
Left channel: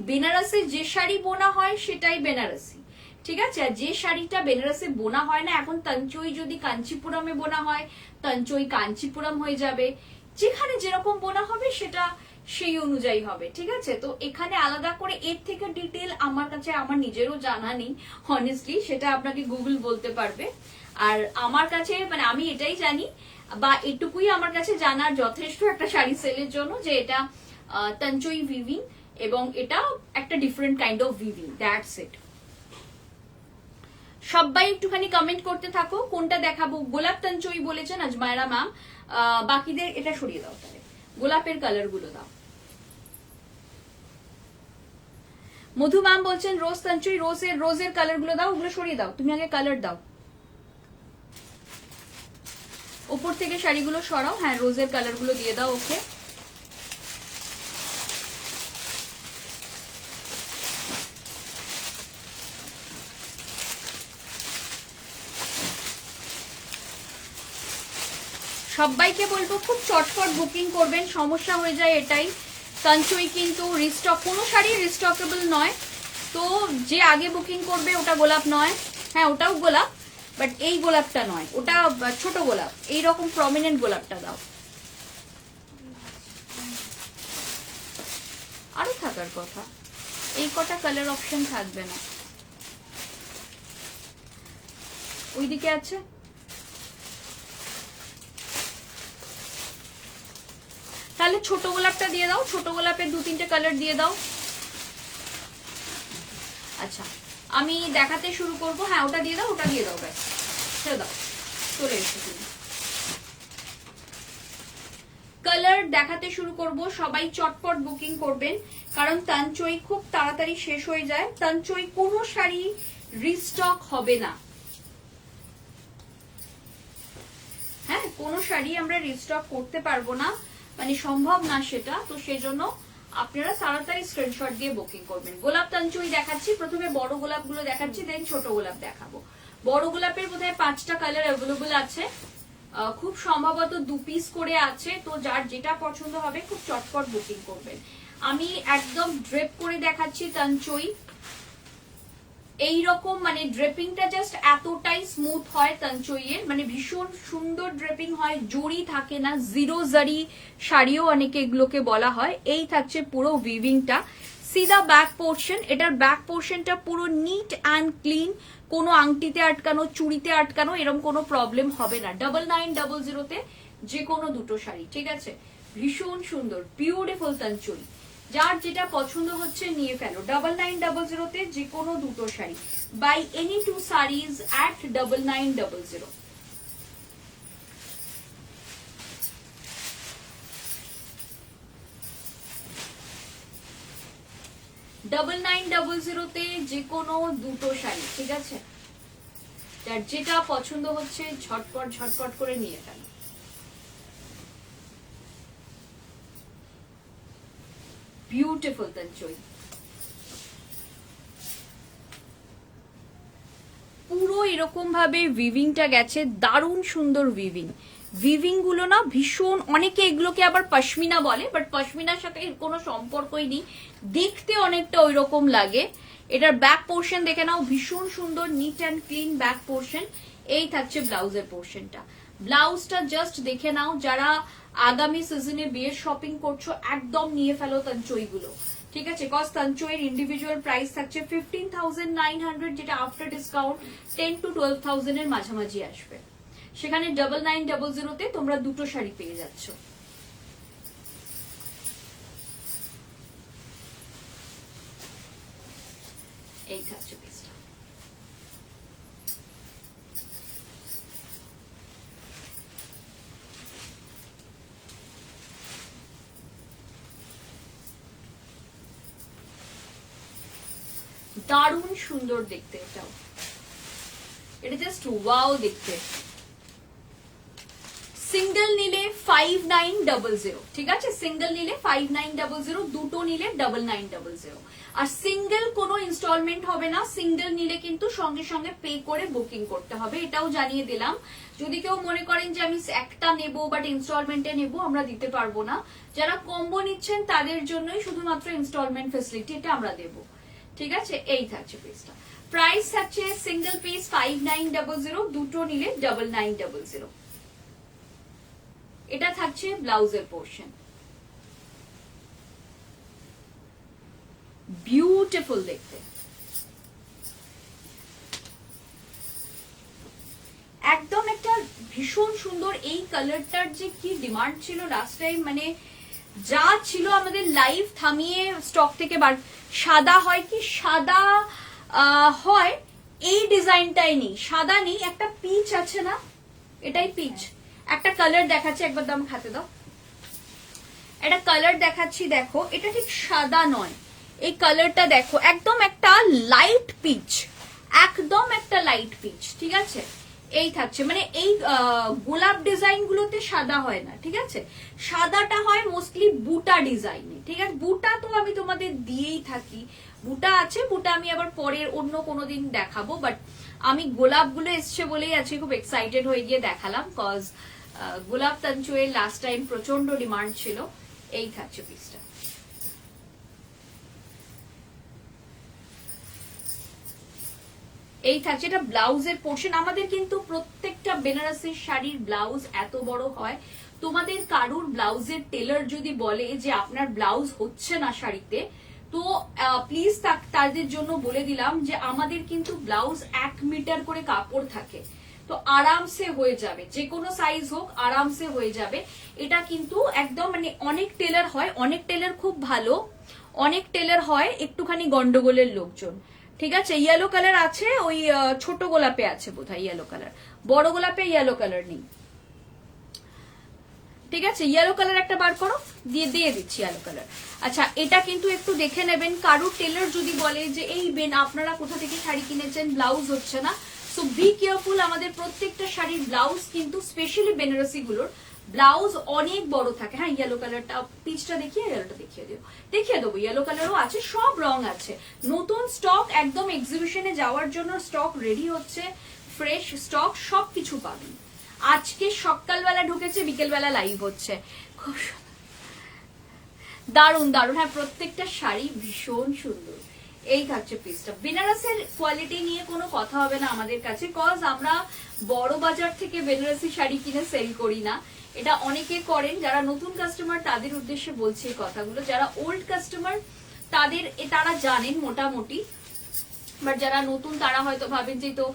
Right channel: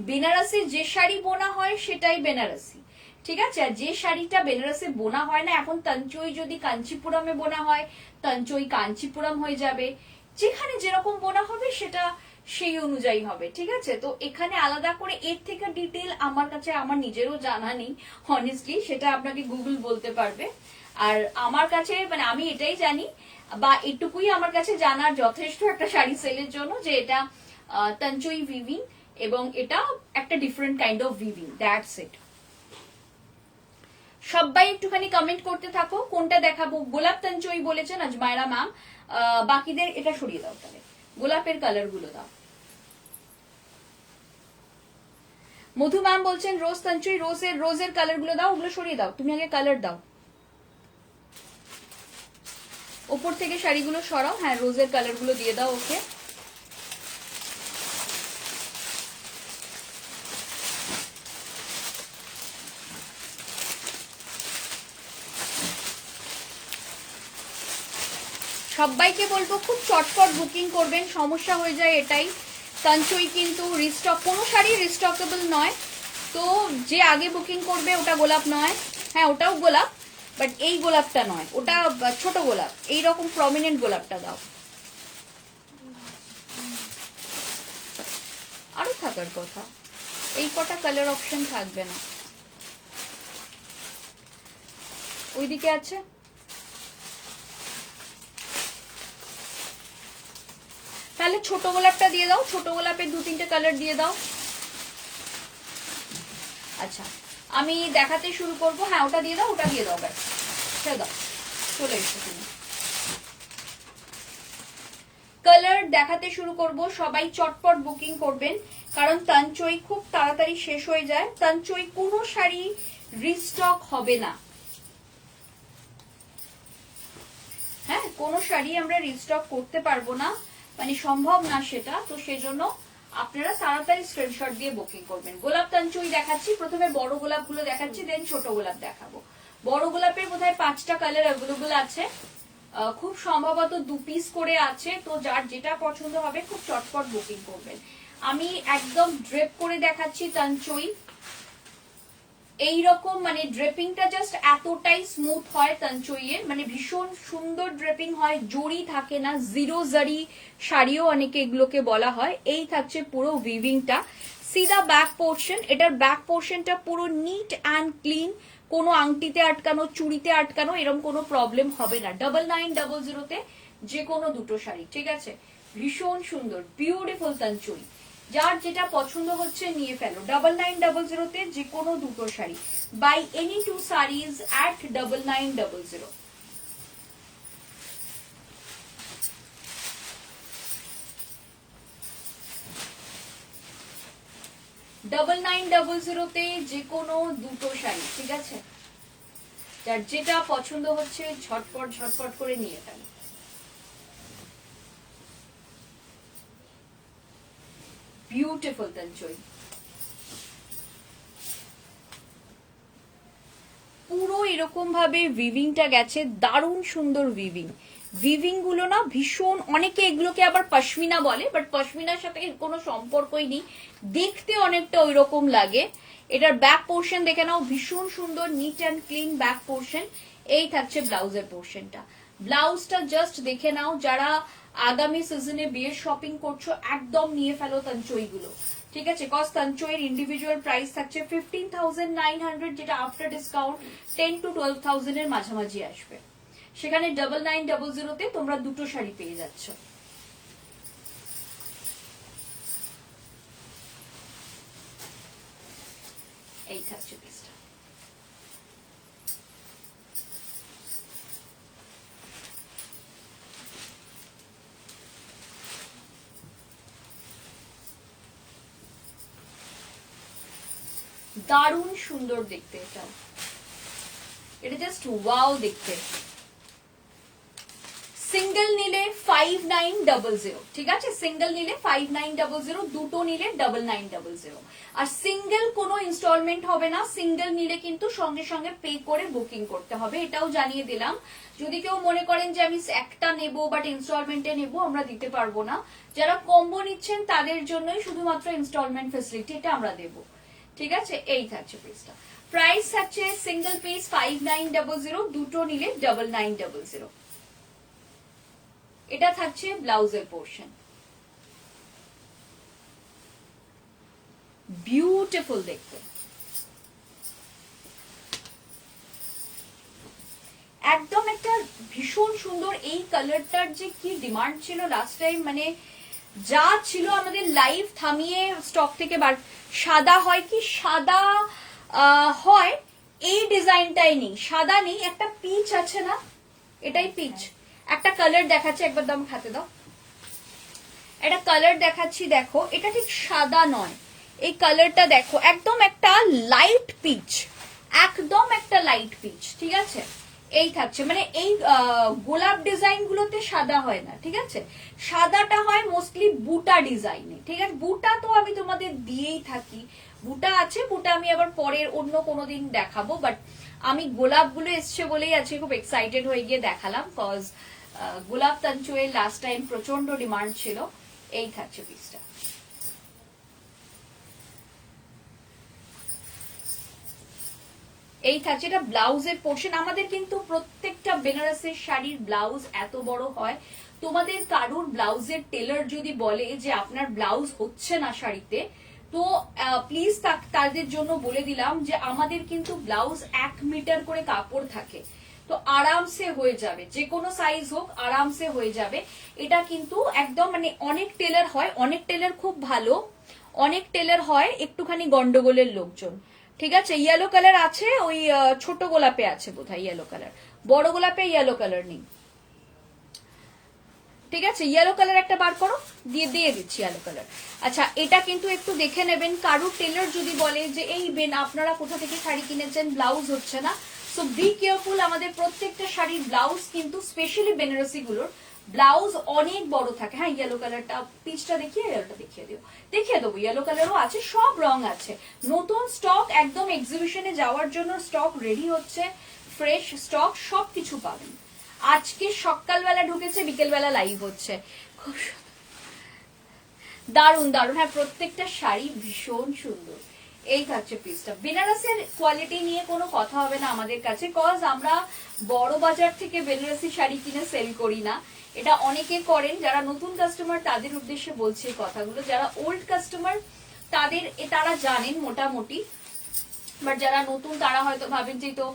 বেনারসে যে শাড়ি বোনা হয় সেটাই বেনারসি, ঠিক আছে। আর যে শাড়িটা বেনারসে বোনা হয় না, এখন তঞ্চুই যদি কাঞ্চিপুরমে বোনা হয়, তঞ্চুই কাঞ্চিপুরম হয়ে যাবে। যেখানে যেরকম বোনা হবে সেটা সেই অনুযায়ী হবে, ঠিক আছে। তো এখানে আলাদা করে এর থেকে ডিটেল আমার কাছে আমার নিজেরও জানা নেই হনেস্টলি, সেটা আপনাকে গুগল বলতে পারবে। আর আমার কাছে মানে আমি এটাই জানি, বা এটুকুই আমার কাছে জানার যথেষ্ট একটা শাড়ি সেলের জন্য, যে এটা তঞ্চুই উইভিং এবং এটা একটা different kind of weaving, that's it. সবাই একটুখানি কমেন্ট করতে থাকো কোনটা দেখাবো। গোলাপ তঞ্চুই বলেছেন আজমায়রা ম্যাম, বাকিদের এটা সরিয়ে দাও, তাহলে গোলাপের কালার গুলো দাও। মধু ম্যাম বলছেন রোজ তঞ্চুই, রোজের কালার গুলো দাও, ওগুলো সরিয়ে দাও, তুমি আগে কালার দাও। ওপর থেকে শাড়িগুলো সরাও, হ্যাঁ রোজের কালার গুলো দিয়ে দাও, ওকে। সবাইকে বলবো খুব চটপট বুকিং করবেন, সমস্যা হয়ে যায় এটাই। তঞ্চুই কিন্তু রিস্টক, কোনো শাড়ি রিস্টকেবল নয়, তো যে আগে বুকিং করবে ওটা গোলাপ নয়, হ্যাঁ ওটাও গোলাপ, বাট এই গোলাপটা নয়, ওটা ছোট গোলাপ, এইরকম প্রমিনেন্ট গোলাপটা দাও। আরো থাকার কথা, এই কটা কালার অপশন থাকবে না, ওইদিকে আছে। তাহলে ছোট গোলাপটা দিয়ে দাও, ছোট গোলাপের 2-3টে কালার দিয়ে দাও। আচ্ছা আমি দেখাতে শুরু করব, হ্যাঁ ওটা দিয়ে দাও, ওটা দিয়ে দাও, ব্যাস সেটা দাও, চলে এসেছে তুমি। কালার দেখাতে শুরু করব, সবাই চটপট বুকিং করবেন, কারণ তঞ্চুই খুব তাড়াতাড়ি শেষ হয়ে যায়। তঞ্চুই কোনো শাড়ি রিস্টক হবে না, হ্যাঁ কোনো শাড়ি আমরা রিস্টক করতে পারবো না, মানে সম্ভব না সেটা। তো সেই জন্য আপনারা তাড়াতাড়ি স্ক্রিনশট দিয়ে বুকিং করবেন। গোলাপ তঞ্চুই দেখাচ্ছি, প্রথমে বড় গোলাপ গুলো দেখাচ্ছি, দেন ছোট গোলাপ দেখাবো। বড় গোলাপের বোধহয় 5টা কালার অ্যাভেলেবল আছে, খুব সম্ভবত 2 পিস করে আছে, তো যার যেটা পছন্দ হবে খুব চটপট বুকিং করবেন। আমি একদম ড্রেপ করে দেখাচ্ছি তঞ্চুই, এইরকম মানে ড্রেপিংটা জাস্ট এতটাই স্মুথ হয় তঞ্চুইয়ের, মানে ভীষণ সুন্দর ড্রেপিং হয়, জড়ি থাকে না, জিরো জারি শাড়িও অনেকে এগুলোকে বলা হয়। এই থাকছে পুরো উইভিংটা, সিধা ব্যাক পোর্শন, এটার ব্যাক পোর্শনটা পুরো নিট অ্যান্ড ক্লিন, কোনো আংটিতে আটকানো চুড়িতে আটকানো এরকম কোনো প্রবলেম হবে না। 9900 যে কোনো দুটো শাড়ি, ঠিক আছে। ভীষণ সুন্দর বিউটিফুল তঞ্চুই, যার যেটা পছন্দ হচ্ছে নিয়ে ফেলো। 9900 যে কোনো দুটো sari, by any 2 sarees at 9900। 9900 যে কোনো দুটো শাড়ি, ঠিক আছে। যার যেটা পছন্দ হচ্ছে ঝটপট ঝটপট করে নিয়ে ফেলো। বিউটিফুল তঞ্চুই, পুরো এরকম ভাবে উইভিংটা গেছে, দারুণ সুন্দর উইভিং, উইভিং গুলো না ভীষণ, অনেকে এগুলোকে আবার পশমিনা বলে, বাট পশমিনার সাথে কোনো সম্পর্কই নেই, দেখতে অনেকটা ওই রকম লাগে। এটার ব্যাক পোর্শন দেখে নাও, ভীষণ সুন্দর NEET and clean back portion. এই থাকছে ব্লাউজের পোর্শনটা। ব্লাউজটা জাস্ট দেখে নাও, যারা আগামী সিজনে বিয়ের শপিং করছো একদম নিয়ে ফেলো তঞ্চই গুলো, ঠিক আছে? কজ তঞ্চয়ের ইন্ডিভিজুয়াল প্রাইস থাকছে 15,900, যেটা আফটার ডিসকাউন্ট 10 to 12,000 এর মাঝামাঝি আসবে। সেখানে 9900 তোমরা দুটো শাড়ি পেয়ে যাচ্ছ। এই থাকছে পিসটা। দারুণ সুন্দর দেখতে, এটা জাস্ট ওয়াও দেখতে। সিঙ্গেল নিলে 5900, ঠিক আছে? সিঙ্গেল নিলে 5900, দুটো নিলে 9900। আর সিঙ্গেল কোনো ইনস্টলমেন্ট হবে না, সিঙ্গেল নিলে কিন্তু সঙ্গে সঙ্গে পে করে বুকিং করতে হবে, এটাও জানিয়ে দিলাম। যদি কেউ মনে করেন যে আমি একটা নেবো বাট ইনস্টলমেন্টে নেবো, আমরা দিতে পারবো না। যারা কম্বো নিচ্ছেন তাদের জন্যই শুধুমাত্র ইনস্টলমেন্ট ফেসিলিটি এটা আমরা দেবো, ঠিক আছে? এই থাকছে পিসটা। প্রাইস থাকছে সিঙ্গেল পিস 5900, দুটো নিলে 9900। এটা থাকছে ব্লাউজের পোর্শন। বিউটিফুল দেখতে, একদম একটা ভীষণ সুন্দর। এই কালারটার যে কি ডিমান্ড ছিল লাস্ট টাইম, মানে যা ছিল আমাদের লাইভ থামিয়ে স্টক থেকে বার। সাদা হয় কি, সাদা হয়, এই ডিজাইনটাই নেই, সাদা নেই, একটা পিচ আছে না, এটাই পিচ। একটা কালার দেখাচ্ছি, একবার দাম খাতে দাও। এটা কালার দেখাচ্ছি, দেখো এটা ঠিক সাদা নয়, এই কালারটা দেখো একদম একটা লাইট পিচ, একদম একটা লাইট পিচ, ঠিক আছে? এই থাকছে, মানে এই গোলাপ ডিজাইন গুলোতে সাদা হয় না, ঠিক আছে? সাদাটা হয় মোস্টলি বুটা ডিজাইনে, ঠিক আছে? বুটা তো আমি তোমাদের দিয়েই থাকি, বুটা আছে, বুটা আমি আবার পরের অন্য কোনো দিন দেখাবো, বাট আমি গোলাপ গুলো এসছে বলেই আজকে খুব এক্সাইটেড হয়ে গিয়ে দেখালাম, কজ গোলাপ তঞ্চুয়ের লাস্ট টাইম প্রচন্ড ডিমান্ড ছিল। এই থাকছে পিসটা। এই থাকছে, এটা ব্লাউজের পোর্শন। আমাদের কিন্তু প্রত্যেকটা বেনারসের শাড়ির ব্লাউজ এত বড় হয়, তোমাদের কারোর ব্লাউজের টেলার যদি বলে যে আপনার ব্লাউজ হচ্ছে না শাড়িতে, তো প্লিজ তাদের জন্য বলে দিলাম যে আমাদের কিন্তু ব্লাউজ 1 মিটার করে কাপড় থাকে, তো আরামসে হয়ে যাবে, যে কোনো সাইজ হোক আরামসে হয়ে যাবে। এটা কিন্তু একদম, মানে অনেক টেলার হয়, অনেক টেলার খুব ভালো, অনেক টেলার হয় একটুখানি গন্ডগোলের লোকজন, ঠিক আছে? ইয়েলো কালার আছে, ওই ছোট গোলাপে আছে বোধহয় ইয়েলো কালার, বড় গোলাপে ইয়েলো কালার নেই, ঠিক আছে? ইয়েলো কালার একটা বার করো, দিয়ে দিচ্ছি ইয়েলো কালার। আচ্ছা, এটা কিন্তু একটু দেখে নেবেন, কারুর টেলার যদি বলে যে এই বেন আপনারা কোথা থেকে শাড়ি কিনেছেন, ব্লাউজ হচ্ছে না, সো বি কেয়ারফুল। আমাদের প্রত্যেকটা শাড়ির ব্লাউজ কিন্তু স্পেশালি বেনারসি গুলোর ব্লাউজ অনেক বড় থাকে। হ্যাঁ, ইয়েলো কালারটা পিচটা দেখিয়ে, ইয়েলোটা দেখিয়ে দেবো, ইয়েলো কালারও আছে, সব রং আছে, নতুন স্টক একদম এক্সিবিশনে যাওয়ার জন্য স্টক রেডি হচ্ছে, ফ্রেশ স্টক সবকিছু পাবেন। আজকে সকালবেলা ঢুকেছে, বিকেলবেলা লাইভ হচ্ছে, দারুন দারুন। হ্যাঁ, প্রত্যেকটা শাড়ি ভীষণ সুন্দর। এই থাকছে পিসটা। বেনারসের কোয়ালিটি নিয়ে কোনো কথা হবে না আমাদের কাছে, কজ আমরা বড় বাজার থেকে বেনারসি শাড়ি কিনে সেল করি না, এটা অনেকে করেন। যারা নতুন কাস্টমার তাদের উদ্দেশ্যে বলছে এই কথাগুলো, যারা ওল্ড কাস্টমার তারা জানেন মোটামুটি, বাট যারা নতুন তারা হয়তো ভাবেন যে তো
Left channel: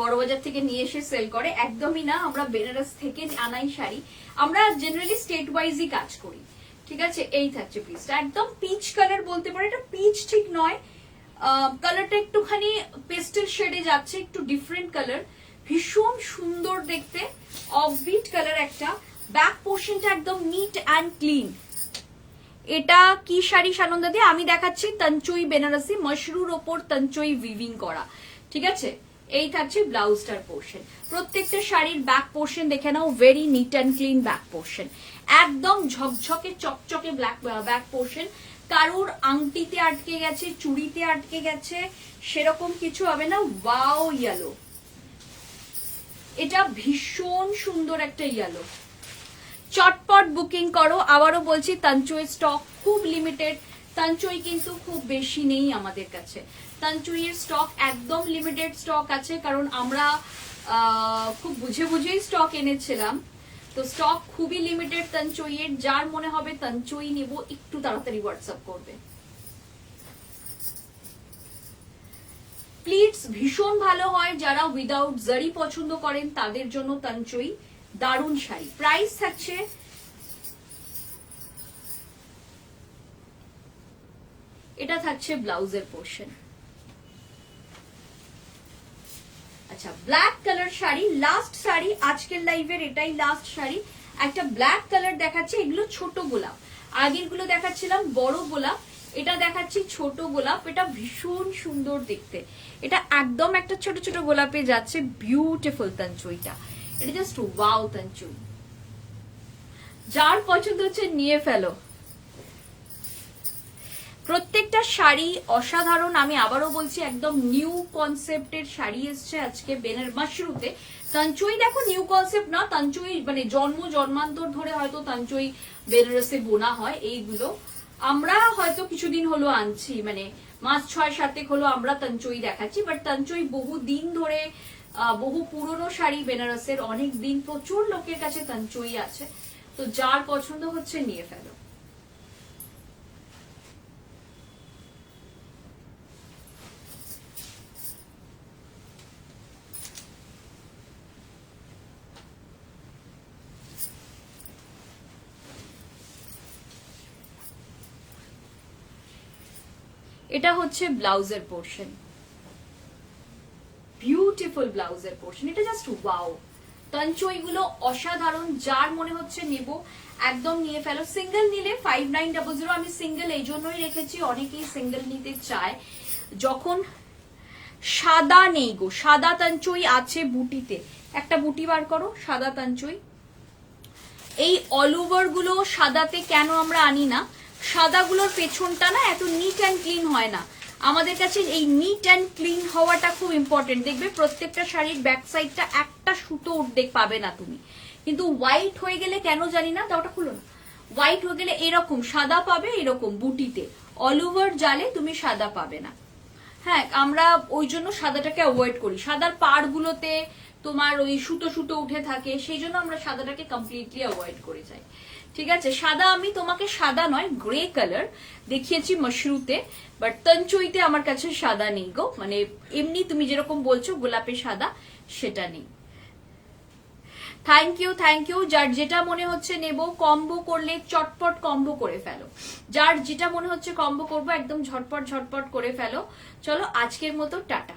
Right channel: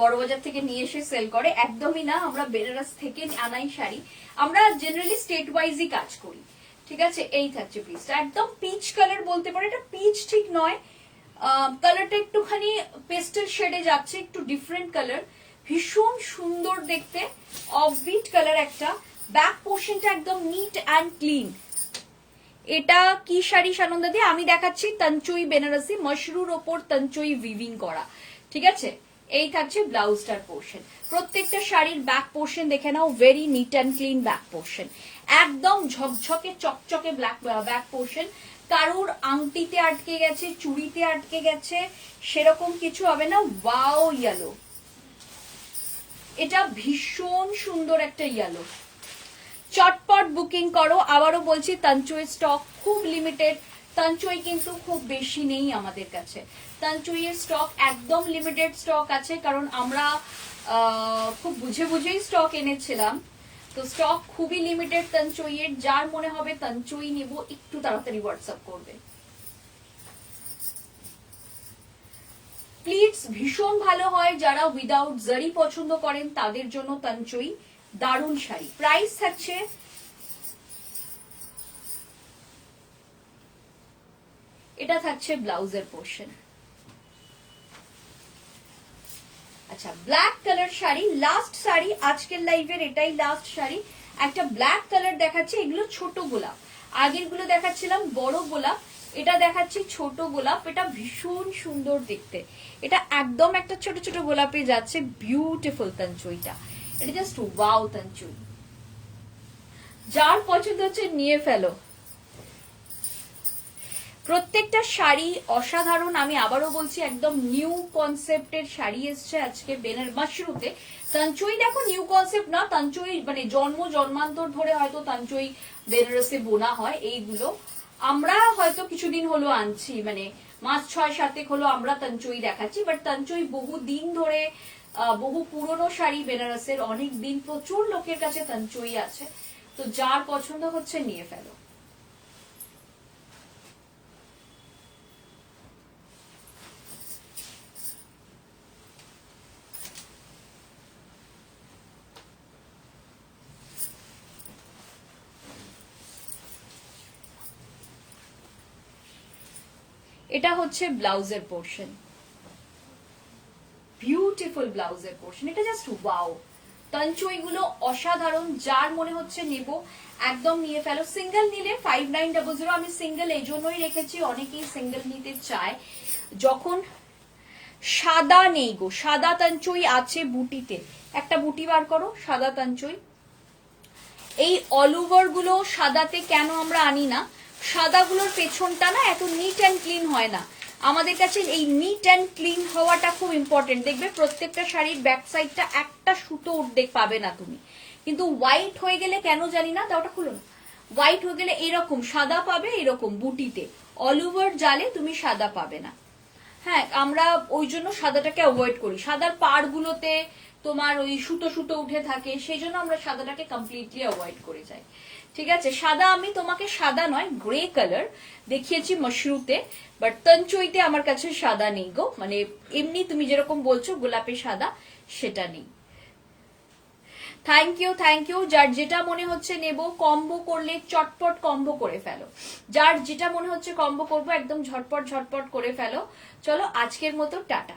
বড় বাজার থেকে নিয়ে এসে সেল করে, একদমই না। আমরা বেনারস থেকে আনাই শাড়ি, আমরা জেনারেলি স্টেট ওয়াইজই কাজ করি, ঠিক আছে? এই থাকছে পিসটা, একদম পিচ কালার বলতে পারে, এটা পিচ ঠিক নয়, কালারটা একটুখানি পেস্টেল শেডে যাচ্ছে, একটু ডিফারেন্ট কালার, ভীষণ সুন্দর দেখতে, অফবিট কালার একটা। ব্যাক পোর্শনটা একদম নিট অ্যান্ড ক্লিন। এটা কি শাড়ি সানন্দা দিয়ে আমি দেখাচ্ছি, তঞ্চুই বেনারসি, মশরুর ওপর তঞ্চুই উইভিং করা, ঠিক আছে? এই থাকছে ব্লাউজটার পোর্শন। প্রত্যেকটা শাড়ির ব্যাক পোর্শন দেখে নাও, very neat and clean back portion, একদম ঝকঝকে চকচকে ব্যাক পোর্শন। কারুর আংটিতে আটকে গেছে, চুড়িতে আটকে গেছে, সেরকম কিছু হবে না। ওয়াও ইয়েলো, এটা ভীষণ সুন্দর একটা ইয়েলো, চটপট বুকিং করো। আবারও বলছি তানচুই স্টক খুব লিমিটেড, তানচুই কিন্তু খুব বেশি নেই আমাদের কাছে। তানচুইয়ের স্টক একদম লিমিটেড স্টক আছে, কারণ আমরা খুব বুঝে বুঝেই স্টক এনেছিলাম, তো স্টক খুবই লিমিটেড তানচুইয়ের। যার মনে হবে তানচুই নেব একটু তাড়াতাড়ি হোয়াটসঅ্যাপ করবে প্লিজ। ভীষণ ভালো হয়, যারা উইদাউট জারি পছন্দ করেন তাদের জন্য তানচুই দারুণ শাড়ি। প্রাইস থাকছে এটা থাকছে ব্লাউজের পোর্শন। আচ্ছা, black colour sari, last sari আজকের লাইভের, এটাই লাস্ট শাড়ি। একটা ব্ল্যাক কালার দেখাচ্ছি, এগুলো ছোট গোলাপ, আগের গুলো দেখাচ্ছিলাম বড় গোলাপ, এটা দেখাচ্ছি ছোট গোলাপ। এটা ভীষণ সুন্দর দেখতে, এটা একদম একটা ছোট ছোট গোলাপে যাচ্ছে, বিউটিফুল তানচুইটা, এটা জাস্ট ওয়াও তানচুই। যার পছন্দ হচ্ছে নিয়ে ফেলো। প্রত্যেকটা শাড়ি অসাধারণ, আমি আবারও বলছি একদম নিউ কনসেপ্টের শাড়ি এসছে আজকে বেনের মাশরুতে। তানচুই দেখো নিউ কনসেপ্ট না, তানচুই মানে জন্মান্তর ধরে হয়তো তানচুই বেনারসে বোনা হয়। এইগুলো আমরা হয়তো কিছুদিন হলো আনছি, মানে মাস 6-7 হলো আমরা তানচুই দেখাচ্ছি, বাট তানচুই বহু দিন ধরে, বহু পুরনো শাড়ি বেনারসের, অনেক দিন প্রচুর লোকের কাছে তানচুই আছে। তো যার পছন্দ হচ্ছে নিয়ে ফেলো। এটা হচ্ছে ব্লাউজের পোর্শন, বিউটিফুল ব্লাউজের পোর্শন, এটা জাস্ট ওয়াও। তানচুই গুলো অসাধারণ, যার মনে হচ্ছে নেব একদম নিয়ে ফেলো। সিঙ্গেল নিলে 5900, আমি সিঙ্গেল এই জন্যই রেখেছি, অনেকেই সিঙ্গেল নিতে চায়। যখন সাদা নেই গো, সাদা তানচুই আছে বুটিতে, একটা বুটি বার করো সাদা তানচুই। এই অল ওভার গুলো সাদাতে কেন আমরা আনি না, সাদাগুলোর পেছনটা না এত নিট অ্যান্ড ক্লিন হয় না। আমাদের কাছে এই নিট অ্যান্ড ক্লিন হওয়াটা খুব ইম্পর্টেন্ট। দেখবে প্রত্যেকটা শাড়ির ব্যাক সাইডটা একটা সুতো উঠে পাবে না তুমি, কিন্তু হোয়াইট হয়ে গেলে কেন জানি না, ওটা খুলো না, হোয়াইট হয়ে গেলে এরকম সাদা পাবে, এরকম বুটিতে অল ওভার জালে তুমি সাদা পাবে না। হ্যাঁ, আমরা ওই জন্য সাদাটাকে অ্যাভয়েড করি, সাদার পাড়গুলোতে তোমার ওই সুতো সুতো উঠে থাকে, সেই জন্য আমরা সাদাটাকে কমপ্লিটলি অ্যাভয়েড করে যাই। ঠিক আছে, সাদা আমি তোমাকে সাদা নয় গ্রে কালার দেখিয়েছি মশরুতে, বাট তানচুইতে আমার কাছে সাদা নেই গো, মানে এমনি তুমি যেরকম বলছো গোলাপে সাদা, সেটা নেই। Thank you. যার যেটা মনে হচ্ছে নেব, কম্বো করলে চটপট কম্বো করে ফেলো। যার যেটা মনে হচ্ছে কম্বো করবো একদম ঝটপট করে ফেলো। চলো আজকের মতো টাটা।